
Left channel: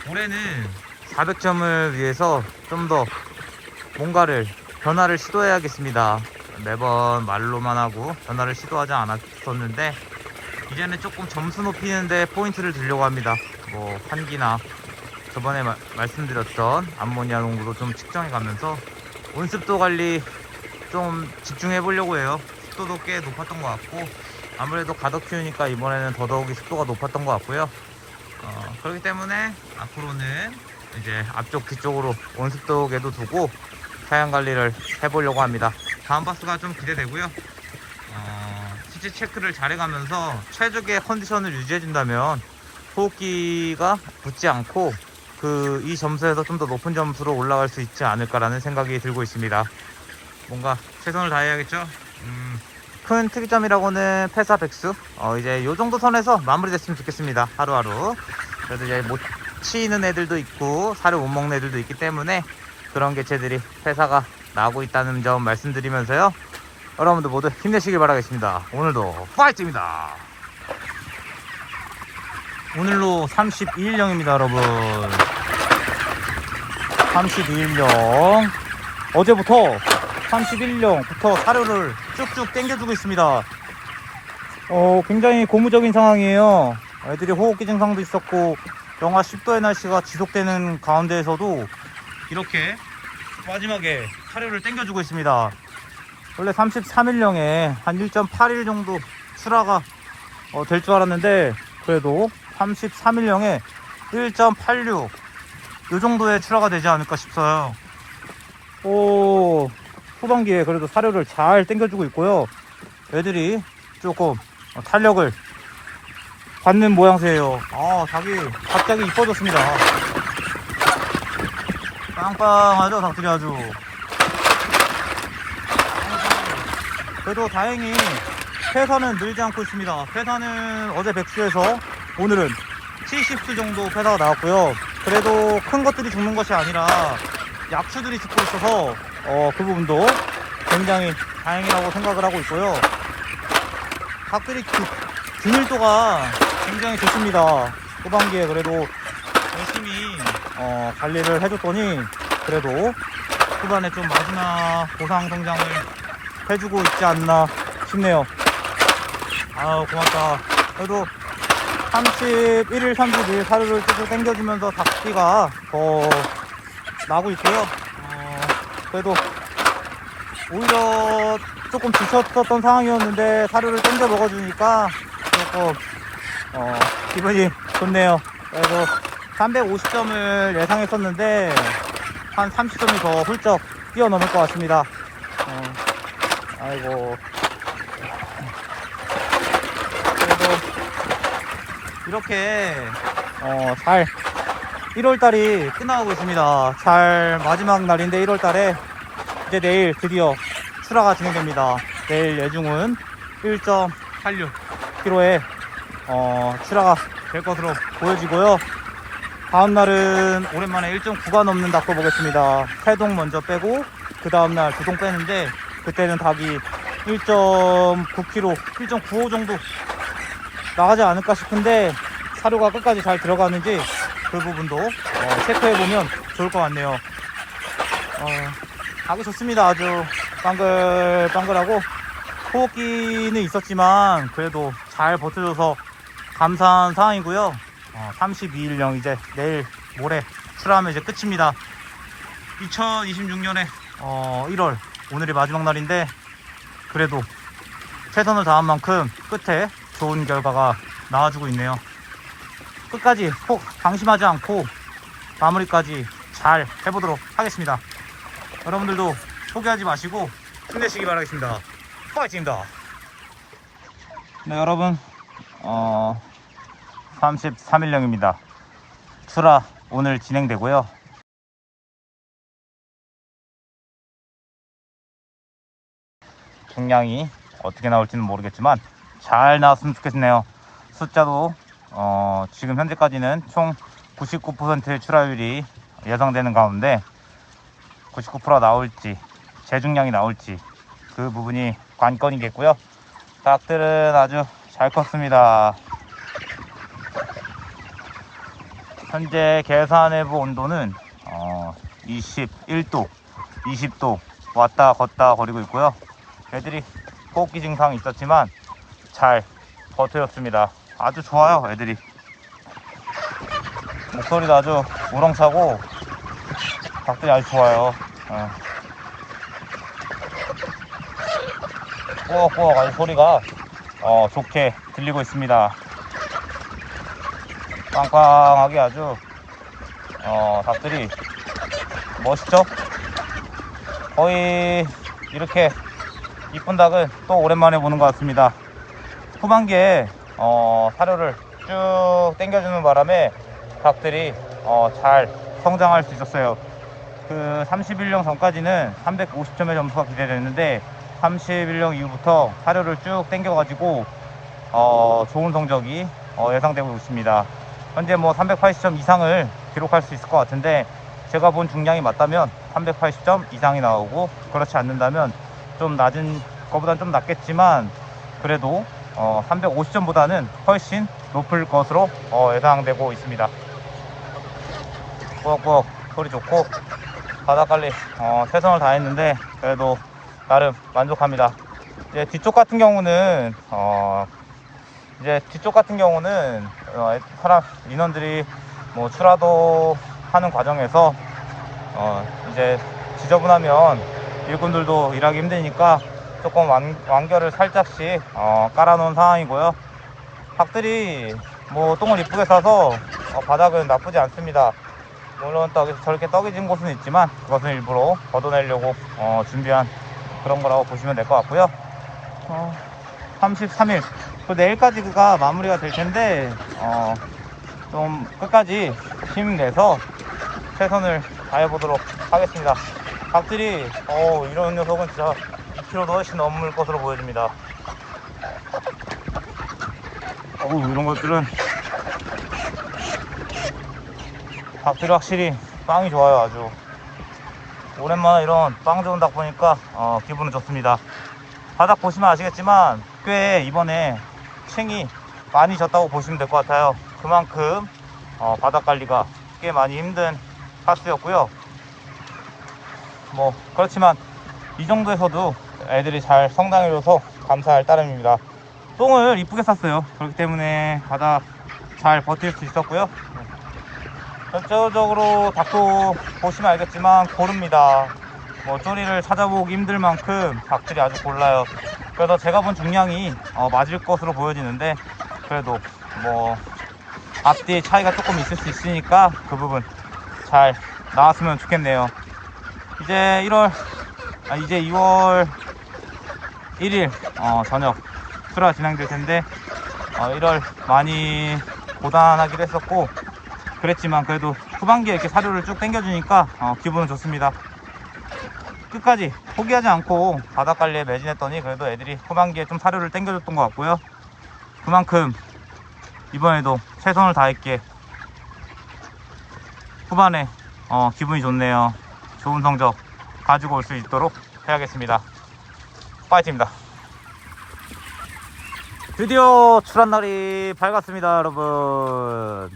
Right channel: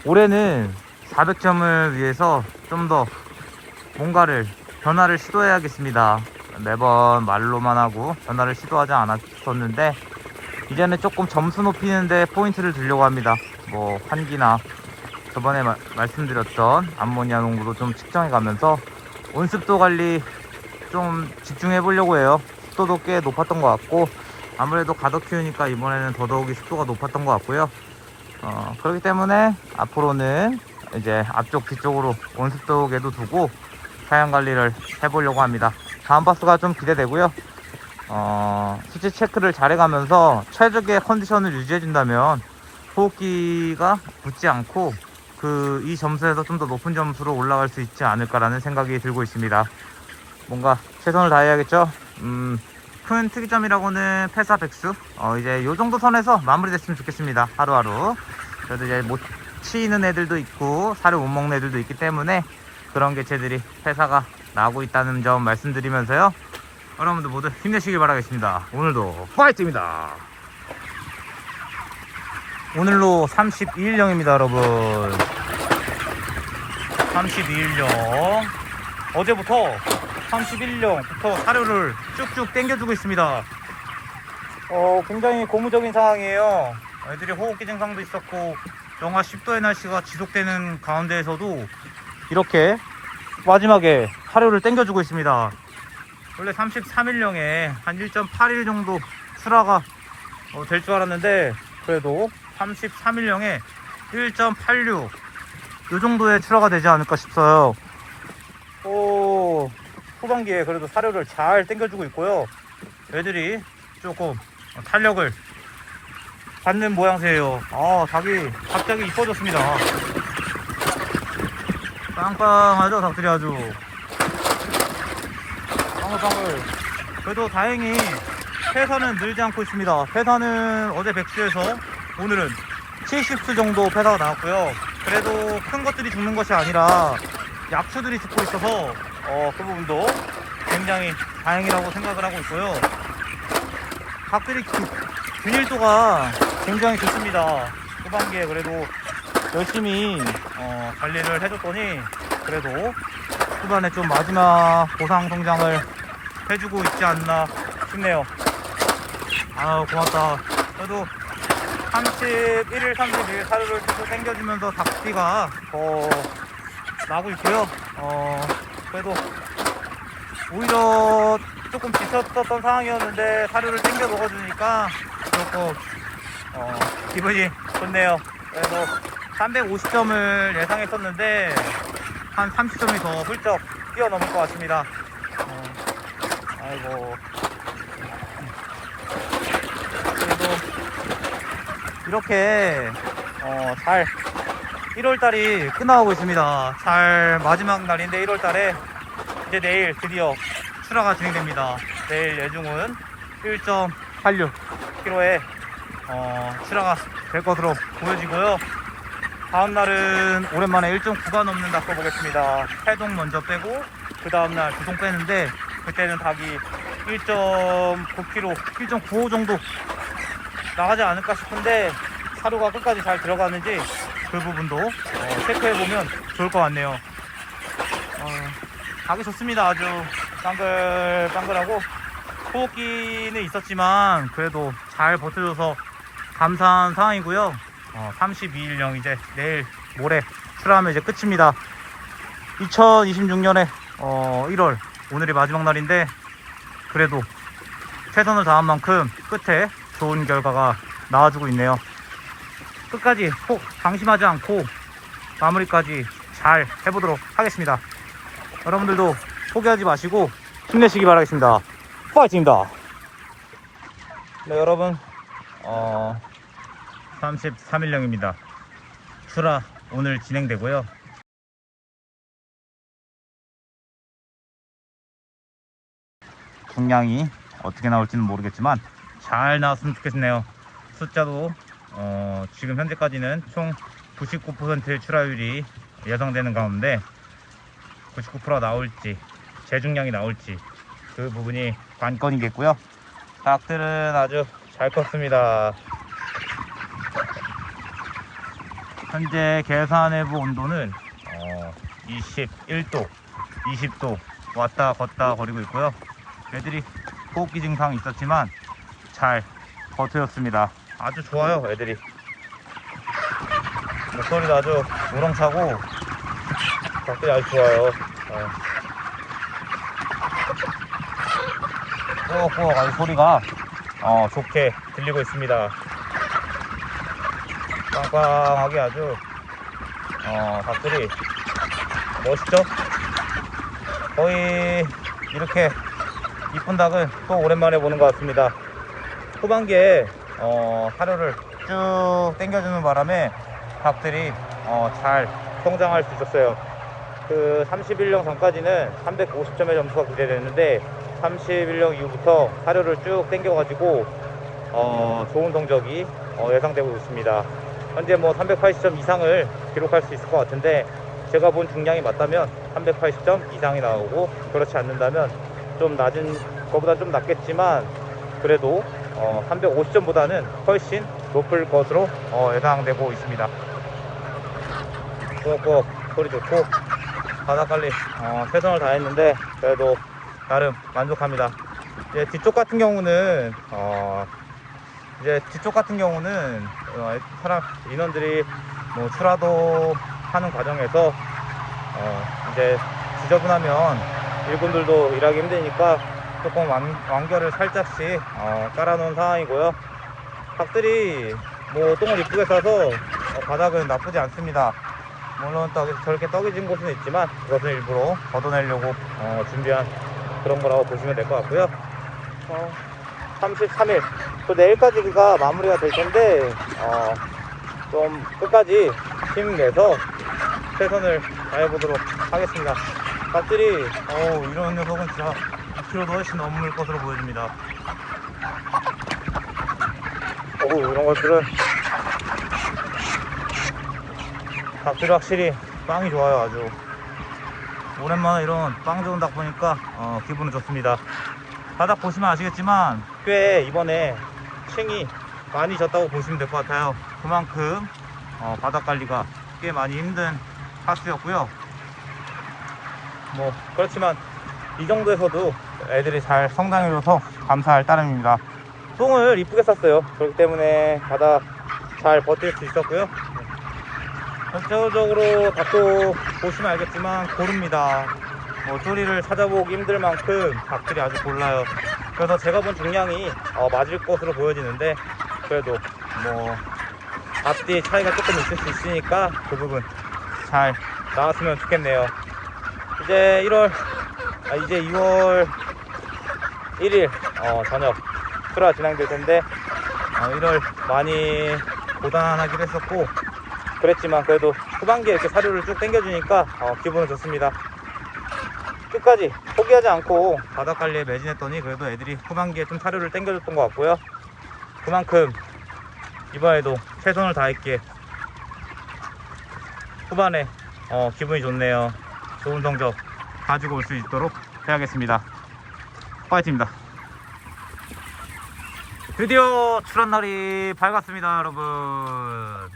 올해는 400점을 위해서 좀 더 뭔가를 변화를 시도해야겠습니다. 매번 말로만 하고 변화를 시도하지 않았었는데, 이제는 조금 점수 높이는데 포인트를 두려고 합니다. 뭐 환기나 저번에 말씀드렸던 암모니아 농도도 좀 측정해 가면서 온습도 관리 좀 집중해 보려고 해요. 습도도 꽤 높았던 것 같고, 아무래도 가덕 키우니까 이번에는 더더욱이 습도가 높았던 것 같고요. 그렇기 때문에 앞으로는 이제 앞쪽 뒤쪽으로 온습도계도 두고 사양 관리를 해보려고 합니다. 다음 파스가 좀 기대되고요. 수치 체크를 잘해가면서 최적의 컨디션을 유지해준다면 호흡기가 붙지 않고 이 점수에서 좀 더 높은 점수로 올라갈 수 있지 않을까라는 생각이 들고 있습니다. 뭔가 최선을 다해야겠죠. 큰 특이점이라고는 폐사 백수, 이제 요 정도 선에서 마무리됐으면 좋겠습니다. 하루하루. 그래도 이제 못 치는 애들도 있고 살을 못 먹는 애들도 있기 때문에 그런 개체들이 폐사가 나고 있다는 점 말씀드리면서요, 여러분들 모두 힘내시길 바라겠습니다. 오늘도 파이트입니다. 오늘로 32일령입니다 여러분. 32일령, 어제부터 31일령부터 사료를 쭉쭉 당겨주고 있습니다. 굉장히 고무적인 상황이에요. 애들이 호흡기 증상도 있었고 영하 10도의 날씨가 지속되는 가운데에서도 이렇게 마지막에 사료를 당겨주고 있습니다. 원래 33일령에 한 1.8일 정도 출하가 될 줄 알았는데, 그래도 33일령에 1.86 이 정도의 출하가 되지 않을까 싶어요. 후반기에 그래도 사료를 잘 당겨주고 있고요. 애들이 조금 탄력을 받는 모양새예요. 닭이 갑자기 이뻐졌습니다. 빵빵하죠 닭들이 아주. 빵빵하고. 그래도 다행히 폐사는 늘지 않고 있습니다. 폐사는 어제 100수에서 오늘은 70수 정도 폐사가 나왔고요. 그래도 큰 것들이 죽는 것이 아니라 약수들이 죽고 있어서 그 부분도 굉장히 다행이라고 생각을 하고 있고요. 닭들이 균일도가 굉장히 좋습니다. 후반기에 그래도 열심히 관리를 해줬더니 그래도 후반에 좀 마지막 보상 성장을 해주고 있지 않나 싶네요. 고맙다. 그래도 31일, 32일 사료를 쭉 당겨주면서 닭띠가 나고 있고요. 그래도 오히려 조금 지쳤었던 상황이었는데 사료를 당겨 먹어주니까 조금 기분이 좋네요. 그래서 350점을 예상했었는데 한 30점이 더 훌쩍 뛰어넘을 것 같습니다. 아이고. 그래도 이렇게 잘 1월달이 끝나가고 있습니다. 잘 마지막 날인데 1월달에 이제 내일 드디어 출하가 진행됩니다. 내일 예중은 1.86kg에 출하가 될 것으로 보여지고요. 다음날은 오랜만에 1.9가 넘는 닭도 보겠습니다. 3동 먼저 빼고 그 다음날 2동 빼는데, 그때는 닭이 1.9kg, 1.95 정도 나가지 않을까 싶은데 사료가 끝까지 잘 들어가는지 그 부분도 체크해보면 좋을 것 같네요. 가기 좋습니다. 아주 빵글빵글하고 소고기는 있었지만 그래도 잘 버텨줘서 감사한 상황이고요. 32일령 이제 내일 모레 출하하면 이제 끝입니다. 2026년에 1월 오늘이 마지막 날인데 그래도 최선을 다한 만큼 끝에 좋은 결과가 나와주고 있네요. 끝까지 방심하지 않고 마무리까지 잘 해보도록 하겠습니다. 여러분들도 포기하지 마시고 힘내시기 바라겠습니다. 파이팅입니다. 네, 여러분 33일령입니다. 출하 오늘 진행되고요. 중량이 어떻게 나올지는 모르겠지만 잘 나왔으면 좋겠네요. 숫자도 지금 현재까지는 총 99%의 출하율이 예상되는 가운데 99%가 나올지 재중량이 나올지 그 부분이 관건이겠고요. 닭들은 아주 잘 컸습니다. 현재 계산해본 온도는 21도 20도 왔다 갔다 거리고 있고요. 애들이 호흡기 증상이 있었지만 잘 버텨줬습니다. 아주 좋아요. 애들이 목소리도 아주 우렁차고 닭들이 아주 좋아요. 꾸벅꾸벅 아주 소리가 좋게 들리고 있습니다. 빵빵하게 아주 닭들이 멋있죠? 거의 이렇게 이쁜 닭은 또 오랜만에 보는 것 같습니다. 후반기에 사료를 쭉 당겨주는 바람에 닭들이 잘 성장할 수 있었어요. 그 31령 전까지는 350점의 점수가 기대되는데 31령 이후부터 사료를 쭉 당겨가지고 좋은 성적이 예상되고 있습니다. 현재 뭐 380점 이상을 기록할 수 있을 것 같은데 제가 본 중량이 맞다면 380점 이상이 나오고 그렇지 않는다면 좀 낮은 것보다 좀 낮겠지만 그래도 350점보다는 훨씬 높을 것으로 예상되고 있습니다. 꾸벅꾸벅 소리 좋고 바닥관리 최선을 다했는데 그래도 나름 만족합니다. 이제 뒤쪽 같은 경우는 사람 인원들이 뭐 출하도 하는 과정에서 이제 지저분하면 일꾼들도 일하기 힘드니까 조금 완결을 살짝씩 깔아놓은 상황이고요. 닭들이 뭐 똥을 이쁘게 싸서 바닥은 나쁘지 않습니다. 물론 저렇게 떡이 진 곳은 있지만 그것은 일부러 걷어내려고 준비한 그런 거라고 보시면 될 것 같고요. 33일 또 내일까지가 마무리가 될 텐데 좀 끝까지 힘내서 최선을 다해보도록 하겠습니다. 닭들이 이런 녀석은 진짜 2kg도 훨씬 넘을 것으로 보여집니다. 이런 것들은 닭들이 확실히 빵이 좋아요. 아주 오랜만에 이런 빵 좋은 닭 보니까 기분은 좋습니다. 바닥 보시면 아시겠지만 꽤 이번에 층이 많이 졌다고 보시면 될 것 같아요. 그만큼 바닥 관리가 꽤 많이 힘든 파스였고요. 뭐 그렇지만 이 정도에서도 애들이 잘 성장해줘서 감사할 따름입니다. 똥을 이쁘게 쌌어요. 그렇기 때문에 바닥 잘 버틸 수 있었고요. 전체적으로 닭도 보시면 알겠지만 고릅니다. 뭐 소리를 찾아보기 힘들 만큼 닭들이 아주 골라요. 그래서 제가 본 중량이 맞을 것으로 보여지는데 그래도 뭐 앞뒤의 차이가 조금 있을 수 있으니까 그 부분 잘 나왔으면 좋겠네요. 이제 6월 1일 저녁 출하 진행될 텐데 1월 많이 고단하기도 했었고 그랬지만 그래도 후반기에 이렇게 사료를 쭉 당겨주니까 기분은 좋습니다. 끝까지 포기하지 않고 바닥 관리에 매진했더니 그래도 애들이 후반기에 좀 사료를 당겨줬던 것 같고요. 그만큼 이번에도 최선을 다했기에 후반에 기분이 좋네요. 좋은 성적 가지고 올 수 있도록 해야겠습니다. 파이팅입니다. 드디어 출한 날이 밝았습니다. 여러분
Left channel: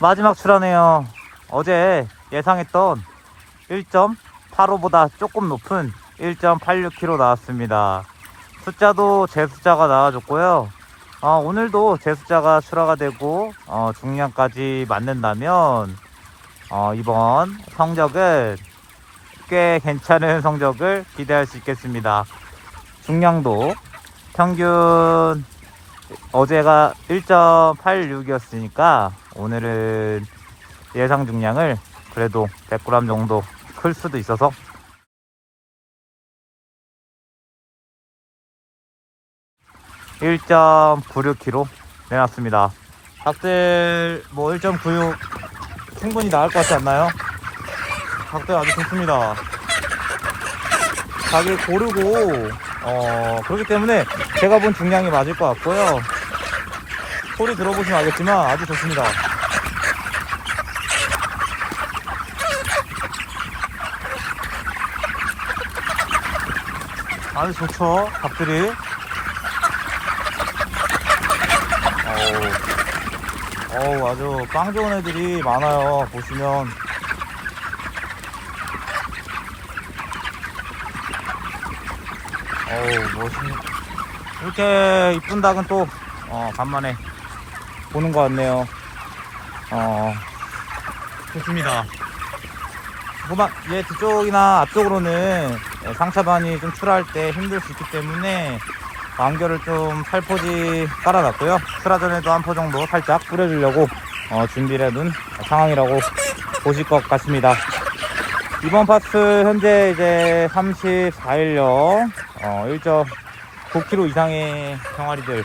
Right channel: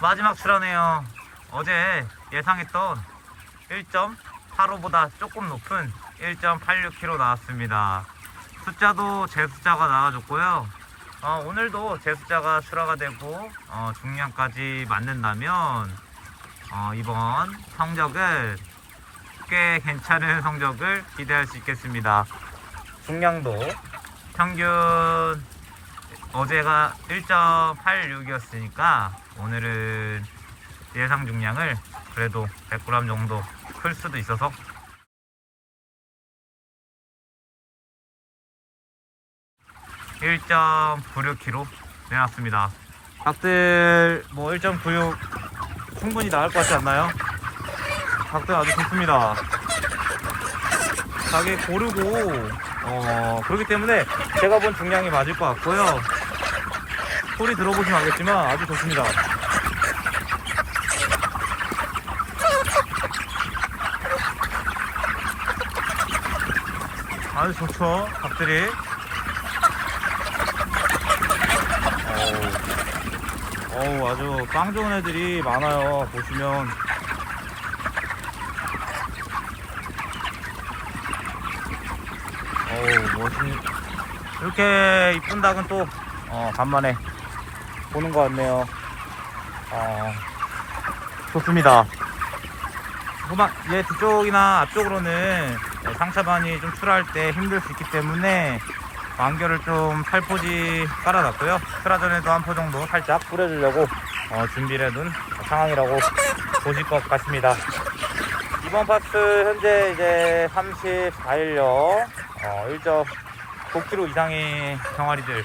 마지막 출하네요. 어제 예상했던 1.85보다 조금 높은 1.86kg 나왔습니다. 숫자도 제 숫자가 나와줬고요. 오늘도 제 숫자가 출하가 되고 중량까지 맞는다면 이번 성적은 꽤 괜찮은 성적을 기대할 수 있겠습니다. 중량도 평균 어제가 1.86이었으니까 오늘은 예상 중량을 그래도 100g 정도 클 수도 있어서 (1.96kg) 내놨습니다. 닭들 뭐 1.96 충분히 나을 것 같지 않나요? 닭들 아주 좋습니다. 닭이 고르고 그렇기 때문에 제가 본 중량이 맞을 것 같고요. 소리 들어보시면 알겠지만 아주 좋습니다. 아주 좋죠, 닭들이. 아주 빵 좋은 애들이 많아요. 보시면 멋있는 이렇게 이쁜 닭은 또 간만에 보는 것 같네요. 좋습니다. 후반 얘 뒤쪽이나 앞쪽으로는 상차반이 좀 출하할 때 힘들 수 있기 때문에 완결을 좀 살포시 깔아놨고요. 출하 전에도 한 포 정도 살짝 뿌려주려고 준비를 해둔 상황이라고 보실 것 같습니다. 이번 파트 현재 이제 34일령 1.9kg 이상의 병아리들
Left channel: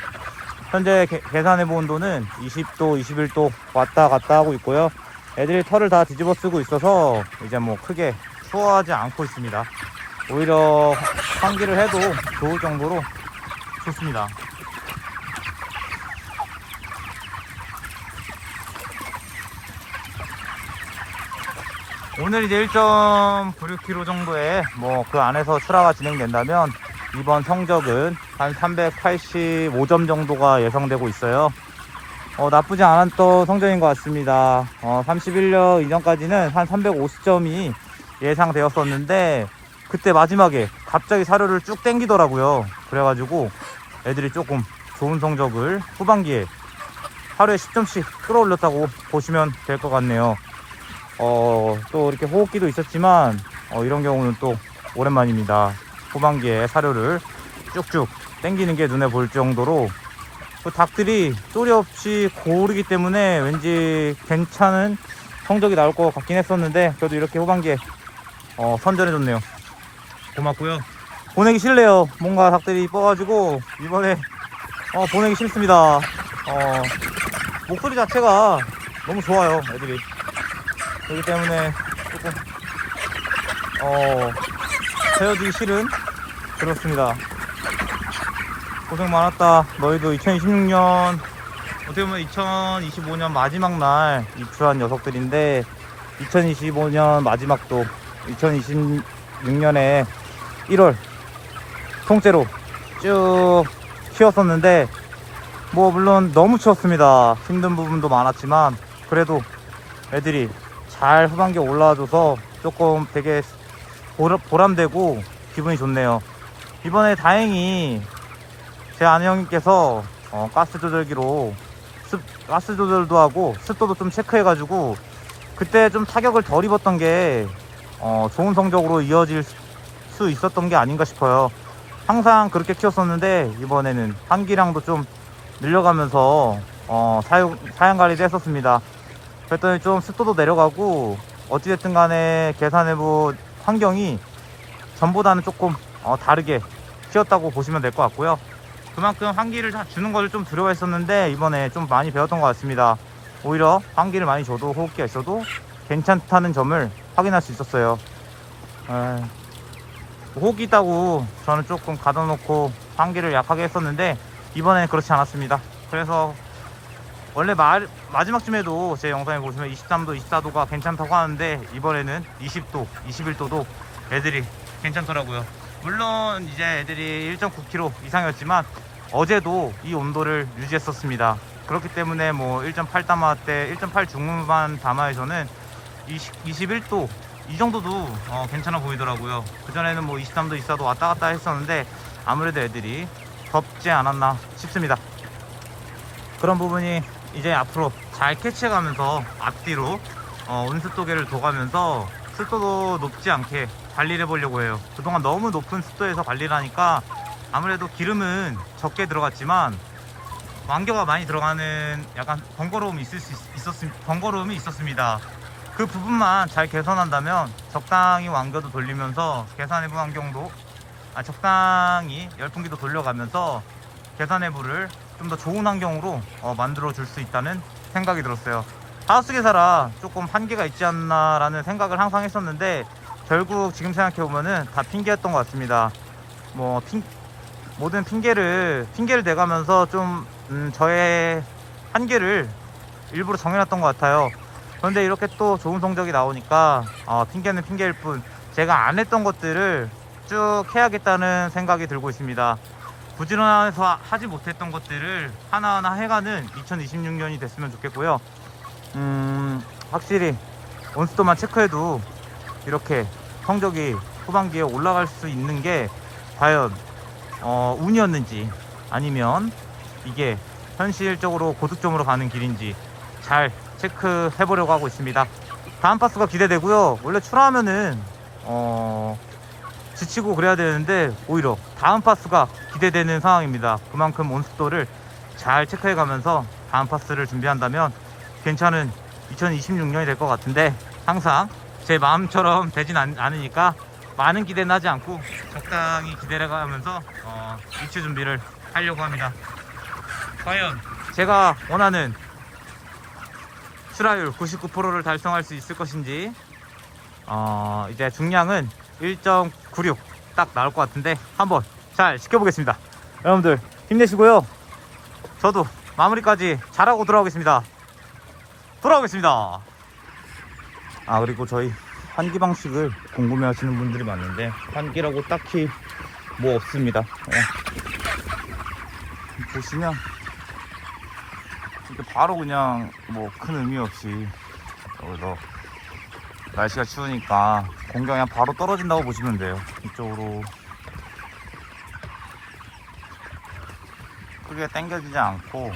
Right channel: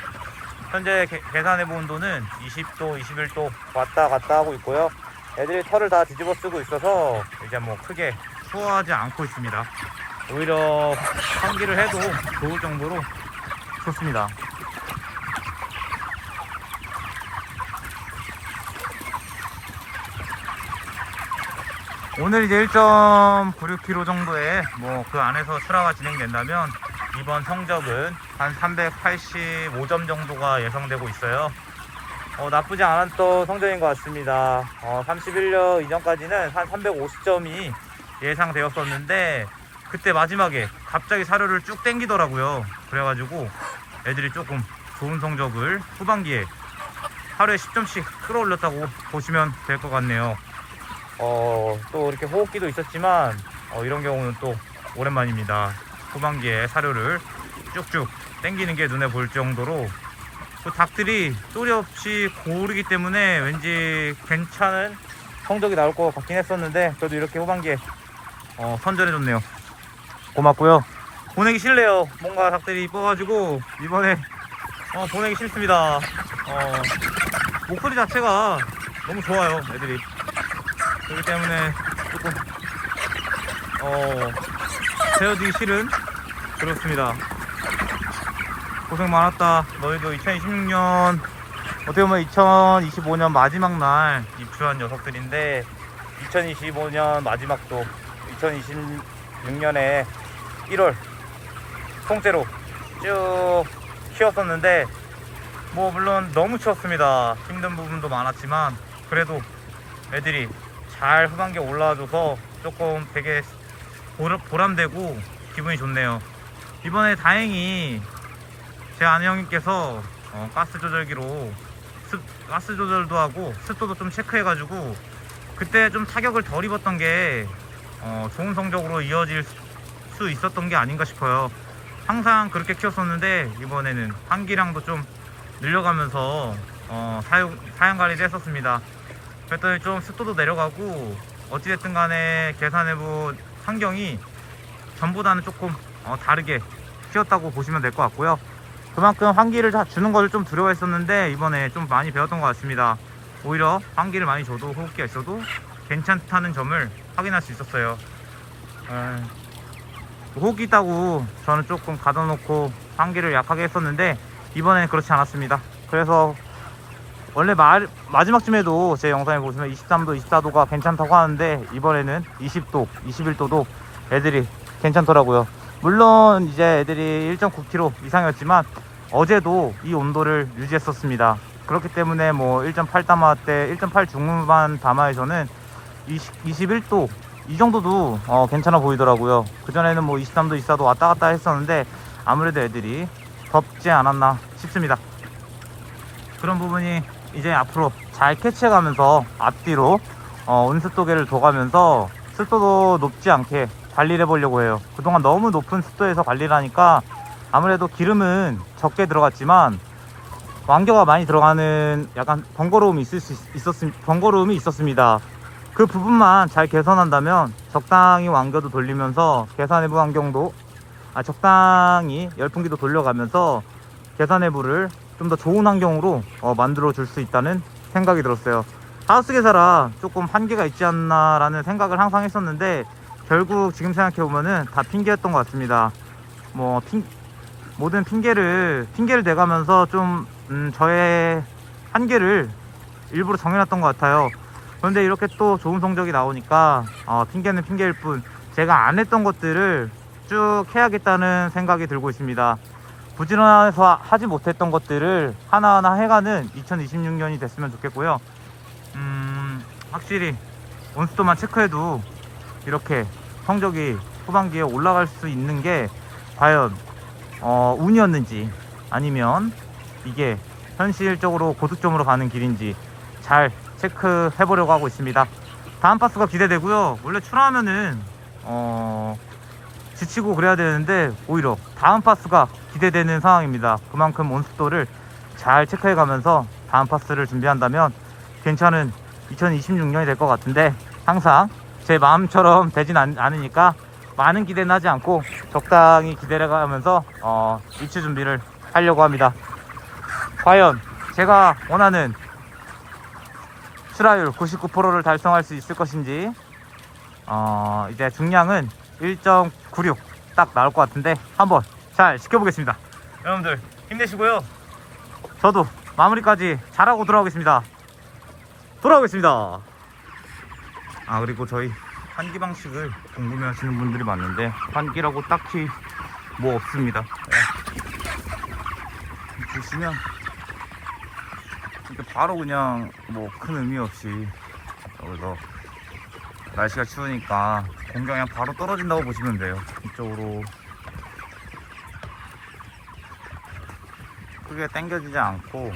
현재 계산해본 온도는 20도, 21도 왔다 갔다 하고 있고요. 애들이 털을 다 뒤집어 쓰고 있어서 이제 뭐 크게 추워하지 않고 있습니다. 오히려 환기를 해도 좋을 정도로 좋습니다. 오늘 이제 1.96kg 정도의 뭐 그 안에서 출하가 진행된다면 이번 성적은 한 385점 정도가 예상되고 있어요. 나쁘지 않았던 성적인 것 같습니다. 31년 이전까지는 한 350점이 예상되었었는데 그때 마지막에 갑자기 사료를 쭉 땡기더라고요. 그래가지고 애들이 조금 좋은 성적을 후반기에 하루에 10점씩 끌어올렸다고 보시면 될 것 같네요. 또 이렇게 호흡기도 있었지만 이런 경우는 또 오랜만입니다. 후반기에 사료를 쭉쭉 땡기는 게 눈에 보일 정도로 그 닭들이 소리 없이 고르기 때문에 왠지 괜찮은 성적이 나올 것 같긴 했었는데 그래도 이렇게 후반기에 선전해줬네요. 고맙고요. 보내기 싫네요. 뭔가 닭들이 이뻐가지고 이번에 보내기 싫습니다. 목소리 자체가 너무 좋아요, 애들이. 그렇기 때문에 조금 배워두기 싫은 그렇습니다. 고생 많았다. 너희도 2026년 어떻게 보면 2025년 마지막 날 입주한 녀석들인데 2025년 마지막도 2026년에 1월 통째로 쭉 키웠었는데 뭐 물론 너무 키웠습니다. 힘든 부분도 많았지만 그래도 애들이 잘 후반기에 올라와줘서 조금 되게 보람되고 기분이 좋네요. 이번에 다행히 제 아는 형님께서 가스 조절기로 가스 조절도 하고 습도도 좀 체크해가지고 그때 좀 타격을 덜 입었던 게 좋은 성적으로 이어질 수 있었던 게 아닌가 싶어요. 항상 그렇게 키웠었는데 이번에는 환기량도 좀 늘려가면서 사양 관리도 했었습니다. 그랬더니 좀 습도도 내려가고 어찌됐든 간에 계산해본 환경이 전보다는 조금 다르게 키웠다고 보시면 될 것 같고요. 그만큼 환기를 주는 것을 좀 두려워했었는데 이번에 좀 많이 배웠던 것 같습니다. 오히려 환기를 많이 줘도 호흡기가 있어도 괜찮다는 점을 확인할 수 있었어요. 호흡기 있다고 저는 조금 가둬놓고 환기를 약하게 했었는데 이번에는 그렇지 않았습니다. 그래서 원래 마지막쯤에도 제 영상에 보시면 23도, 24도가 괜찮다고 하는데 이번에는 20도, 21도도 애들이 괜찮더라고요. 물론 이제 애들이 1.9kg 이상이었지만 어제도 이 온도를 유지했었습니다. 그렇기 때문에 뭐 1.8 담화 때 1.8 중후반 담화에서는 21도 이 정도도 괜찮아 보이더라고요. 그전에는 뭐 23도 24도 왔다 갔다 했었는데 아무래도 애들이 덥지 않았나 싶습니다. 그런 부분이 이제 앞으로 잘 캐치해가면서 앞뒤로 온습도계를 둬가면서 습도도 높지 않게 관리를 해보려고 해요. 그동안 너무 높은 습도에서 관리를 하니까 아무래도 기름은 적게 들어갔지만 완겨가 많이 들어가는 약간 번거로움이 있었습니다. 그 부분만 잘 개선한다면 적당히 완겨도 돌리면서 계산해부 환경도 적당히 열풍기도 돌려가면서 계산해부를 좀 더 좋은 환경으로 만들어 줄 수 있다는 생각이 들었어요. 하우스 계사라 조금 한계가 있지 않나 라는 생각을 항상 했었는데 결국 지금 생각해보면은 다 핑계였던 것 같습니다. 뭐 모든 핑계를 대가면서 좀 저의 한계를 일부러 정해놨던 것 같아요. 그런데 이렇게 또 좋은 성적이 나오니까 핑계는 핑계일 뿐 제가 안 했던 것들을 쭉 해야겠다는 생각이 들고 있습니다. 부지런해서 하지 못했던 것들을 하나하나 해가는 2026년이 됐으면 좋겠고요. 확실히 온수도만 체크해도 이렇게 성적이 후반기에 올라갈 수 있는 게 과연 운이었는지 아니면 이게 현실적으로 고득점으로 가는 길인지 잘 체크해 보려고 하고 있습니다. 다음 파스가 기대되고요. 원래 출하하면은 지치고 그래야 되는데 오히려 다음 파스가 기대되는 상황입니다. 그만큼 온습도를 잘 체크해 가면서 다음 파스를 준비한다면 괜찮은 2026년이 될 것 같은데 항상 제 마음처럼 되진 않으니까 많은 기대는 하지 않고 적당히 기대를 가면서 입추 준비를 하려고 합니다. 과연 제가 원하는 출하율 99%를 달성할 수 있을 것인지 이제 중량은 1.96 딱 나올 것 같은데 한번 잘 지켜보겠습니다. 여러분들 힘내시고요. 저도 마무리까지 잘하고 돌아오겠습니다. 그리고 저희 환기 방식을 궁금해 하시는 분들이 많은데 환기라고 딱히 뭐 없습니다. 보시면 이렇게 바로 그냥 뭐 큰 의미 없이 여기서 날씨가 추우니까 공경이 그냥 바로 떨어진다고 보시면 돼요. 이쪽으로 크게 당겨지지 않고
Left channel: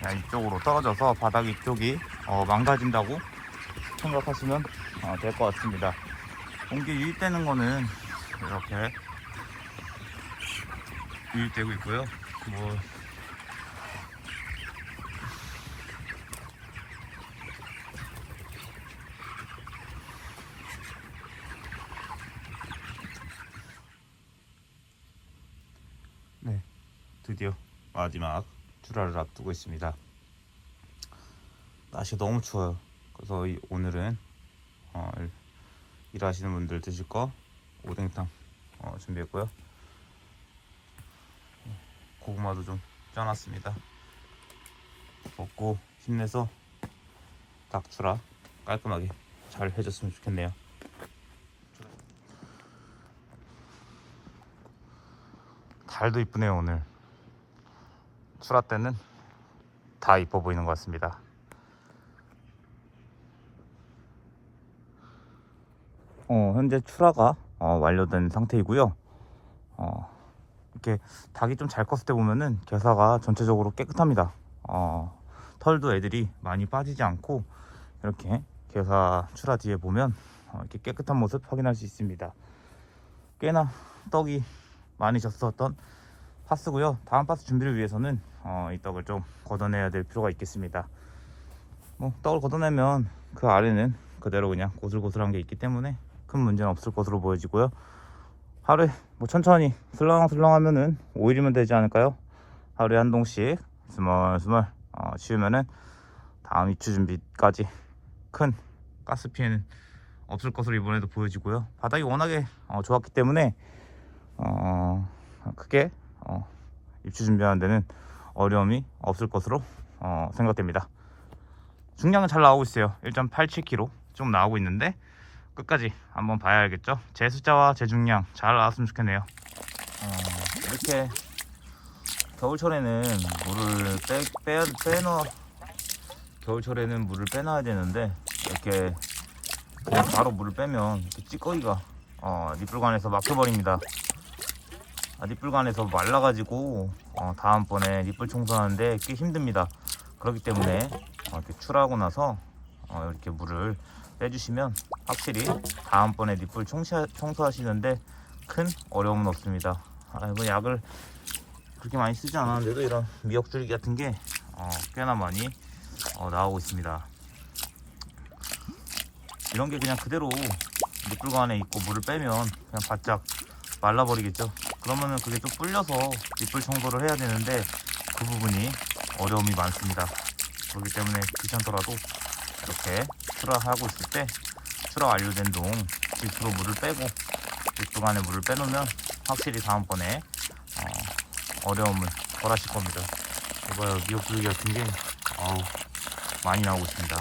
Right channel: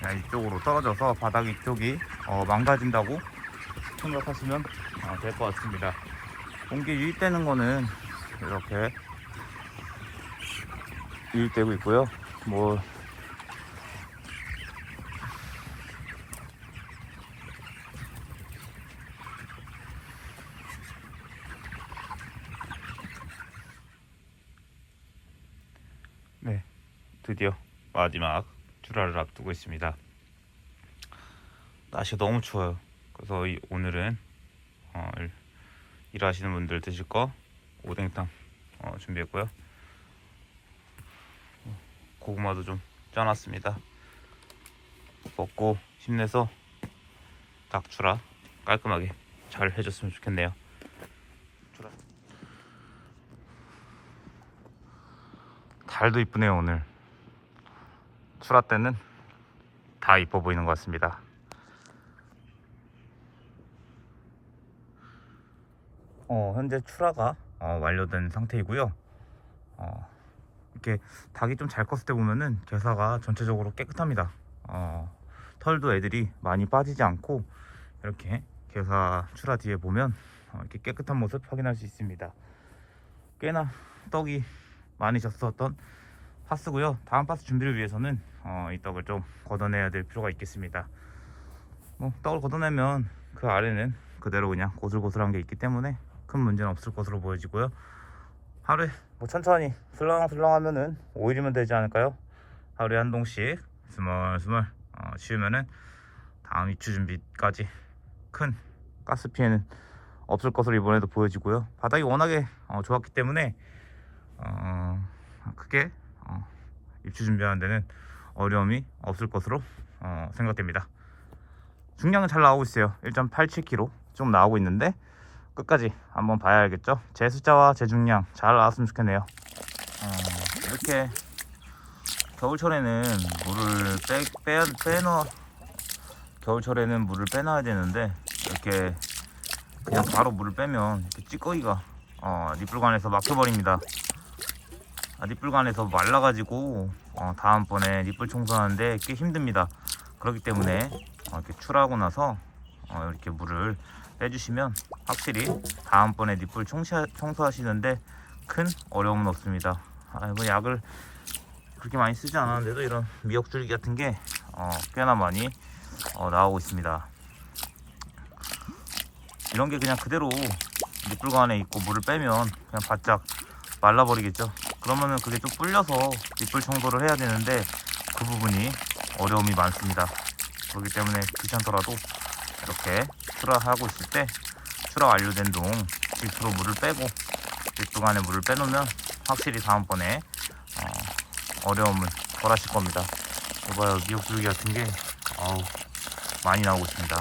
그냥 이쪽으로 떨어져서 바닥 이쪽이 망가진다고 생각하시면 될 것 같습니다. 공기 유입되는 거는 이렇게 유입되고 있고요. 뭐 네, 드디어 마지막 출하를 앞두고 있습니다. 날씨가 너무 추워요. 그래서 오늘은 일하시는 분들 드실 거 오뎅탕 준비했고요. 고구마도 좀 쪄놨습니다. 먹고 힘내서 닭 출하 깔끔하게 잘 해줬으면 좋겠네요. 달도 이쁘네요. 오늘 출하 때는 다 이뻐 보이는 것 같습니다. 현재 출하가 완료된 상태이고요. 이렇게 닭이 좀 잘 컸을 때 보면은 게사가 전체적으로 깨끗합니다. 털도 애들이 많이 빠지지 않고 이렇게 게사 출하 뒤에 보면 이렇게 깨끗한 모습 확인할 수 있습니다. 꽤나 떡이 많이 졌었던 파스고요. 다음 파스 준비를 위해서는 이 떡을 좀 걷어내야 될 필요가 있겠습니다. 뭐 떡을 걷어내면 그 아래는 그대로 그냥 고슬고슬한 게 있기 때문에 큰 문제는 없을 것으로 보여지고요. 하루에 뭐 천천히 슬렁슬렁 하면은 5일이면 되지 않을까요? 하루에 한 동씩 스멀스멀 치우면은 다음 입추 준비까지 큰 가스 피해는 없을 것으로 이번에도 보여지고요. 바닥이 워낙에 좋았기 때문에 크게 입추 준비하는 데는 어려움이 없을 것으로 생각됩니다. 중량은 잘 나오고 있어요. 1.87kg 좀 나오고 있는데 끝까지 한번 봐야 알겠죠. 제 숫자와 제 중량 잘 나왔으면 좋겠네요. 이렇게 겨울철에는 물을 겨울철에는 물을 빼놔야 되는데 이렇게 그냥 바로 물을 빼면 이렇게 찌꺼기가 니뿔관에서 막혀버립니다. 니뿔관에서 말라가지고 다음번에 니뿔 청소하는데 꽤 힘듭니다. 그렇기 때문에 이렇게 출하고 나서 이렇게 물을 빼주시면 확실히 다음번에 니뿔 청소하시는데 큰 어려움은 없습니다. 이거 약을 그렇게 많이 쓰지 않았는데도 이런 미역줄기 같은 게 꽤나 많이 나오고 있습니다. 이런 게 그냥 그대로 니뿔관에 있고 물을 빼면 그냥 바짝 말라버리겠죠. 그러면은 그게 좀 불려서 니뿔 청소를 해야 되는데 그 부분이 어려움이 많습니다. 그렇기 때문에 귀찮더라도 이렇게 출하하고 있을 때 출하 완료된 동 실수로 물을 빼고 니뿔관에 물을 빼놓으면 확실히 다음번에 어려움을 덜 하실 겁니다. 봐요, 미역줄기 같은 게 많이 나오고 있습니다.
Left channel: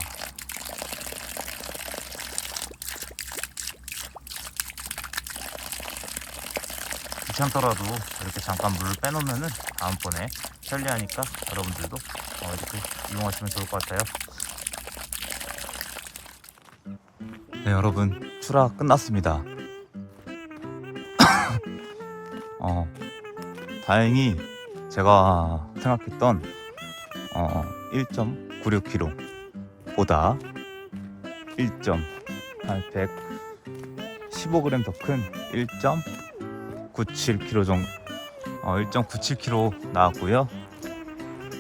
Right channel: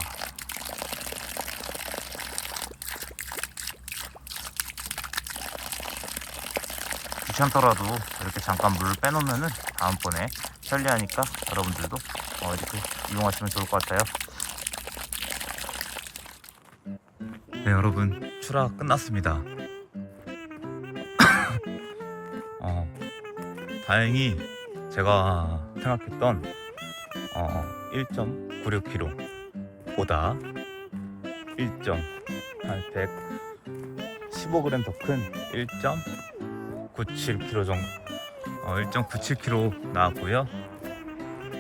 귀찮더라도 이렇게 잠깐 물을 빼놓으면은 다음번에 편리하니까 여러분들도 이렇게 이용하시면 좋을 것 같아요. 네, 여러분, 출하 끝났습니다. 다행히 제가 생각했던 1.96kg 보다 115g 더 큰 1.97kg 정도 1.97kg 나왔고요.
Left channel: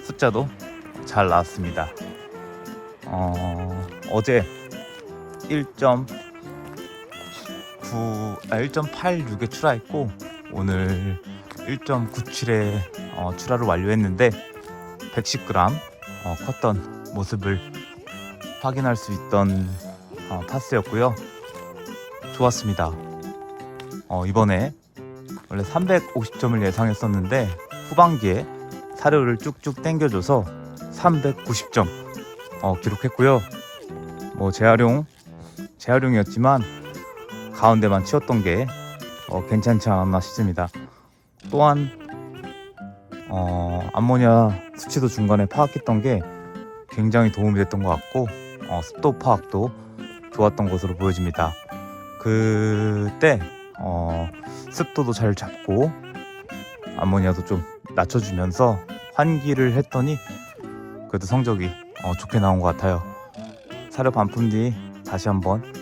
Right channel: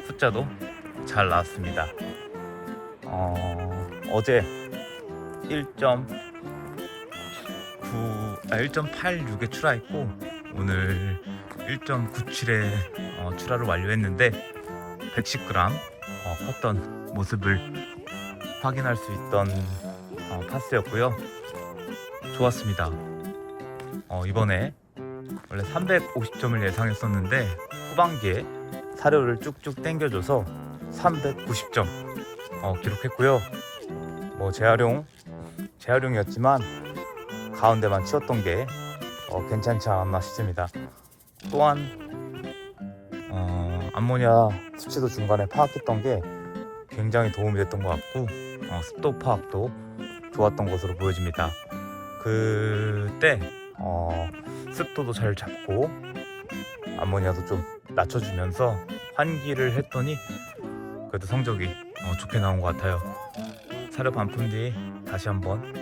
숫자도 잘 나왔습니다. 어제 1.86에 출하했고 오늘 1.97에 출하를 완료했는데 110g 컸던 모습을 확인할 수 있던 파스였고요. 좋았습니다. 이번에 원래 350점을 예상했었는데 후반기에 사료를 쭉쭉 당겨줘서 390점 기록했고요. 뭐 재활용이었지만 가운데만 치웠던 게 괜찮지 않았나 싶습니다. 또한 암모니아 수치도 중간에 파악했던 게 굉장히 도움이 됐던 것 같고 습도 파악도 좋았던 것으로 보여집니다. 그때 습도도 잘 잡고 암모니아도 좀 낮춰주면서 환기를 했더니 그래도 성적이 좋게 나온 것 같아요. 사료 반품 뒤 다시 한번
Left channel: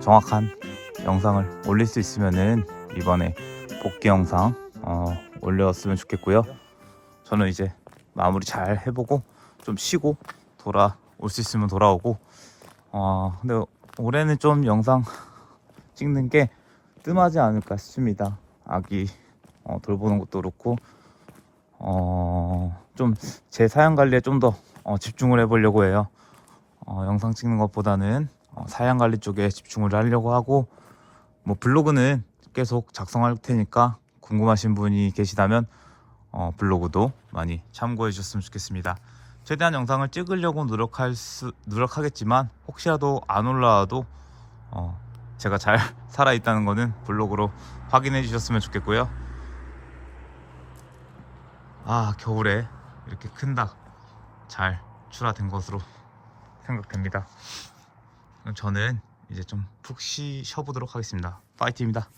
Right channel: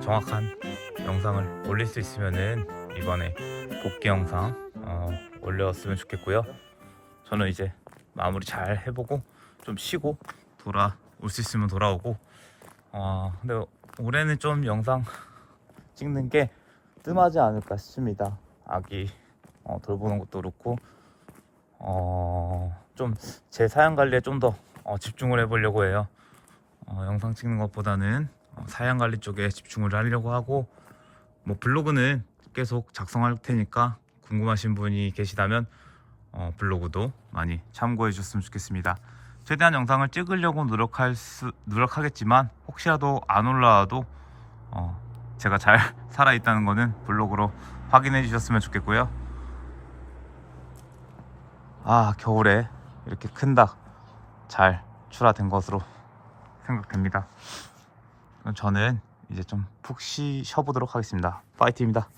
정확한 영상을 올릴 수 있으면은 이번에 복귀 영상 올렸으면 좋겠고요. 저는 이제 마무리 잘 해보고 좀 쉬고 돌아올 수 있으면 돌아오고 근데 올해는 좀 영상 찍는 게 뜸하지 않을까 싶습니다. 아기 돌보는 것도 그렇고 좀 제 사양 관리에 좀 더 집중을 해보려고 해요. 영상 찍는 것보다는 사양 관리 쪽에 집중을 하려고 하고 뭐 블로그는 계속 작성할 테니까 궁금하신 분이 계시다면 블로그도 많이 참고해 주셨으면 좋겠습니다. 최대한 영상을 찍으려고 노력하겠지만 혹시라도 안 올라와도 제가 잘 살아있다는 거는 블로그로 확인해 주셨으면 좋겠고요. 겨울에 이렇게 큰 닭 잘 출하된 것으로 생각됩니다. 저는 이제 좀 푹 쉬어보도록 하겠습니다. 파이팅입니다.